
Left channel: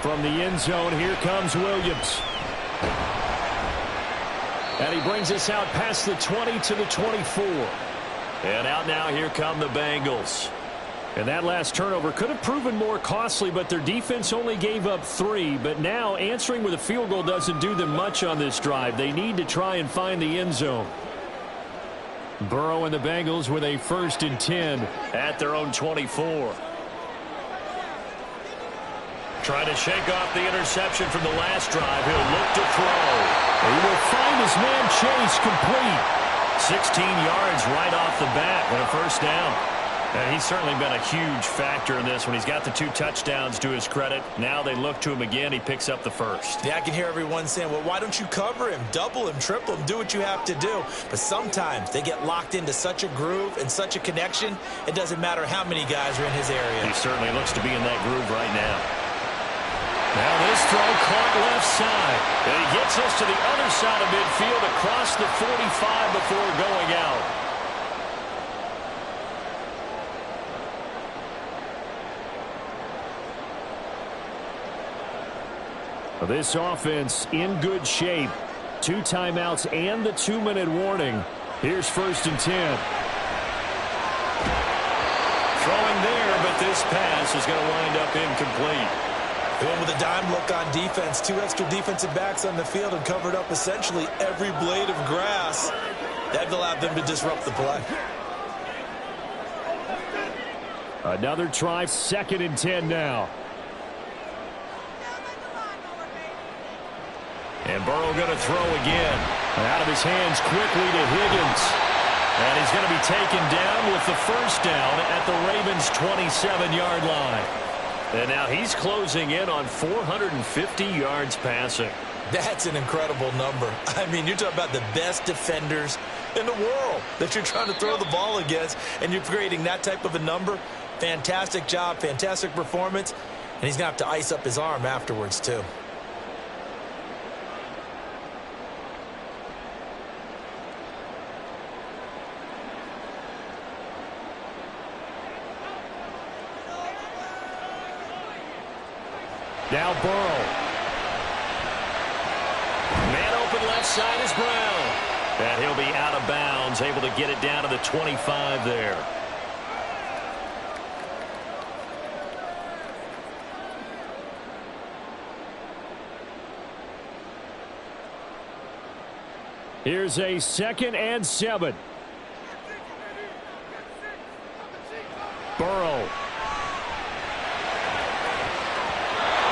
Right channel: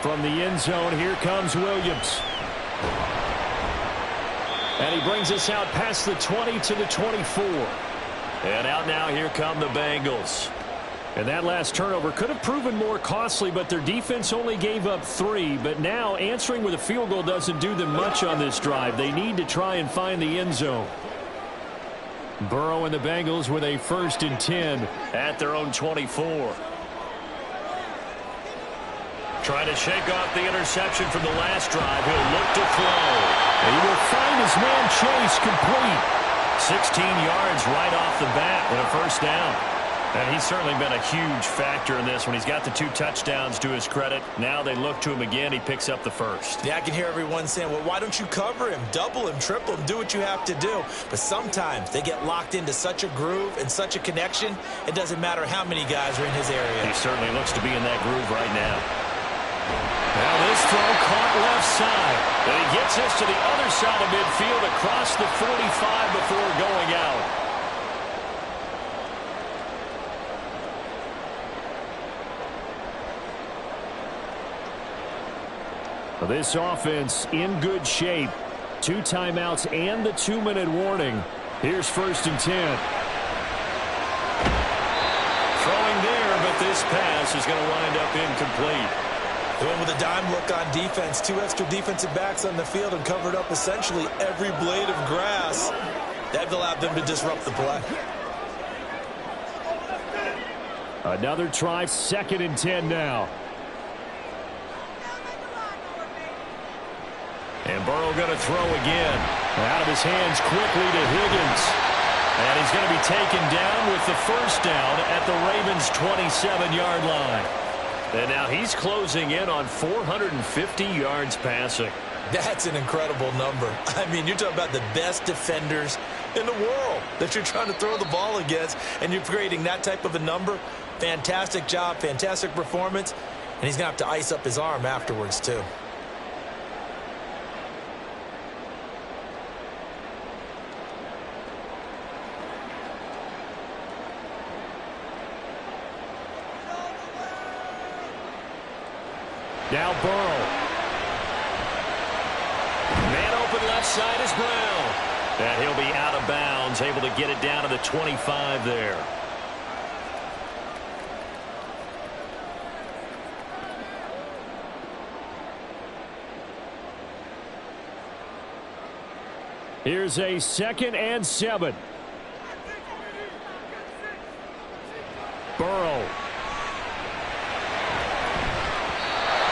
From the end zone, here comes Williams. And he brings us out past the 20 to the 24. And out now, here come the Bengals. And that last turnover could have proven more costly, but their defense only gave up 3. But now answering with a field goal doesn't do them much on this drive. They need to try and find the end zone. Burrow and the Bengals with a 1st and 10 at their own 24. Trying to shake off the interception from the last drive. He'll look to throw. And he will find his man Chase complete. 16 yards right off the bat with a 1st down. And he's certainly been a huge factor in this when he's got the 2 touchdowns to his credit. Now they look to him again. He picks up the 1st. Yeah, I can hear everyone saying, well, why don't you cover him, double him, triple him, do what you have to do. But sometimes they get locked into such a groove and such a connection, it doesn't matter how many guys are in his area. He certainly looks to be in that groove right now. Now this throw caught left side. And he gets us to the other side of midfield across the 45 before going out. This offense in good shape. 2 timeouts and the 2-minute warning. Here's 1st and 10. Throwing there, but this pass is going to wind up incomplete. They went with a dime look on defense. 2 extra defensive backs on the field and covered up essentially every blade of grass. That allowed them to disrupt the play. Another try, 2nd and 10 now. And Burrow going to throw again. Out of his hands quickly to Higgins. And he's going to be taken down with the first down at the Ravens' 27-yard line. And now he's closing in on 450 yards passing. That's an incredible number. I mean, you're talking about the best defenders in the world that you're trying to throw the ball against, and you're creating that type of a number. Fantastic job, fantastic performance, and he's going to have to ice up his arm afterwards, too. Now Burrow. Man open left side is Brown. And he'll be out of bounds, able to get it down to the 25 there. Here's a 2nd and 7. Burrow.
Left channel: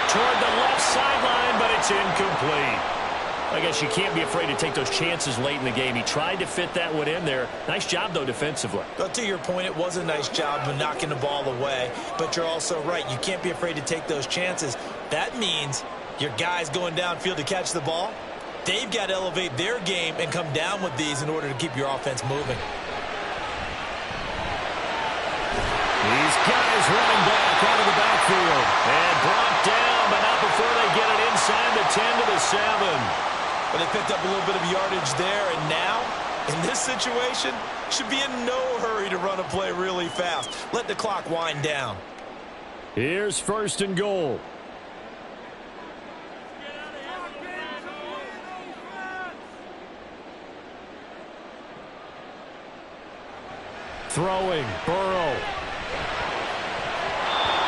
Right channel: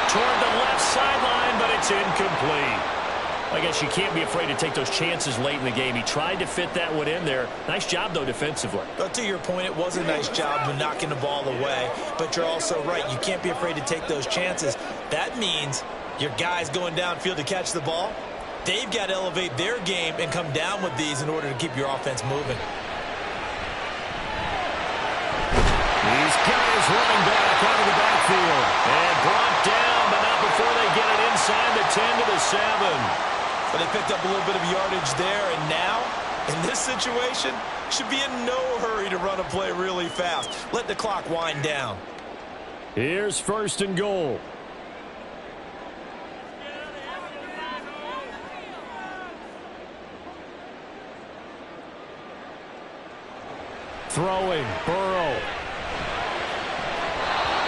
Toward the left sideline, but it's incomplete. I guess you can't be afraid to take those chances late in the game. He tried to fit that one in there. Nice job, though, defensively. But to your point, it was a nice job of knocking the ball away. But you're also right. You can't be afraid to take those chances. That means your guys going downfield to catch the ball, they've got to elevate their game and come down with these in order to keep your offense moving. He's got his running back out of the backfield. And brought down, but not before they get it inside the 10 to the 7. But they picked up a little bit of yardage there, and now, in this situation, should be in no hurry to run a play really fast. Let the clock wind down. Here's 1st and goal. Throwing, Burrow.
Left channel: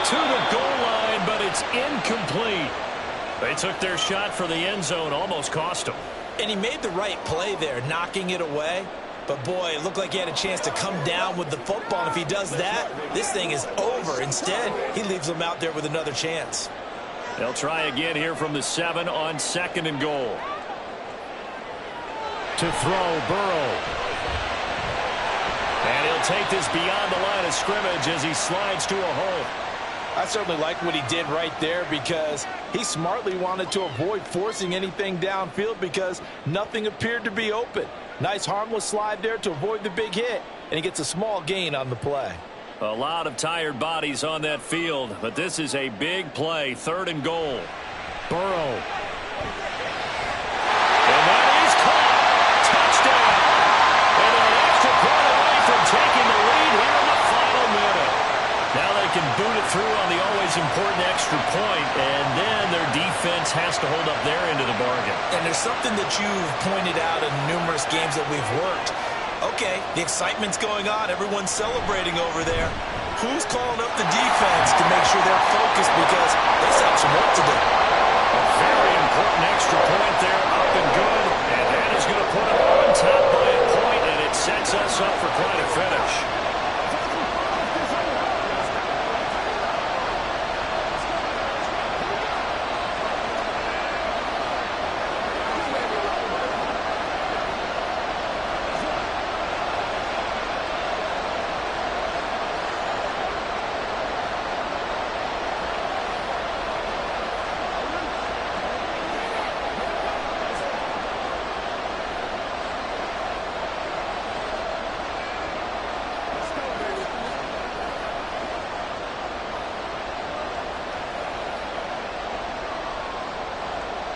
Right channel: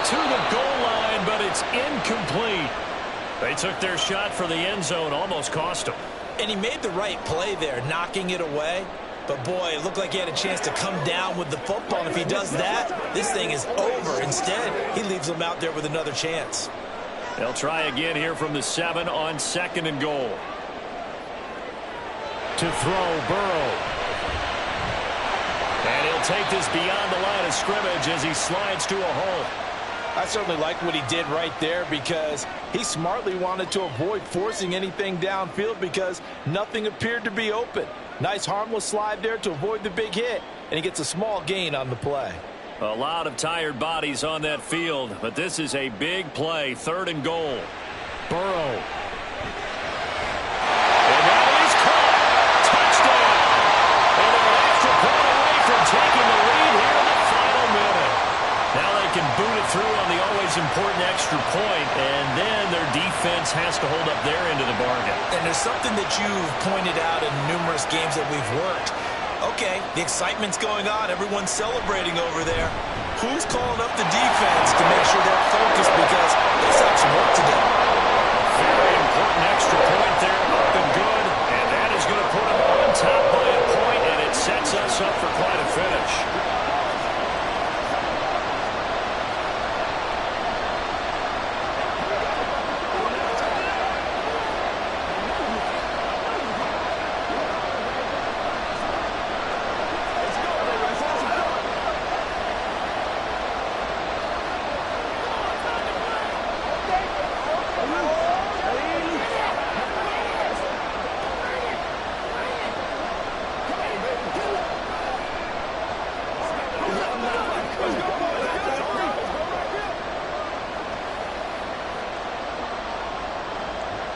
To the goal line, but it's incomplete. They took their shot for the end zone, almost cost them. And he made the right play there, knocking it away. But, boy, it looked like he had a chance to come down with the football. And if he does that, this thing is over. Instead, he leaves them out there with another chance. They'll try again here from the 7 on 2nd and goal. To throw, Burrow. And he'll take this beyond the line of scrimmage as he slides to a hole. I certainly like what he did right there because he smartly wanted to avoid forcing anything downfield because nothing appeared to be open. Nice harmless slide there to avoid the big hit, and he gets a small gain on the play. A lot of tired bodies on that field, but this is a big play, 3rd and goal. Burrow. And that is caught. Touchdown. And they're an extra point away from taking the lead here in the final minute. Now they can boot it through on the always important extra point, and then their defense has to hold up their end of the bargain. And there's something that you've pointed out in numerous games that we've worked. Okay, the excitement's going on. Everyone's celebrating over there. Who's calling up the defense to make sure they're focused because they still have some work to do? A very important extra point there, up and good, and that is going to put them on top by a point, and it sets us up for quite a finish.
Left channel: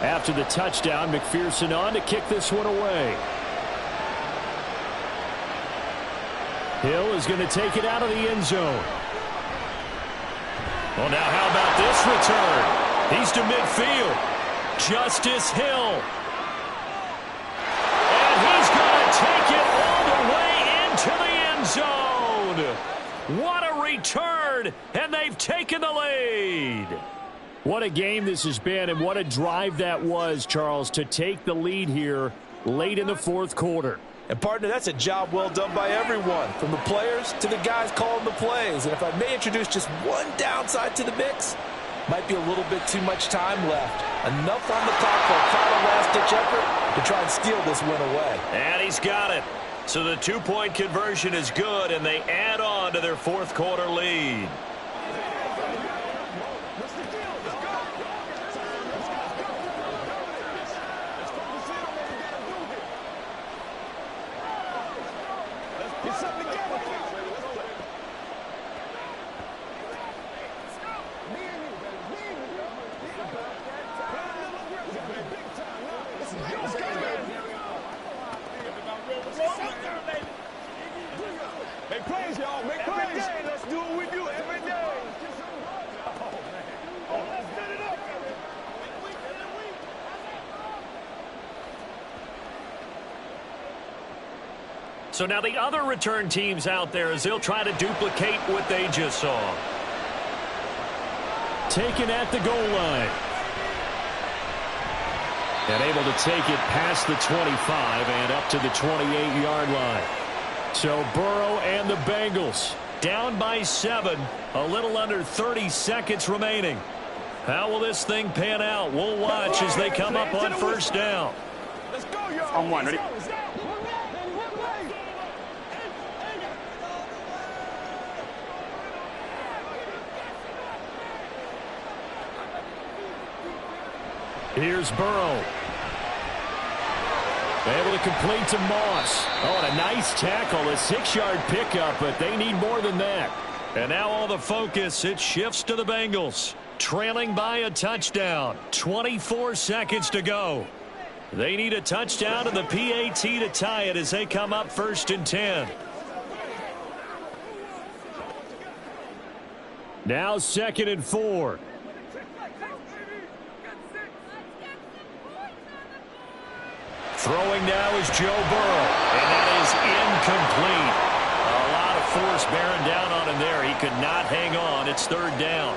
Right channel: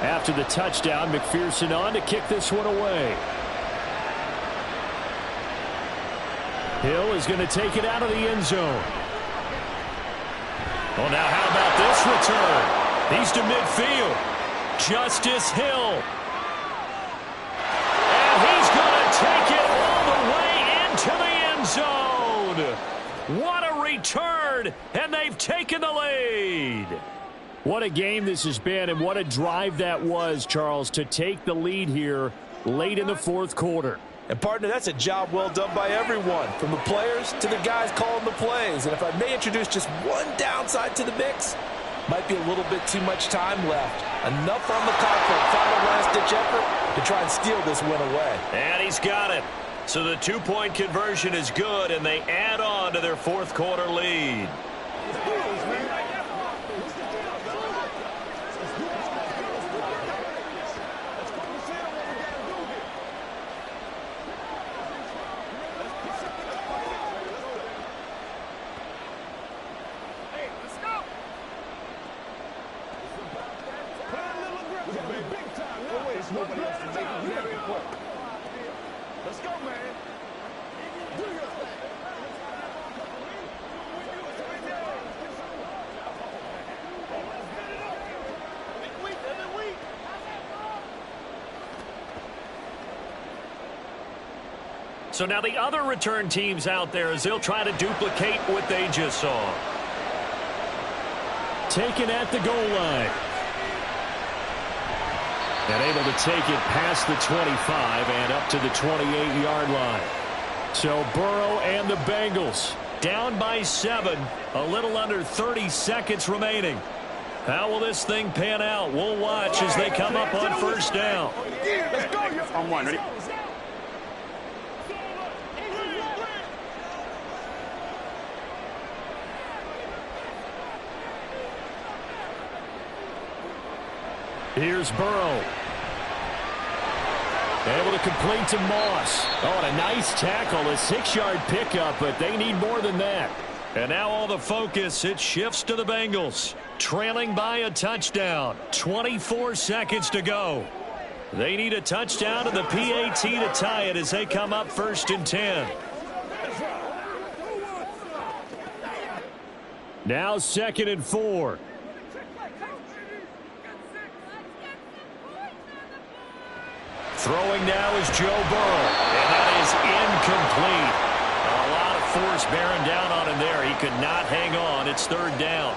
After the touchdown, McPherson on to kick this one away. Hill is going to take it out of the end zone. Well, now how about this return? He's to midfield. Justice Hill. And he's going to take it all the way into the end zone. What a return, and they've taken the lead. What a game this has been, and what a drive that was, Charles, to take the lead here late in the 4th quarter. And, partner, that's a job well done by everyone, from the players to the guys calling the plays. And if I may introduce just one downside to the mix, might be a little bit too much time left. Enough on the clock for a final last-ditch effort to try and steal this win away. And he's got it. So the two-point conversion is good, and they add on to their fourth-quarter lead. So now the other return teams out there as they'll try to duplicate what they just saw. Taken at the goal line. And able to take it past the 25 and up to the 28-yard line. So Burrow and the Bengals down by 7. A little under 30 seconds remaining. How will this thing pan out? We'll watch as they come up on first down. On one, ready? Here's Burrow. Able to complete to Moss. Oh, and a nice tackle, a 6-yard pickup, but they need more than that. And now all the focus, it shifts to the Bengals. Trailing by a touchdown. 24 seconds to go. They need a touchdown and the PAT to tie it as they come up 1st and 10. Now 2nd and 4. Throwing now is Joe Burrow, and that is incomplete. A lot of force bearing down on him there. He could not hang on. It's 3rd down.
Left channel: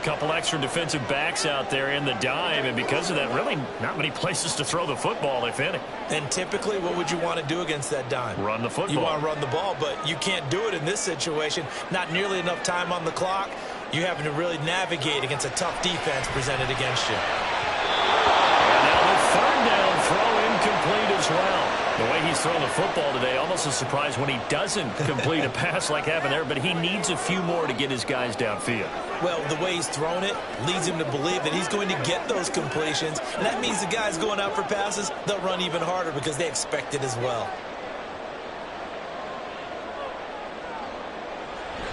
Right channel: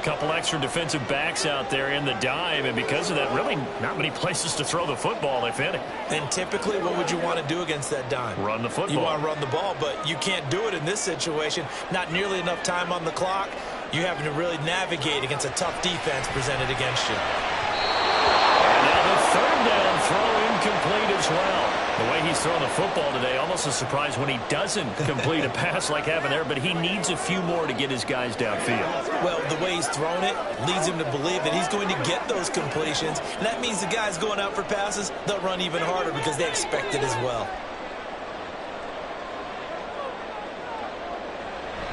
A couple extra defensive backs out there in the dime, and because of that, really not many places to throw the football, if any. And typically, what would you want to do against that dime? Run the football. You want to run the ball, but you can't do it in this situation. Not nearly enough time on the clock. You're having to really navigate against a tough defense presented against you. And now the 3rd down throw incomplete as well. The way he's throwing the football today, almost a surprise when he doesn't complete a pass like having there, but he needs a few more to get his guys downfield. Well, the way he's thrown it leads him to believe that he's going to get those completions, and that means the guys going out for passes, they'll run even harder because they expect it as well.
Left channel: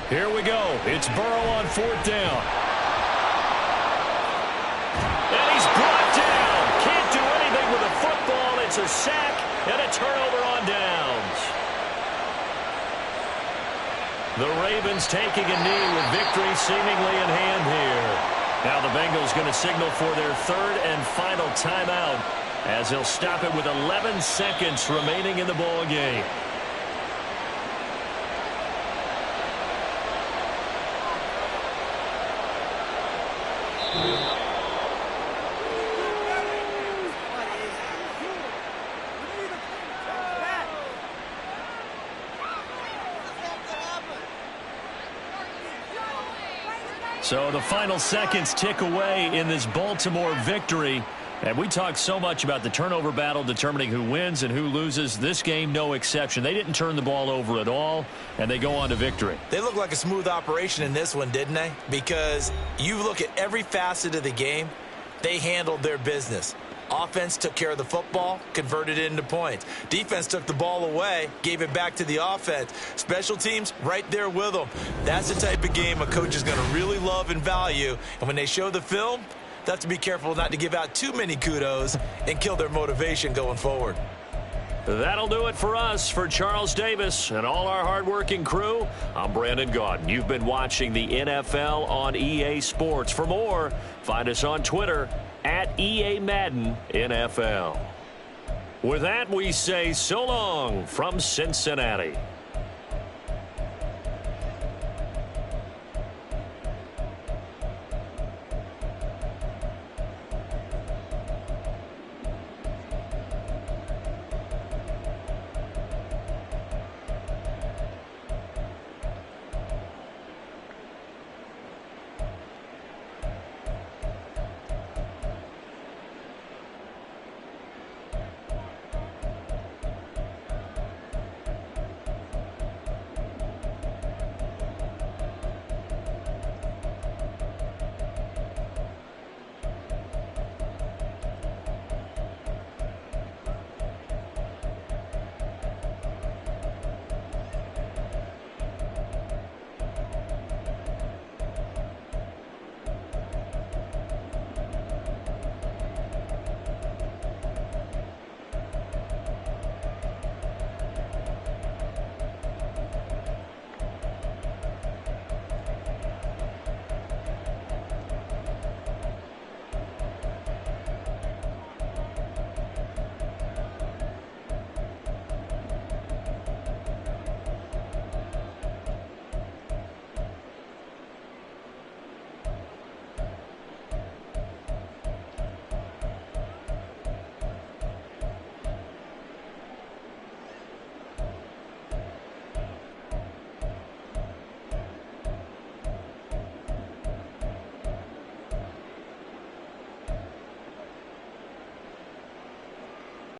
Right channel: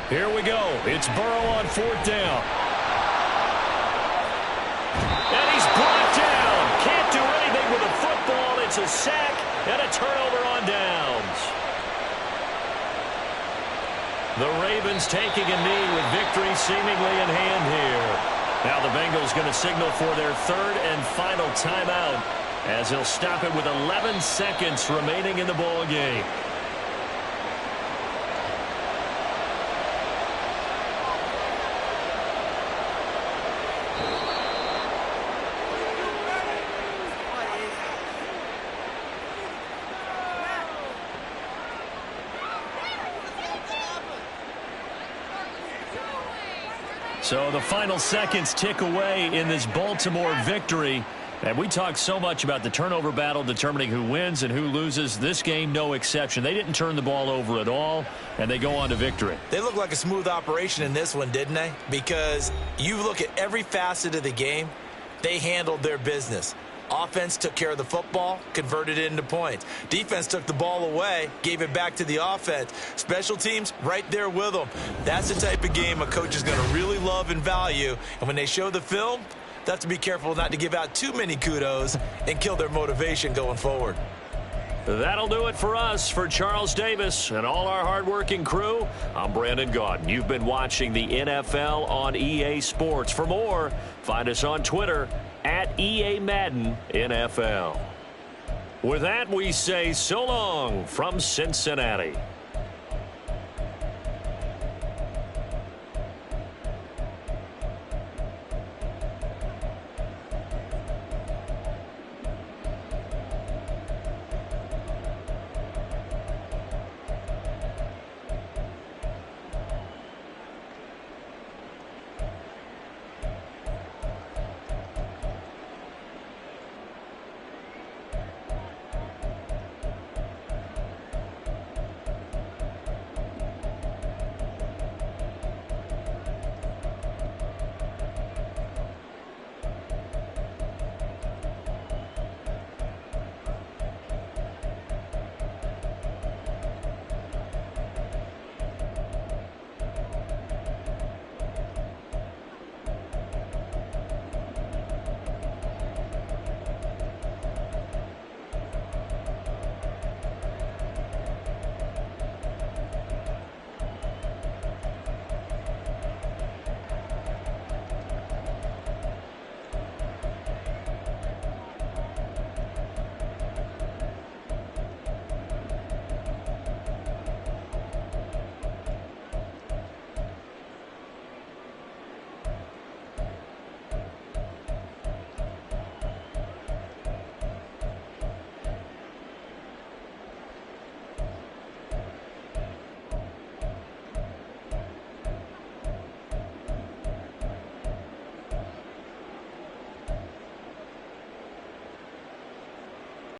Here we go. It's Burrow on 4th down. And he's brought down. Can't do anything with a football. It's a sack and a turnover on downs. The Ravens taking a knee with victory seemingly in hand here. Now the Bengals going to signal for their 3rd and final timeout as he'll stop it with 11 seconds remaining in the ball game. So the final seconds tick away in this Baltimore victory. And we talk so much about the turnover battle determining who wins and who loses. This game, no exception. They didn't turn the ball over at all, and they go on to victory. They look like a smooth operation in this one, didn't they? Because you look at every facet of the game, they handled their business. Offense took care of the football, converted it into points. Defense took the ball away, gave it back to the offense. Special teams, right there with them. That's the type of game a coach is going to really love and value. And when they show the film, they have to be careful not to give out too many kudos and kill their motivation going forward. That'll do it for us. For Charles Davis and all our hardworking crew, I'm Brandon Gaudin. You've been watching the NFL on EA Sports. For more, find us on Twitter at EA Madden NFL. With that, we say so long from Cincinnati.